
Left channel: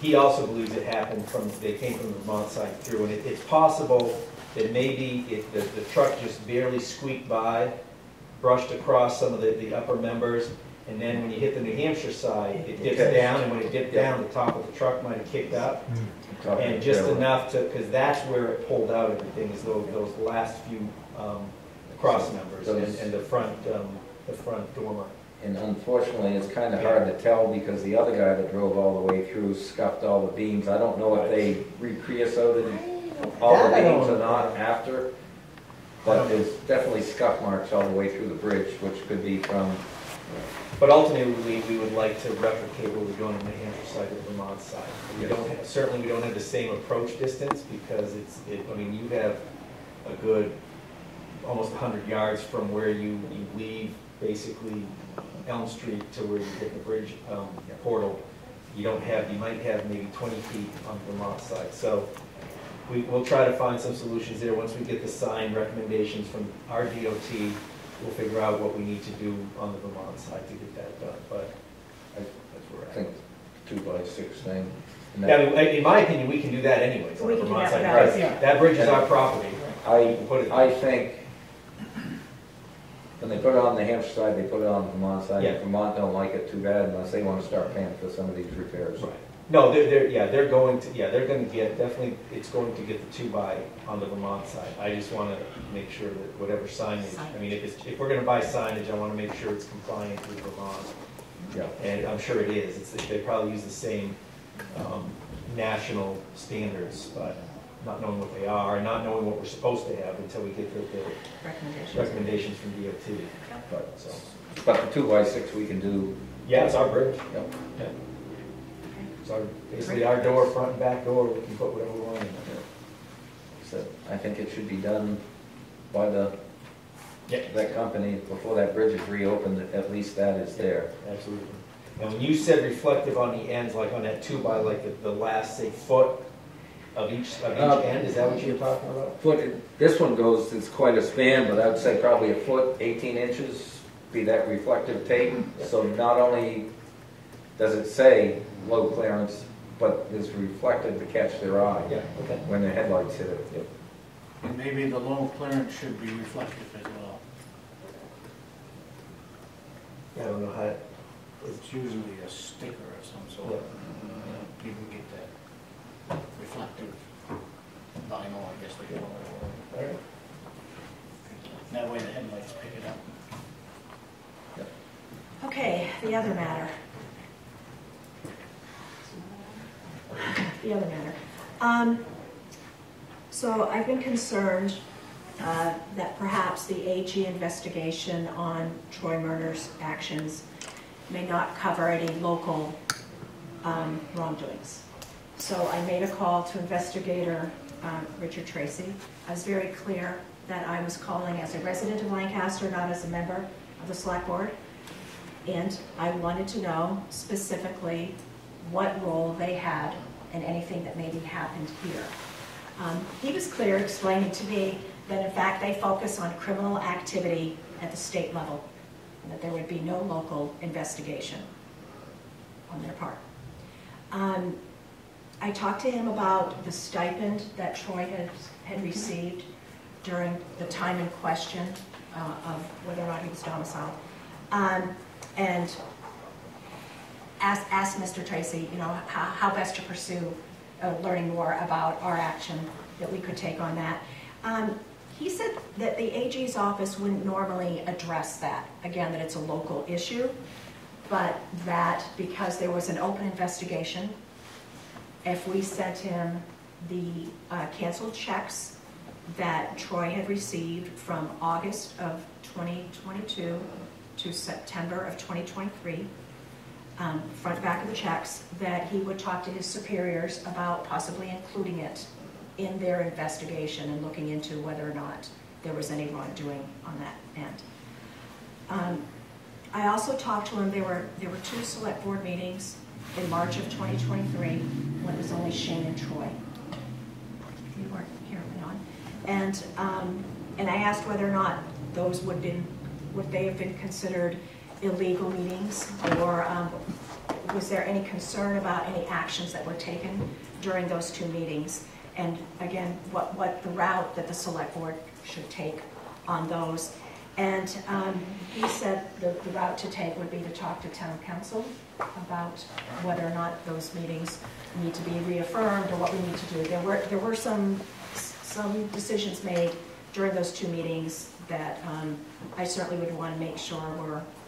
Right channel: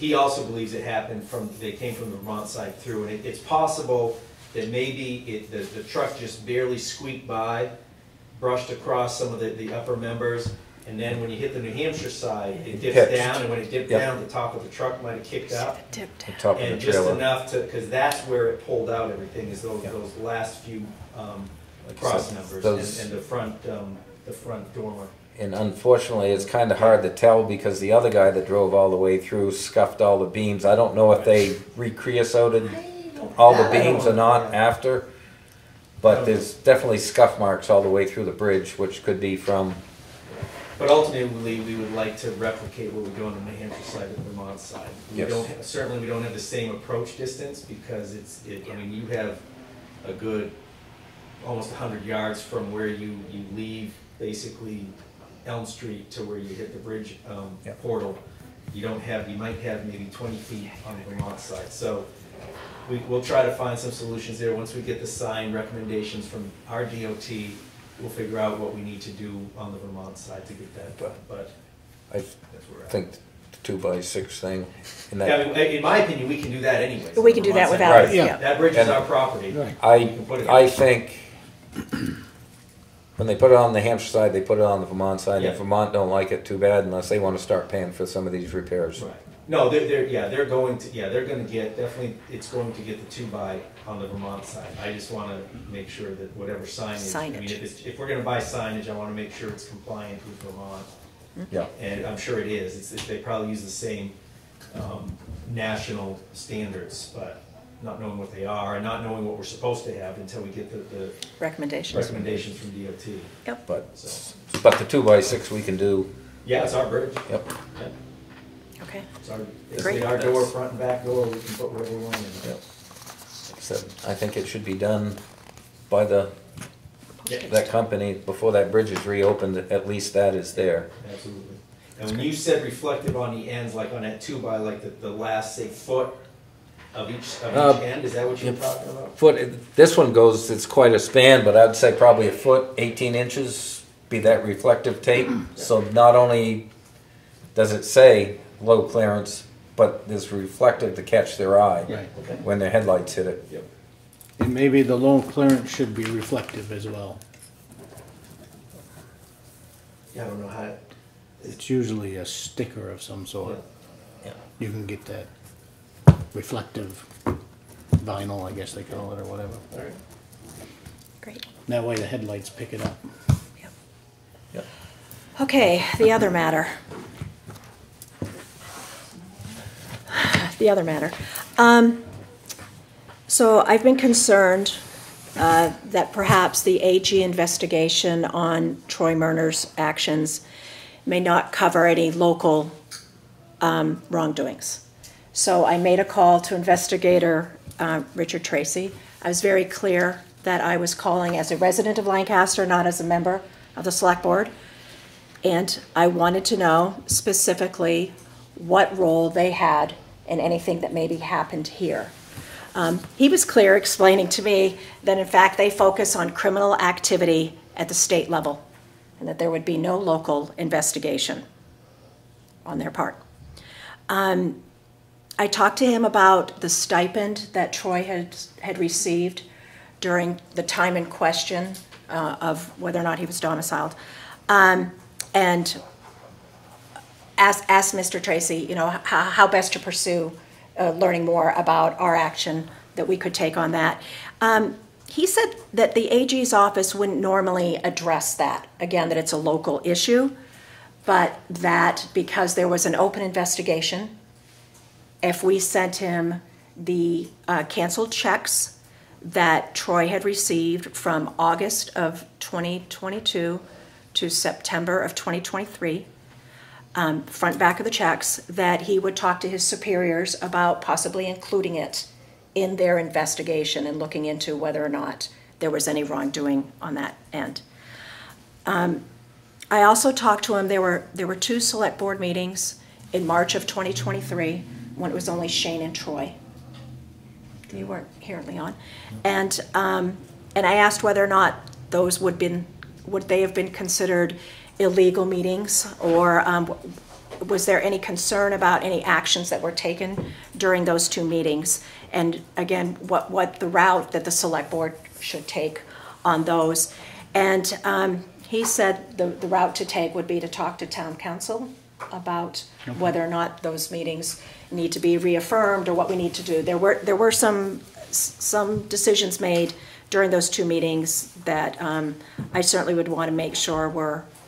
he also believes it happened they came from the Vermont side through. And it's possible that maybe the truck just barely squeaked by, brushed across some of the upper members, and then when you hit the New Hampshire side, it dips down, and when it dipped down, the top of the truck might have kicked up. And just enough because that's where it pulled out everything, is those last few cross members and the front door mark. And unfortunately, it's kind of hard to tell because the other guy that drove all the way through scuffed all the beams. I don't know if they re-creosoted all the beams or not after, but there's definitely scuff marks all the way through the bridge, which could be from... But ultimately, we would like to replicate what we're doing on the New Hampshire side and the Vermont side. Certainly, we don't have the same approach distance because I mean, you have a good almost 100 yards from where you leave basically Elm Street to where you hit the bridge portal. You might have maybe 20 feet on the Vermont side. So we'll try to find some solutions there. Once we get the sign recommendations from our DOT, we'll figure out what we need to do on the Vermont side to get that done. But I think the 2x6 thing. In my opinion, we can do that anyway. We can do that without. Right. Yeah. That bridge is our property. I think when they put it on the Hampshire side, they put it on the Vermont side. Yeah. And Vermont don't like it too bad unless they want to start paying for some of these repairs. Right. No, they're going to get, definitely, it's going to get the 2x on the Vermont side. I just want to make sure that whatever signage. I mean, if we're going to buy signage, I want to make sure it's compliant with Vermont. Yeah. And I'm sure it is. They probably use the same national standards, but not knowing what they are and not knowing what we're supposed to have until we get the recommendations from DOT. Yep. But the 2x6 we can do. Yeah, it's our bridge. Yep. Yeah. Okay. It's our door, front and back door. We can put whatever we want in there. So I think it should be done by that company before that bridge is reopened. At least that is there. Absolutely. And when you said reflective on the ends, like on that 2x, like the last, say, foot of each end, is that what you're talking about? This one goes, it's quite a span, but I'd say probably a foot, 18 inches, be that reflective tape. So not only does it say low clearance, but it's reflective to catch their eye when their headlights hit it. Yep. And maybe the low clearance should be reflective as well. I don't know how. It's usually a sticker of some sort. You can get that reflective vinyl, I guess they call it, or whatever. All right. Great. That way the headlights pick it up. Yep. Okay, the other matter. So I've been concerned that perhaps the AG investigation on Troy Murner's actions may not cover any local wrongdoings. So I made a call to investigator Richard Tracy. I was very clear that I was calling as a resident of Lancaster, not as a member of the Select Board. And I wanted to know specifically what role they had in anything that maybe happened here. He was clear, explaining to me that in fact they focus on criminal activity at the state level and that there would be no local investigation on their part. I talked to him about the stipend that Troy had received during the time in question of whether or not he was domiciled. And asked Mr. Tracy, you know, how best to pursue learning more about our action that we could take on that. He said that the AG's office wouldn't normally address that. Again, that it's a local issue, but that because there was an open investigation, if we sent him the canceled checks that Troy had received from August of 2022 to September of 2023, front and back of the checks, that he would talk to his superiors about possibly including it in their investigation and looking into whether or not there was any wrongdoing on that end. I also talked to him, there were 2 select board meetings in March of 2023, when it was only Shane and Troy. You weren't here, Leon. And I asked whether or not those would they have been considered illegal meetings, or was there any concern about any actions that were taken during those 2 meetings? And again, what the route that the select board should take on those. And he said the route to take would be to talk to town council about whether or not those meetings need to be reaffirmed or what we need to do. There were some decisions made during those 2 meetings that I certainly would want to make sure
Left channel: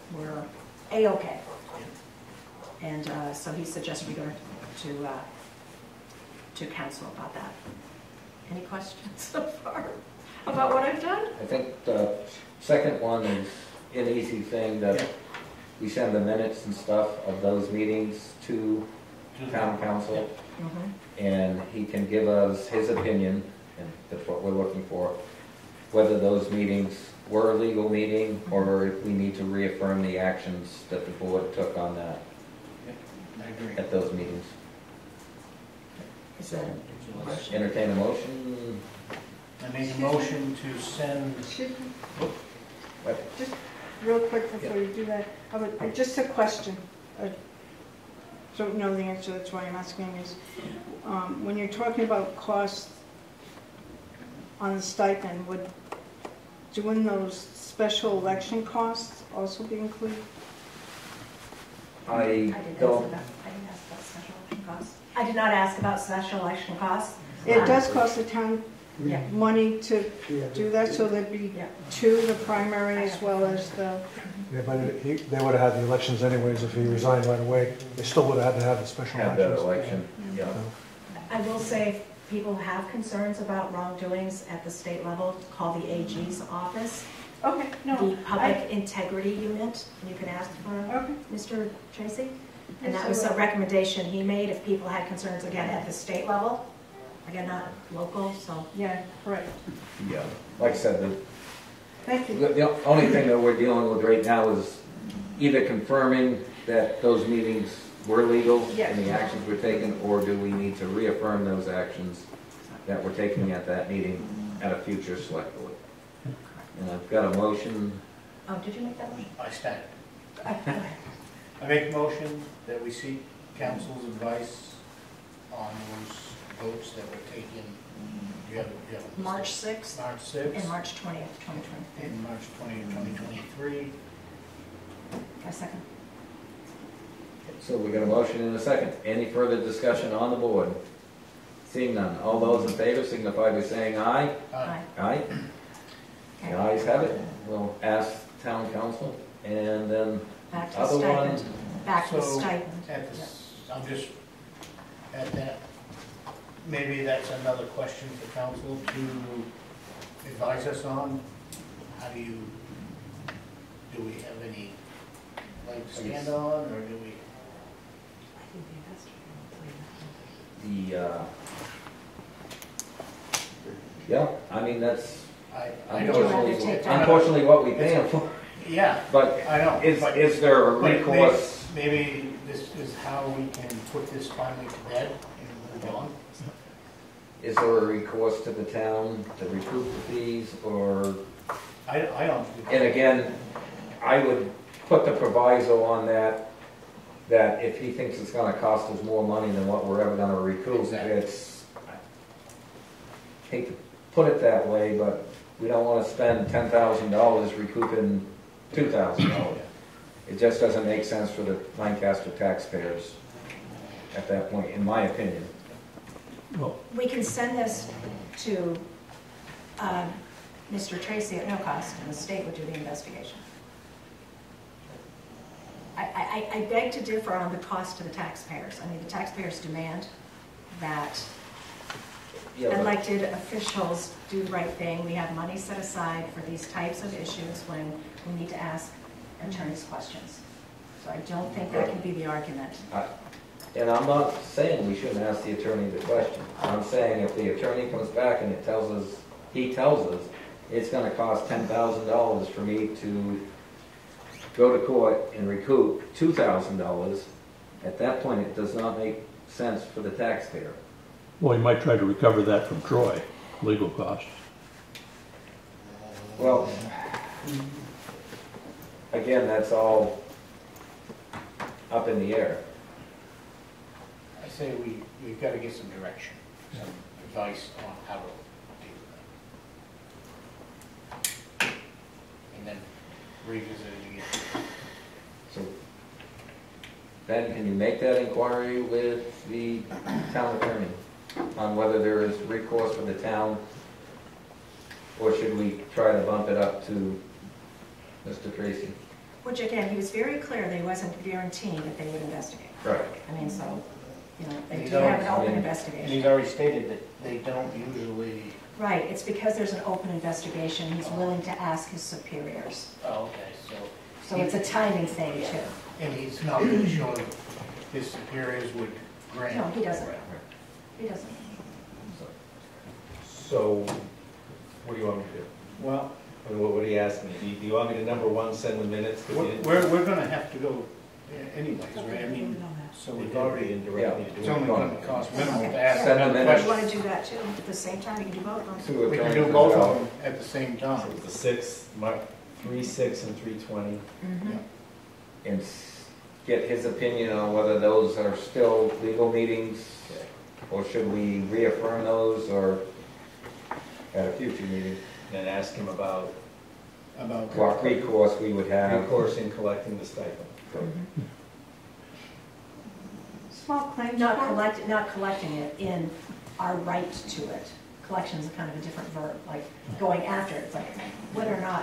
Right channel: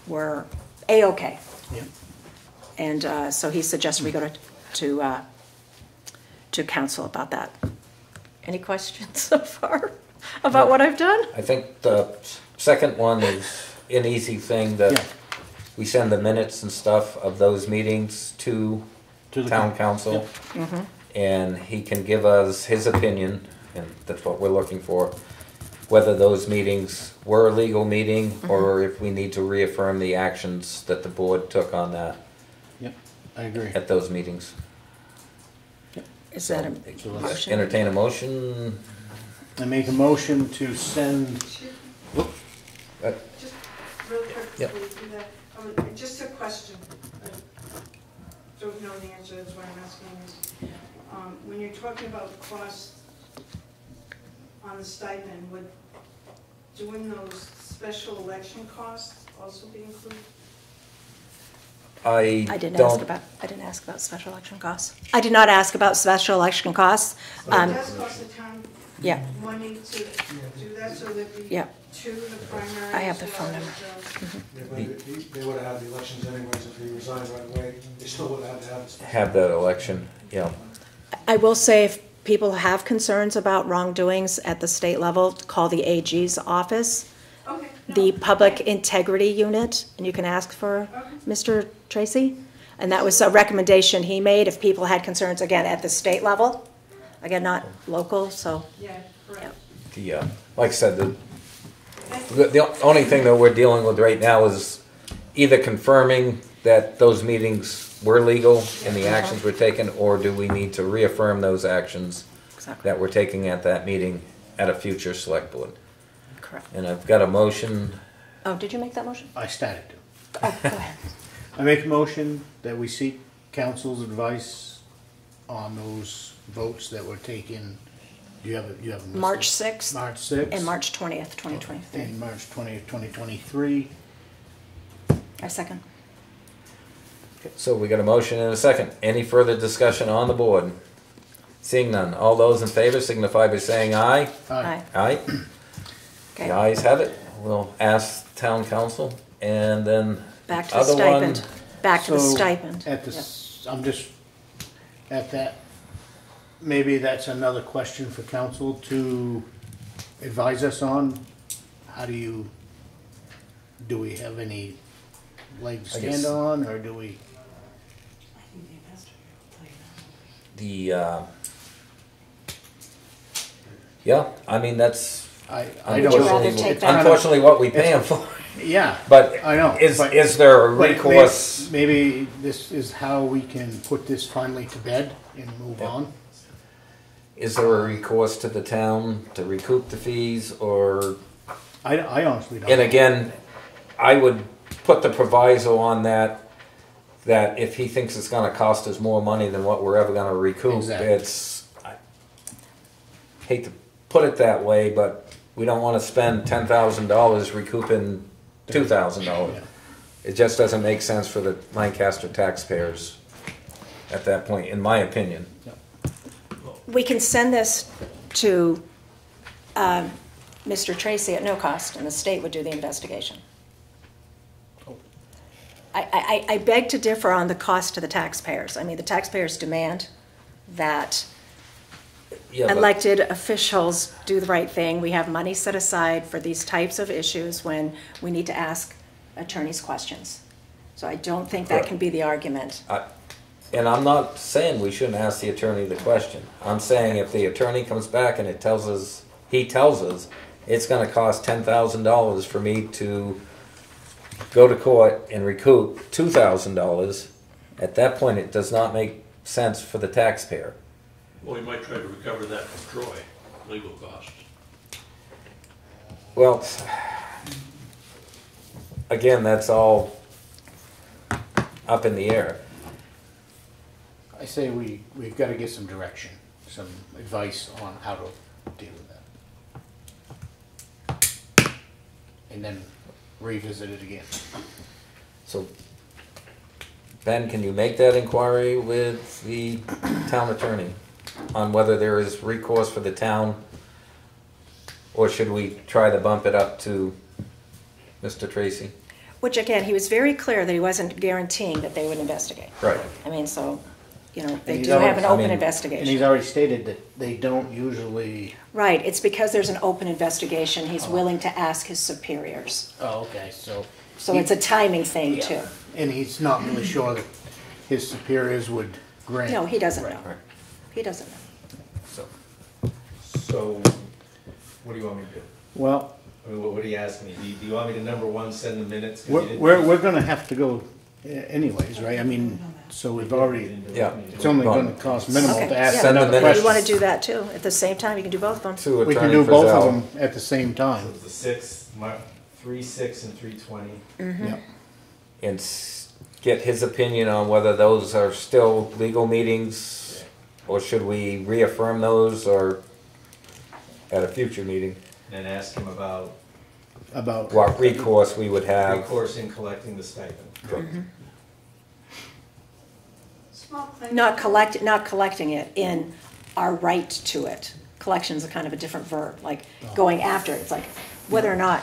were A-okay. Yeah. And so he suggested we go to council about that. Any questions so far about what I've done? I think the second one is an easy thing, that we send the minutes and stuff of those meetings to the town council, and he can give us his opinion, and that's what we're looking for, whether those meetings were a legal meeting or if we need to reaffirm the actions that the board took on that. Yep, I agree. At those meetings. Is that a motion? Entertain a motion. I make a motion to send. Just real quick before you do that, just a question. I don't know the answer, that's why I'm asking is, when you're talking about costs on the stipend, would doing those special election costs also be included? I didn't ask about special election costs. I did not ask about special election costs. It does cost the town money to do that, so there'd be 2, the primary as well as the... Yeah, but they would have had the elections anyways if he resigned right away. They still would have had to have the special. Have that election, yeah. I will say, if people have concerns about wrongdoings at the state level, call the AG's office. Okay. No, the Public Integrity Unit, and you can ask for Mr. Tracy. And that was a recommendation he made if people had concerns, again, at the state level. Again, not local, so. Yeah, right. Yeah, like I said, the only thing that we're dealing with right now is either confirming that those meetings were legal and the actions were taken, or do we need to reaffirm those actions that we're taking at that meeting at a future select board. Correct. And I've got a motion. Oh, did you make that motion? I started. Oh, go ahead. I make a motion that we seek council's advice on those votes that were taken. You have a March 6th. March 6th. And March 20th, 2023. And March 20th, 2023. A second. So we got a motion and a second. Any further discussion on the board? Seeing none. All those in favor signify by saying aye. Aye. Aye. Okay. The ayes have it. We'll ask town council, and then back to the stipend. Back to the stipend. At the, I'm just at that. Maybe that's another question for council to advise us on. How do we have any leg to stand on, or do we? Yeah, I mean, that's unfortunately what we pay them for. Yeah, but I know. Is there a recourse? Maybe this is how we can put this finally to bed and move on. Is there a recourse to the town to recoup the fees, or? I honestly don't. And again, I would put the proviso on that if he thinks it's gonna cost us more money than what we're ever gonna recoup, it's, I hate to put it that way, but we don't wanna spend $10,000 recouping $2,000. It just doesn't make sense for the Lancaster taxpayers at that point, in my opinion. We can send this to Mr. Tracy at no cost, and the state would do the investigation. I beg to differ on the cost to the taxpayers. I mean, the taxpayers demand that elected officials do the right thing. We have money set aside for these types of issues when we need to ask attorneys questions. So I don't think that can be the argument. And I'm not saying we shouldn't ask the attorney the question. I'm saying if the attorney comes back and he tells us it's going to cost $10,000 for me to go to court and recoup $2,000, at that point, it does not make sense for the taxpayer. Well, you might try to recover that from Troy, legal costs. Well, again, that's all up in the air. I say we've got to get some direction, some advice on how to deal with that. And then revisit it again. So, Ben, can you make that inquiry with the town attorney on whether there is recourse for the town? Or should we try to bump it up to Mr. Tracy? Which again, he was very clear that he wasn't guaranteeing that they would investigate. Right. I mean, so, you know, they And do he's have an already- open And investigation. he's already stated that they don't usually. Right, it's because there's an open investigation, he's willing to ask his superiors. Oh, okay, so. So it's a timing thing too. And he's not really sure that his superiors would grant. No, he doesn't know. He doesn't. So, what do you want me to do? Well, I mean, what are you asking me? Do you want me to, number one, send the minutes? 'Cause you didn't- we're gonna have to go anyways, right? I mean, so we've already, Yeah. it's only gonna cost minimal Okay, to ask yeah. Send them another in. You question. want to do that too, at the same time, you can do both of them. To We can Attorney do both of Frizell. them at the same time. The 6, 3, 6, and 320. Mhm. Yeah. And get his opinion on whether those are still legal meetings, or should we reaffirm those, or at a future meeting, And ask him about About. what recourse we would have. recourse in collecting the stipend. Small claims. Not collecting it in our right to it. Collection is a kind of a different verb, like going after it. It's like whether or not,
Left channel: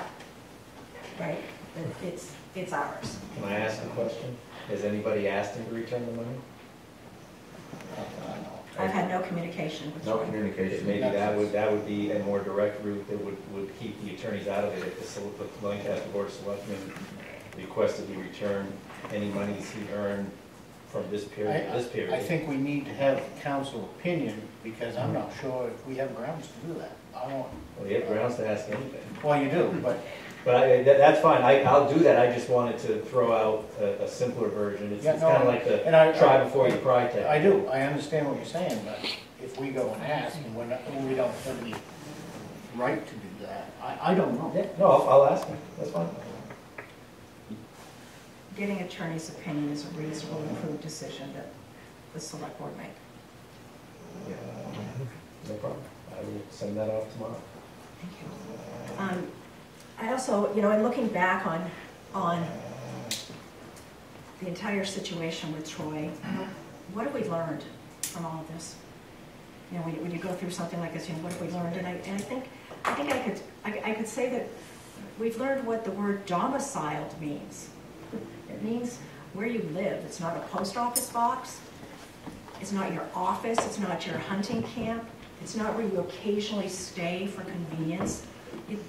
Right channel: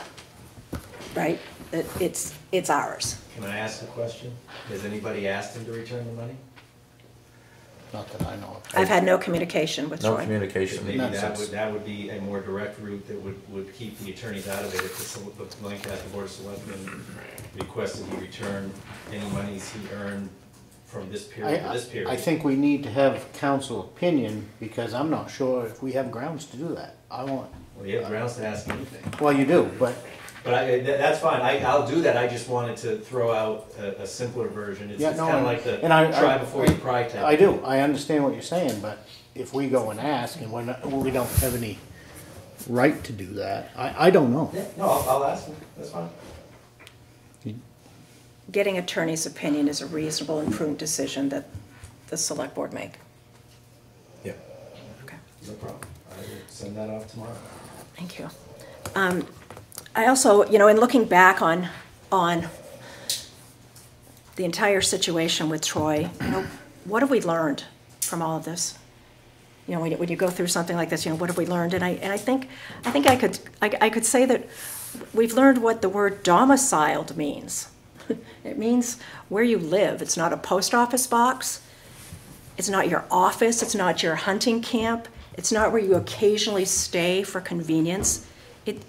right, that it's ours. Can I ask a question? Has anybody asked him to return the money? Not that I know of. I've had no communication with No Troy. communication. Maybe Makes that sense. would be a more direct route that would keep the attorneys out of it if the Lancaster Board of Selectmen requested he return any monies he earned from this period to this period. I think we need to have council opinion, because I'm not sure if we have grounds to do that. I want, Well, you have grounds to ask anything. well, you do, but But that's fine, I'll do that, I just wanted to throw out a simpler version. It's Yeah, it's no, kind of like the and I- try before you cry tactic. I do, I understand what you're saying, but if we go and ask and we don't have any right to do that, I don't know. Yeah, no, I'll ask him, that's fine. Getting attorney's opinion is a reasonable and prudent decision that the select board make. Yeah. No problem. I will send that off tomorrow. Thank you. I also, you know, in looking back on the entire situation with Troy, you know, what have we learned from all of this? You know, when you go through something like this, you know, what have we learned? And I think I could say that we've learned what the word domiciled means. It means where you live. It's not a post office box. It's not your office. It's not your hunting camp. It's not where you occasionally stay for convenience.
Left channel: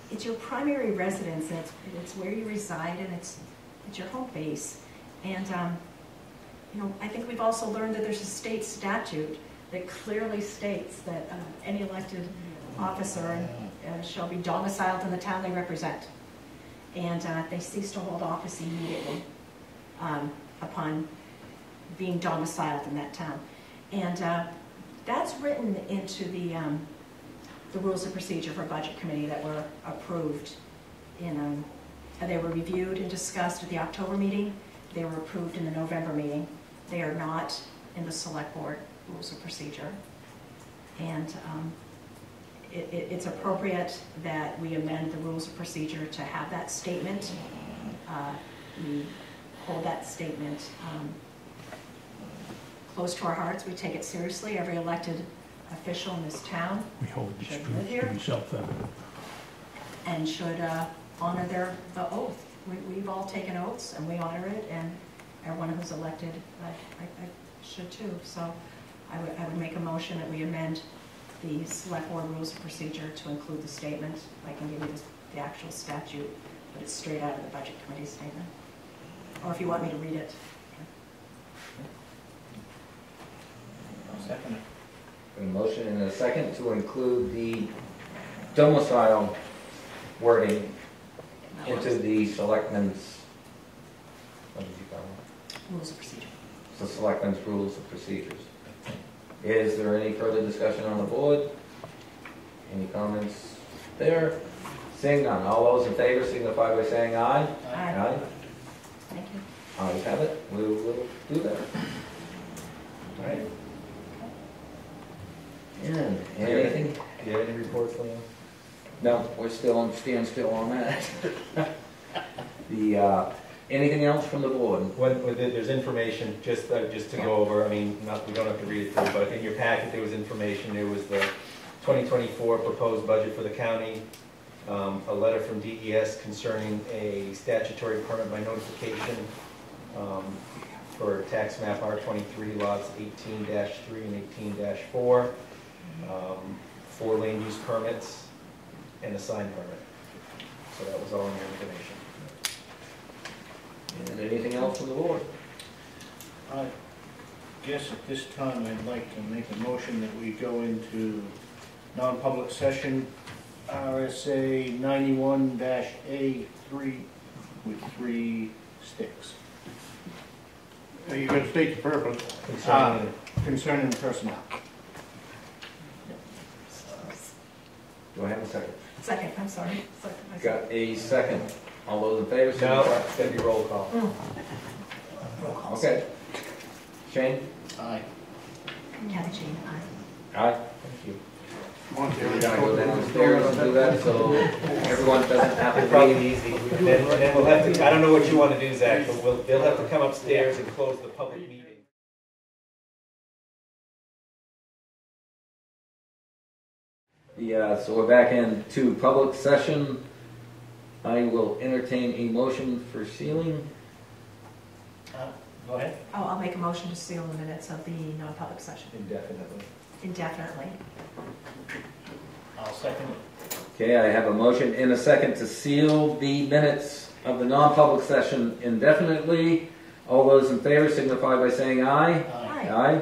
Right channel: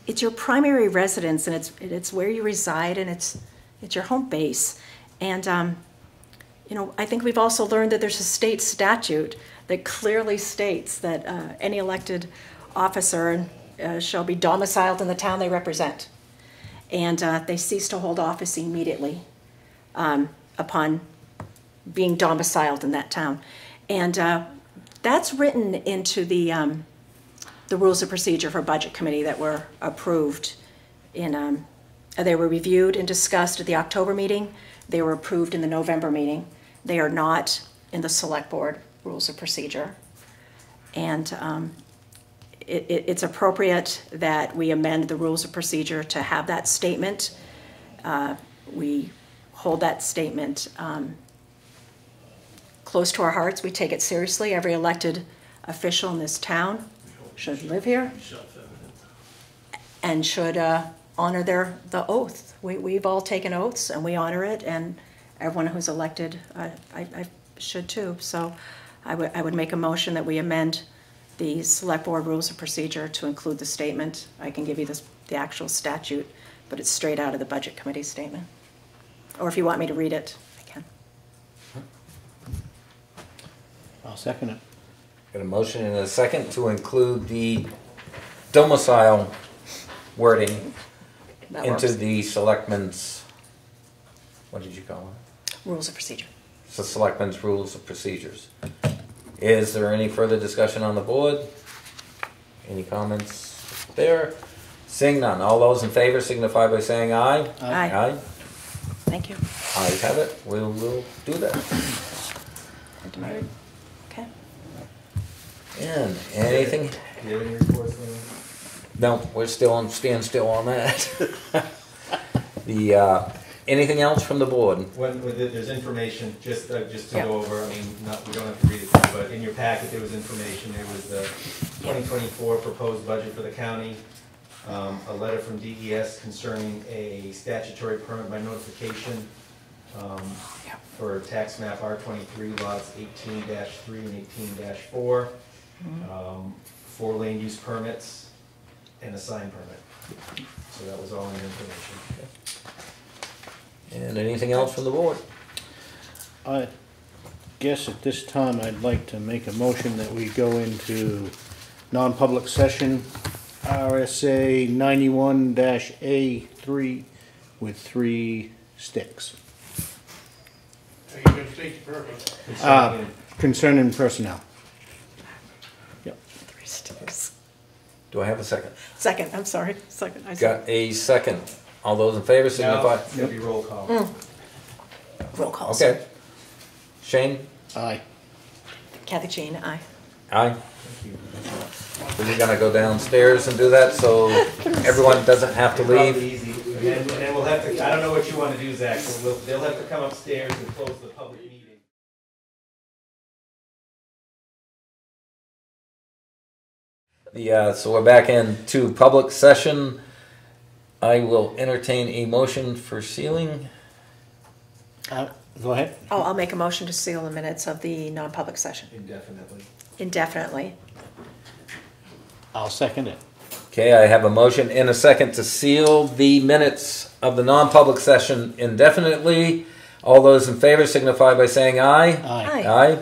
It's your primary residence, and it's where you reside, and it's your home base. And you know, I think we've also learned that there's a state statute that clearly states that any elected officer shall be domiciled in the town they represent, and they cease to hold office immediately upon being domiciled in that town. And that's written into the rules of procedure for budget committee that were approved in, they were reviewed and discussed at the October meeting. They were approved in the November meeting. They are not in the select board rules of procedure. And it's appropriate that we amend the rules of procedure to have that statement. We hold that statement close to our hearts. We take it seriously. Every elected official in this town should live here and should honor the oath. We've all taken oaths and we honor it, and everyone who's elected I should too. So I would make a motion that we amend the select board rules of procedure to include the statement. I can give you the actual statute, but it's straight out of the budget committee statement. Or if you want me to read it, I can. I'll second it. Got a motion and a second to include the domicile wording That into works. the selectmen's what did you call it? Rules of procedure. It's the Selectmen's Rules of Procedures. Is there any further discussion on the board? Any comments there? Seeing none, all those in favor signify by saying aye. Aye. Aye. Thank you. Ayes have it, we will do that. Right. Okay. And anything? Do you have any reports, Lynn? No, we're still on standstill on that. The, anything else from the board? There's information, just to Yeah. go over, I mean, we don't have to read it through, but in your packet, there was information. There was the 2024 proposed budget for the county, a letter from DES concerning a statutory permit by notification for tax map R23 lots 18-3 and 18-4, 4 land use permits, and a sign permit. So that was all the information. And anything else from the board? I guess at this time, I'd like to make a motion that we go into non-public session, RSA 91-A3 with 3 sticks. You gotta state the purpose. Concerning personnel. Do I have a second? Second, I'm sorry. Second. Got a second. All those in favor signify. It's gonna be roll call. Roll calls. Okay. Shane? Aye. Kathy Jean, aye. Aye. We're gonna go downstairs and do that so everyone doesn't have to Probably leave. easy. And then we'll have to, I don't know what you want to do, Zach, so they'll have to come upstairs and close the public meeting. Yeah, so we're back into public session. I will entertain a motion for sealing. Go ahead. Oh, I'll make a motion to seal the minutes of the non-public session Indefinitely. indefinitely. I'll second it. Okay, I have a motion and a second to seal the minutes of the non-public session indefinitely. All those in favor signify by saying aye. Aye. Aye.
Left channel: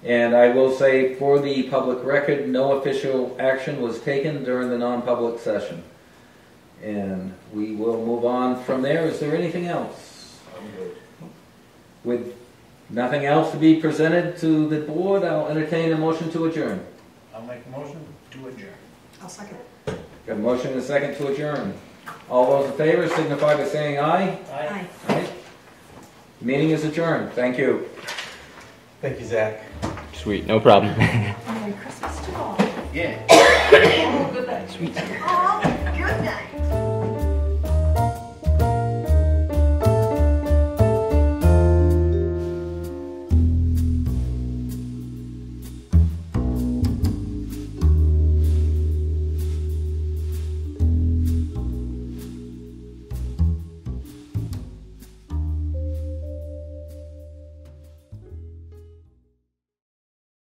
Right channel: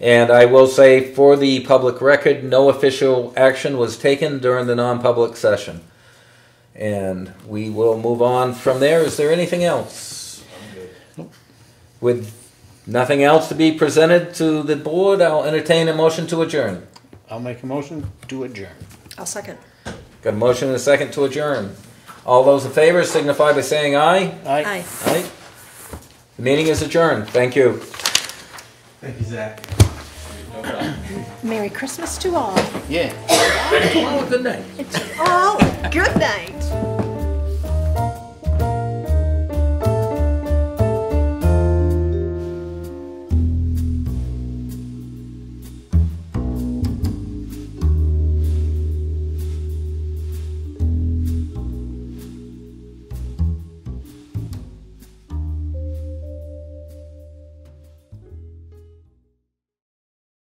And I will say for the public record, no official action was taken during the non-public session. And we will move on from there. Is there anything else? With nothing else to be presented to the board, I'll entertain a motion to adjourn. I'll make a motion to adjourn. I'll second. Got a motion and a second to adjourn. All those in favor signify by saying aye. Aye. Aye. The meeting is adjourned. Thank you. Thank you, Zach. Sweet, no problem. Merry Christmas to all. Yeah. Oh, good night. Oh, good night.